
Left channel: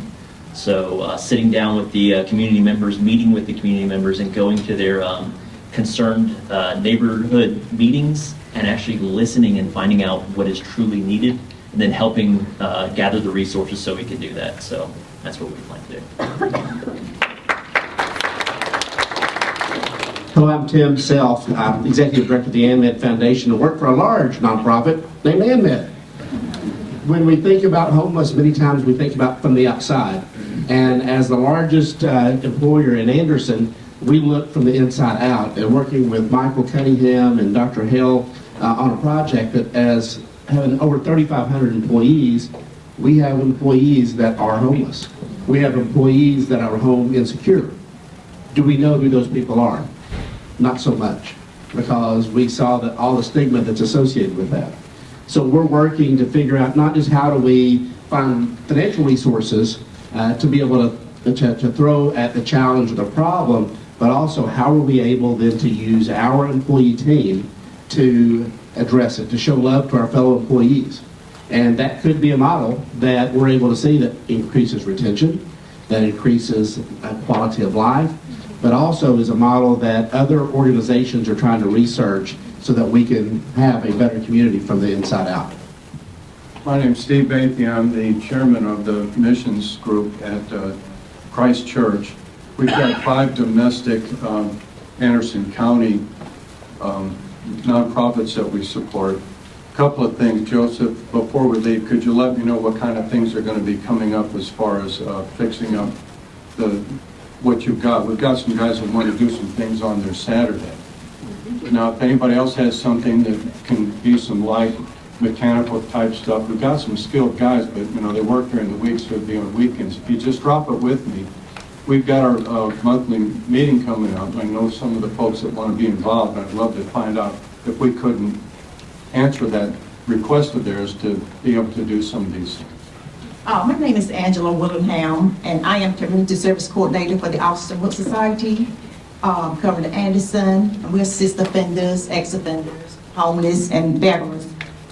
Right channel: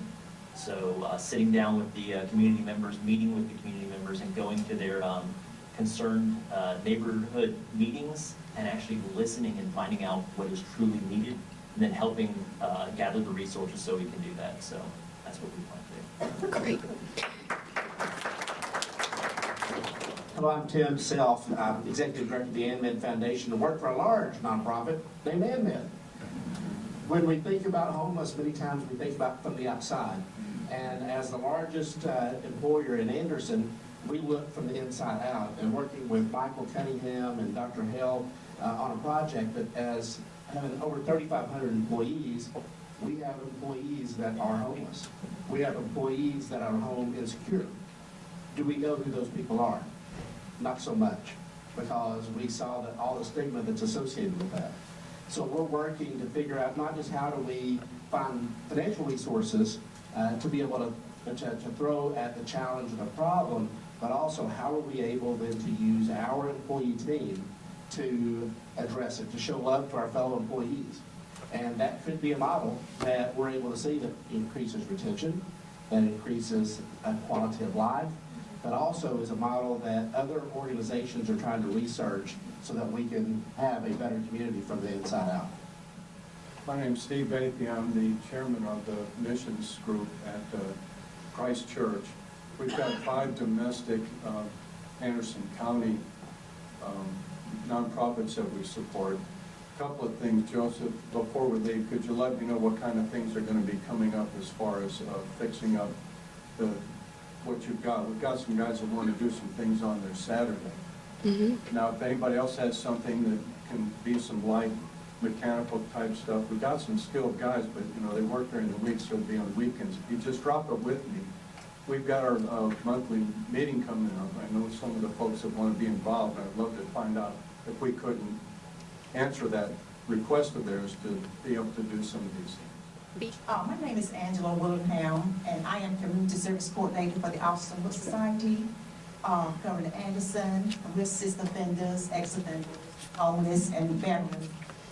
So sitting down with the community members, meeting with the community members, and going to their concerned neighborhood meetings and actually listening and finding out what is truly needed, and then helping gather the resources so we can do that. So that's what we plan to do. Hello, I'm Tim Self. I'm Executive Director of the ANMED Foundation and work for a large nonprofit named ANMED. When we think about homeless, many times we think about from the outside. And as the largest employer in Anderson, we look from the inside out, and working with Michael Cunningham and Dr. Hill on a project that, as having over 3,500 employees, we have employees that are homeless. We have employees that are home insecure. Do we know who those people are? Not so much, because we saw that all the stigma that's associated with that. So we're working to figure out not just how do we find financial resources to be able to throw at the challenge or the problem, but also how are we able then to use our employee team to address it, to show love to our fellow employees. And that could be a model that we're able to see that increases retention, that increases quality of life, but also is a model that other organizations are trying to research so that we can have a better community from the inside out. My name's Steve Bathy. I'm the chairman of the missions group at Christ Church. We've got 5 domestic Anderson County nonprofits that we support. A couple of things, Joseph, before we leave, could you let me know what kind of things are going to be coming up as far as fixing up what you've got? We've got some guys that want to do some things on their Saturday. Now, if anybody else has something that can be some light mechanical type stuff, we've got some skilled guys, but they work during the week, so it'd be on weekends. If you just drop it with me, we've got our monthly meeting coming up. I know some of the folks that want to be involved, and I'd love to find out if we couldn't answer that request of theirs to be able to do some of these things. My name is Angela Willingham, and I am Community Service Coordinator for the Austin Hood Society, covering Anderson. We assist offenders, ex-offenders, homeless, and veterans,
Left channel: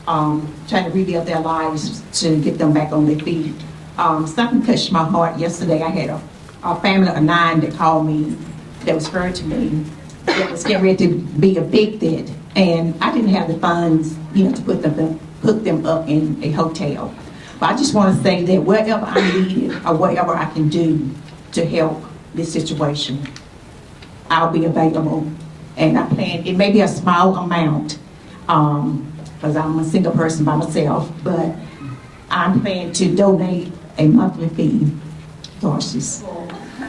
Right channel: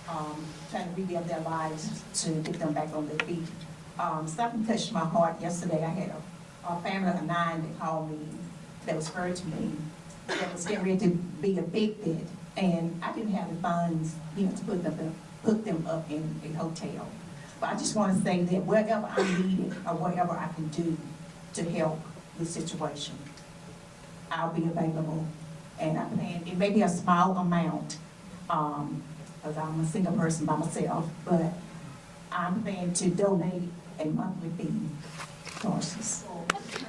trying to rebuild their lives to get them back on their feet. Something touched my heart yesterday. I had a family of 9 that called me, that was referred to me, that was getting ready to be evicted, and I didn't have the funds, to hook them up in a hotel. But I just want to say that whatever I need or whatever I can do to help this situation, I'll be available. And I plan, it may be a small amount, because I'm a single person by myself, but I'm planning to donate a monthly fee towards this.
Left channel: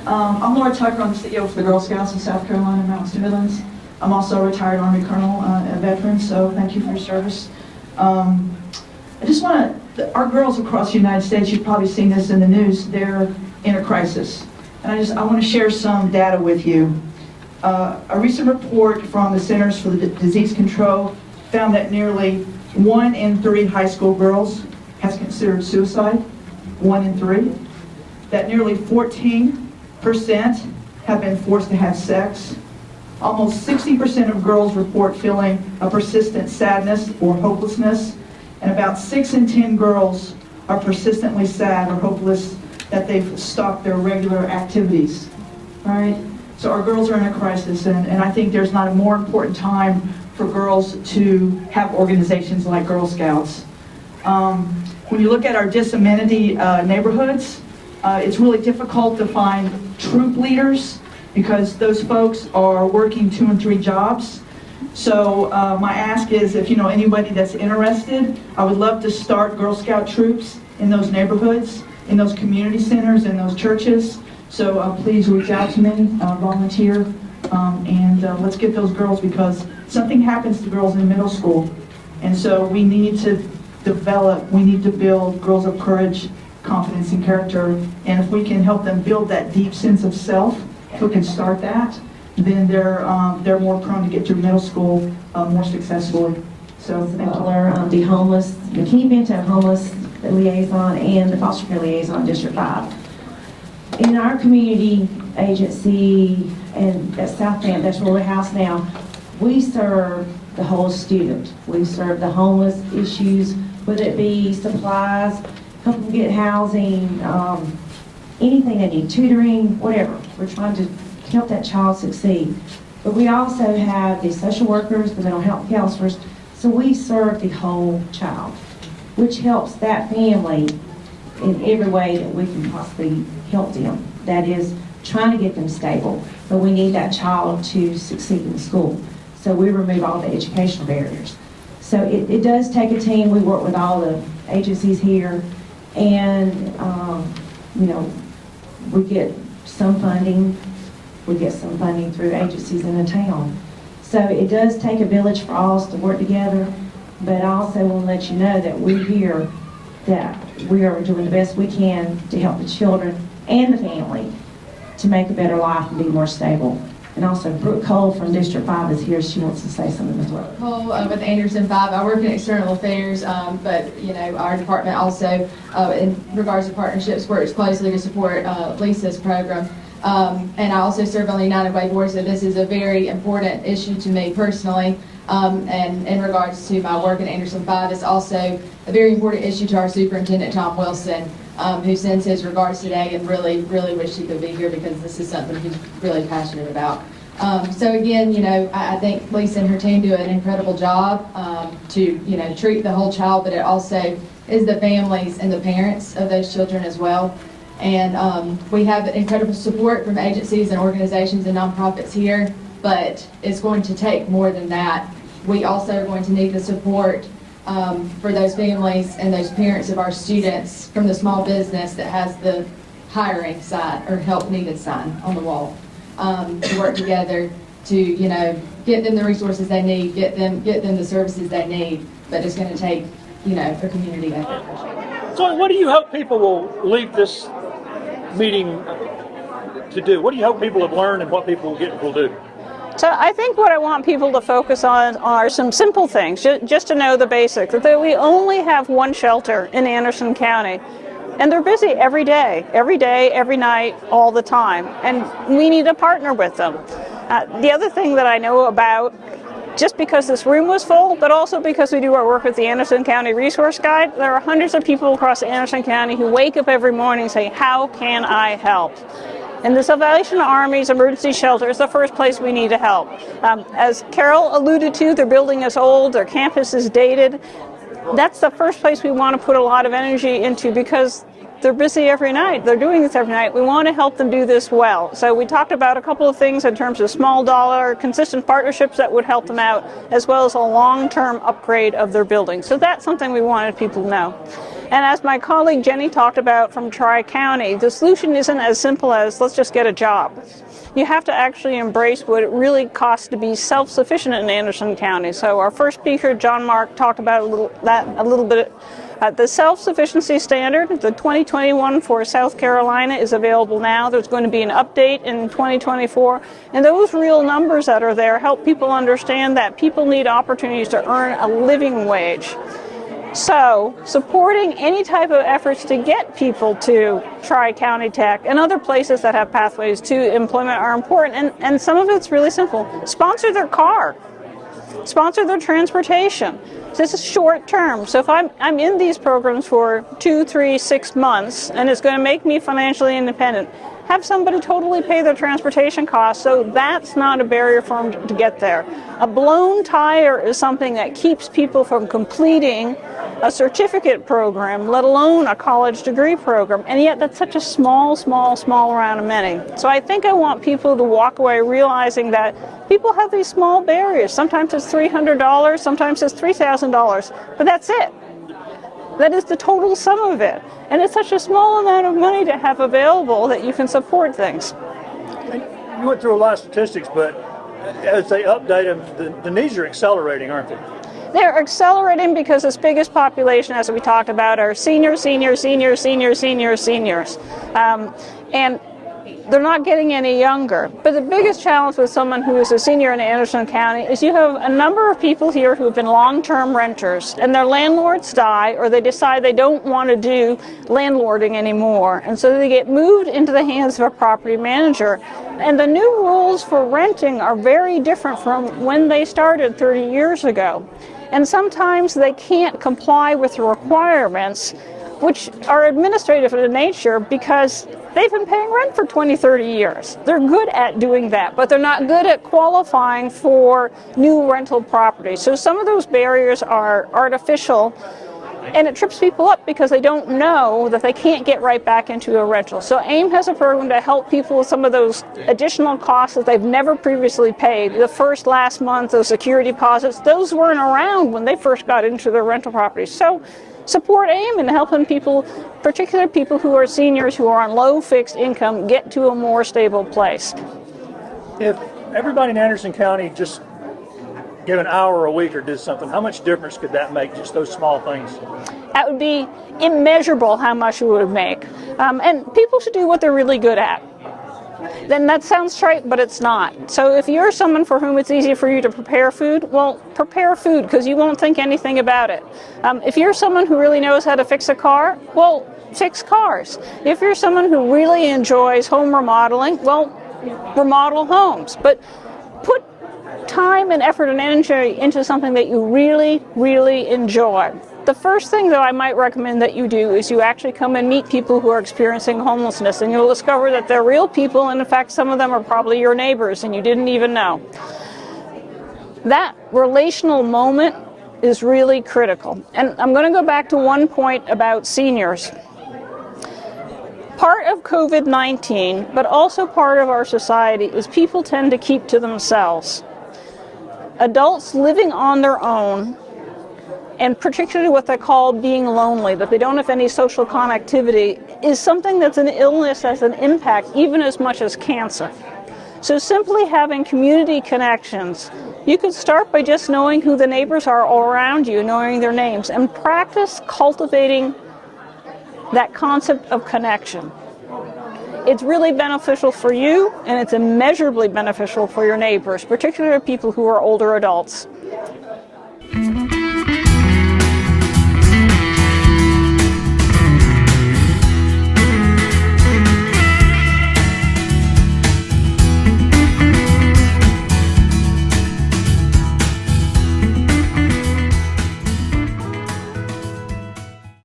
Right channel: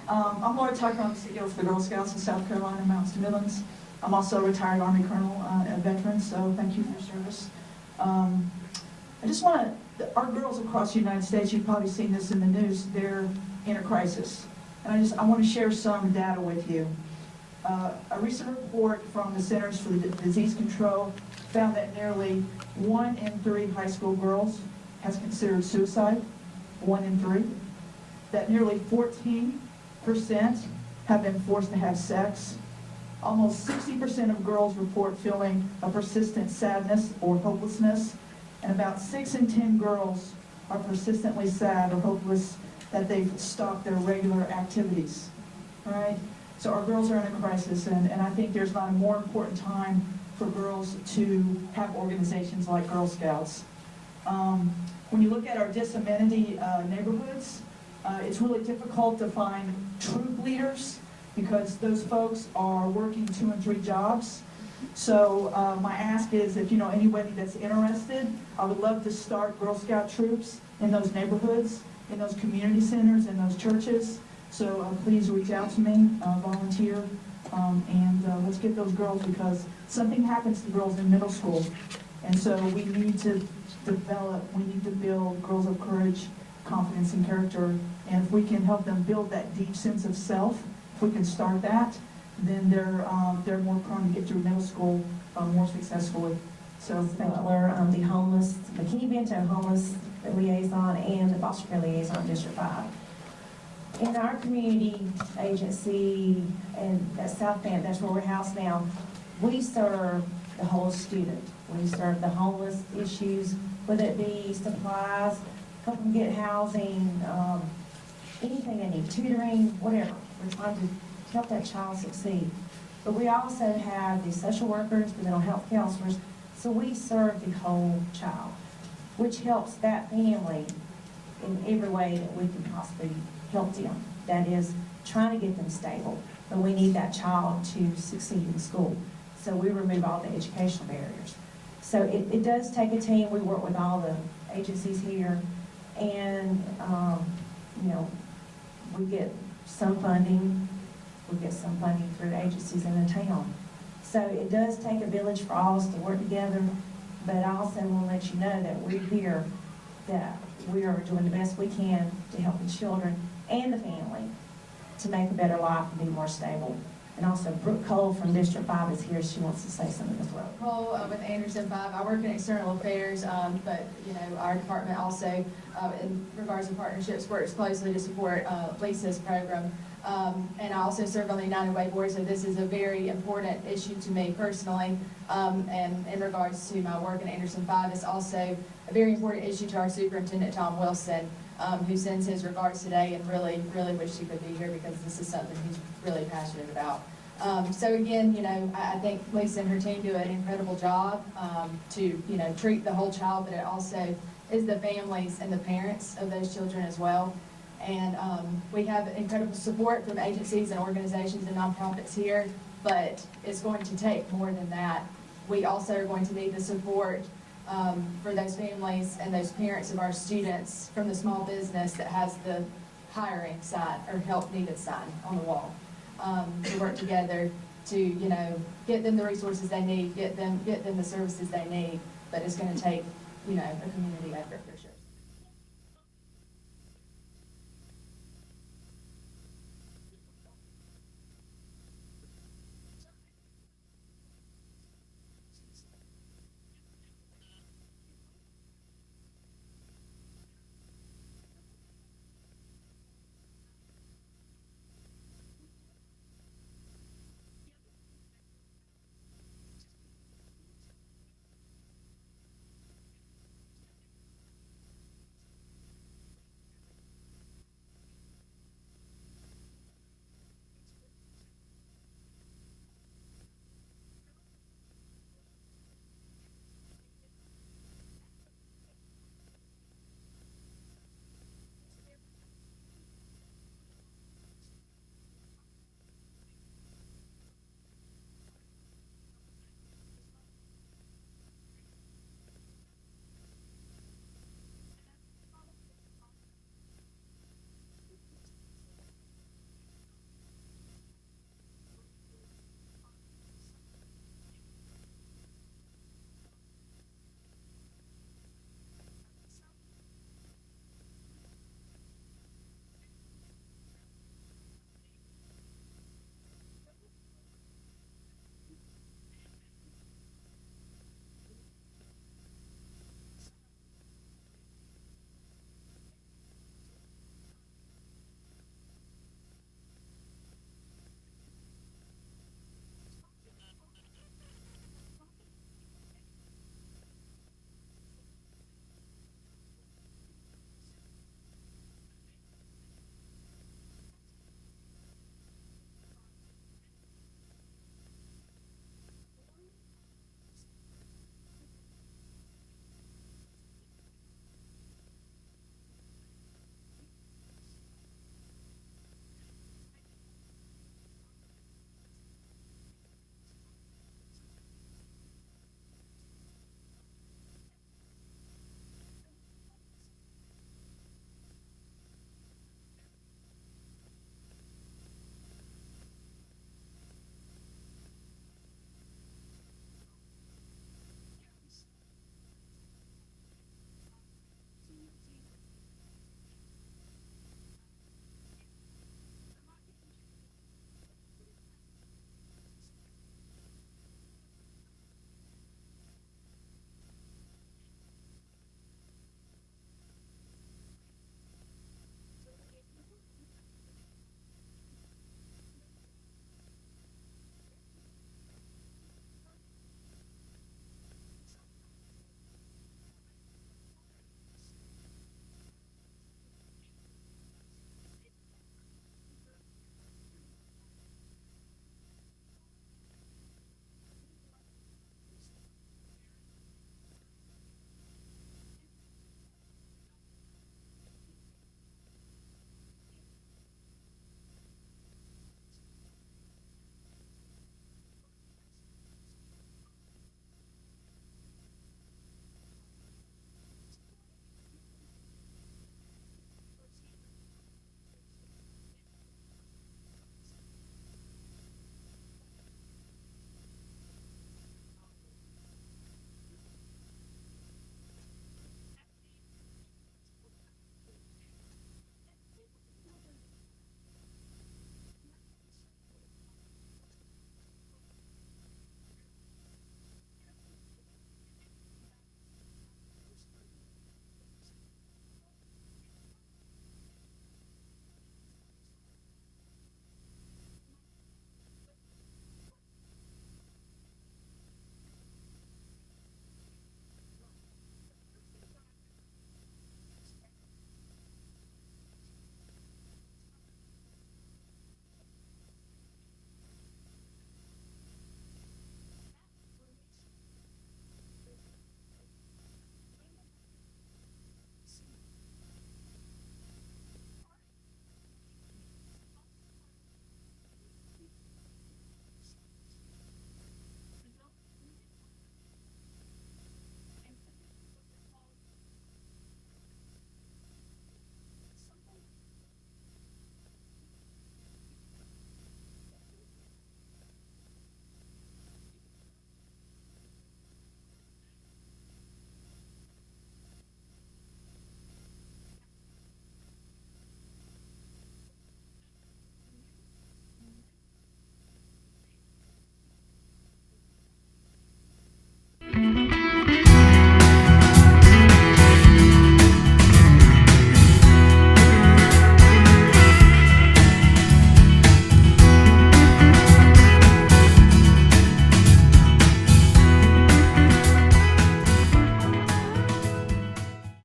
I'm Laura Tucker. I'm the CEO for the Girl Scouts in South Carolina, Mountains to Midlands. I'm also a retired Army Colonel and a veteran, so thank you for your service. I just want to, our girls across the United States, you've probably seen this in the news, they're in a crisis. And I want to share some data with you. A recent report from the Centers for the Disease Control found that nearly 1 in 3 high school girls has considered suicide, 1 in 3. That nearly 14% have been forced to have sex. Almost 60% of girls report feeling a persistent sadness or hopelessness, and about 6 in 10 girls are persistently sad or hopeless that they've stopped their regular activities, right? So our girls are in a crisis, and I think there's not a more important time for girls to have organizations like Girl Scouts. When you look at our disamenity neighborhoods, it's really difficult to find troop leaders because those folks are working 2 and 3 jobs. So my ask is, if you know anybody that's interested, I would love to start Girl Scout troops in those neighborhoods, in those community centers, in those churches. So please reach out to me, volunteer, and let's get those girls, because something happens to girls in middle school. And so we need to build girls of courage, confidence, and character. And if we can help them build that deep sense of self, if we can start that, then they're more prone to get through middle school more successfully. So thank you. The homeless, the Key Benton homeless liaison and the foster care liaison in District 5. In our community agency and at South Bend, that's where we're housed now, we serve the whole student. We serve the homeless issues, whether it be supplies, help them get housing, anything they need, tutoring, whatever. We're trying to help that child succeed. But we also have the social workers, the mental health counselors, so we serve the whole child, which helps that family in every way that we can possibly help them. That is, trying to get them stable, but we need that child to succeed in school. So we remove all the educational barriers. So it does take a team. We work with all the agencies here, and you know, we get some funding. We get some funding through agencies in the town. So it does take a village for all us to work together, but I also want to let you know that we're here, that we are doing the best we can to help the children and the family to make a better life and be more stable. And also Brooke Cole from District 5 is here. She wants to say something as well. Cole with Anderson 5. I work in external affairs, but you know, our department also, in regards to partnerships, works closely to support Lisa's program. And I also serve on the United Way board, so this is a very important issue to me personally. And in regards to my work in Anderson 5, it's also a very important issue to our superintendent, Tom Wilson, who sends his regards today and really, really wish he could be here because this is something he's really passionate about. So again, you know, I think Lisa and her team do an incredible job to, you know, treat the whole child, but it also is the families and the parents of those children as well. And we have incredible support from agencies and organizations and nonprofits here, but it's going to take more than that. We also are going to need the support for those families and those parents of our students from the small business that has the hiring sign or help needed sign on the wall, to work together to, you know, get them the resources they need, get them the services they need, but it's going to take, you know, a community effort. So what do you hope people will leave this meeting to do? What do you hope people have learned and what people will do? So I think what I want people to focus on are some simple things, just to know the basics, that we only have one shelter in Anderson County, and they're busy every day, every night, all the time, and we need to partner with them. The other thing that I know about, just because this room was full, but also because we do our work with the Anderson County Resource Guide, there are hundreds of people across Anderson County who wake up every morning and say, how can I help? And the Salvation Army's emergency shelter is the first place we need to help. As Carol alluded to, their building is old, their campus is dated. That's the first place we want to put a lot of energy into because they're busy every night. They're doing this every night. We want to help them do this well. So we talked about a couple of things in terms of small dollar, consistent partnerships that would help them out, as well as a long-term upgrade of their building. So that's something we wanted people to know. And as my colleague Jenny talked about from Tri-County, the solution isn't as simple as let's just get a job. You have to actually embrace what it really costs to be self-sufficient in Anderson County. So our first speaker, John Mark, talked about a little bit. The self-sufficiency standard, the 2021 for South Carolina is available now. There's going to be an update in 2024. And those real numbers that are there help people understand that people need opportunities to earn a living wage. So supporting any type of efforts to get people to Tri-County Tech and other places that have pathways to employment are important. And some of it's really simple. Sponsor their car. Sponsor their transportation. This is short term. So if I'm in these programs for 2, 3, 6 months and it's going to make me financially independent, have somebody totally pay their transportation costs so that's not a barrier for them to get there. A blown tire is something that keeps people from completing a certificate program, let alone a college degree program, and yet that's such a small round of money. So I think I want people to walk away realizing that people have these small barriers. Sometimes it's $300, sometimes it's $3,000, but that's it. That is the total sum of it. And it's such a small amount of money to have available that you can support things. You went through a lot of statistics, but as they update them, the needs are accelerating, aren't they? They're accelerating because its biggest population, as we talked about, are seniors. And they're not getting any younger. But the biggest challenge with someone who is a senior in Anderson County is you have a number of people here who have been long-term renters, and their landlords die, or they decide they don't want to do landlording anymore. And so they get moved into the hands of a property manager. And the new rules for renting are very different from when they started 30 years ago. And sometimes they can't comply with the requirements, which are administrative in nature, because they've been paying rent for 20, 30 years. They're good at doing that, but they're not good at qualifying for new rental properties. So some of those barriers are artificial, and it trips people up because they don't know that they can't get right back into a rental. So AIM has a program to help people with some of those additional costs that they've never previously paid. The first, last month, those security deposits, those weren't around when they first got into their rental properties. So support AIM in helping people, particularly people who are seniors who are on low fixed income, get to a more stable place. If everybody in Anderson County just gave an hour a week or did something, how much difference could that make, just those small things? That would be immeasurable how much it would make. And people should do what they're really good at. Then that sounds trite, but it's not. So if you're someone for whom it's easy for you to prepare food, well, prepare food, because you won't think anything about it. If you're someone who really knows how to fix a car, well, fix cars. If you're someone who really enjoys home remodeling, well, remodel homes. But put time and effort and energy into something that you really, really enjoy. The first thing, though, I might recommend that you do is you actually come and meet people who are experiencing homelessness, and you'll discover that they're real people, and in fact, some of them are probably your neighbors, and you didn't even know. That relational moment is really critical. And I'm going to go back to one point about seniors. Part of COVID-19, but also part of our society, is people tend to keep to themselves. Adults living on their own, and particularly what they call being lonely, that they don't have any social connectivity, is something that's an illness that has an impact even as much as cancer. So simply having community connections, you could start by just knowing who the neighbors are all around you, knowing their names, and practice cultivating that concept of connection. It's really beneficial for you, and it's immeasurably beneficial for your neighbors, particularly people who are older adults.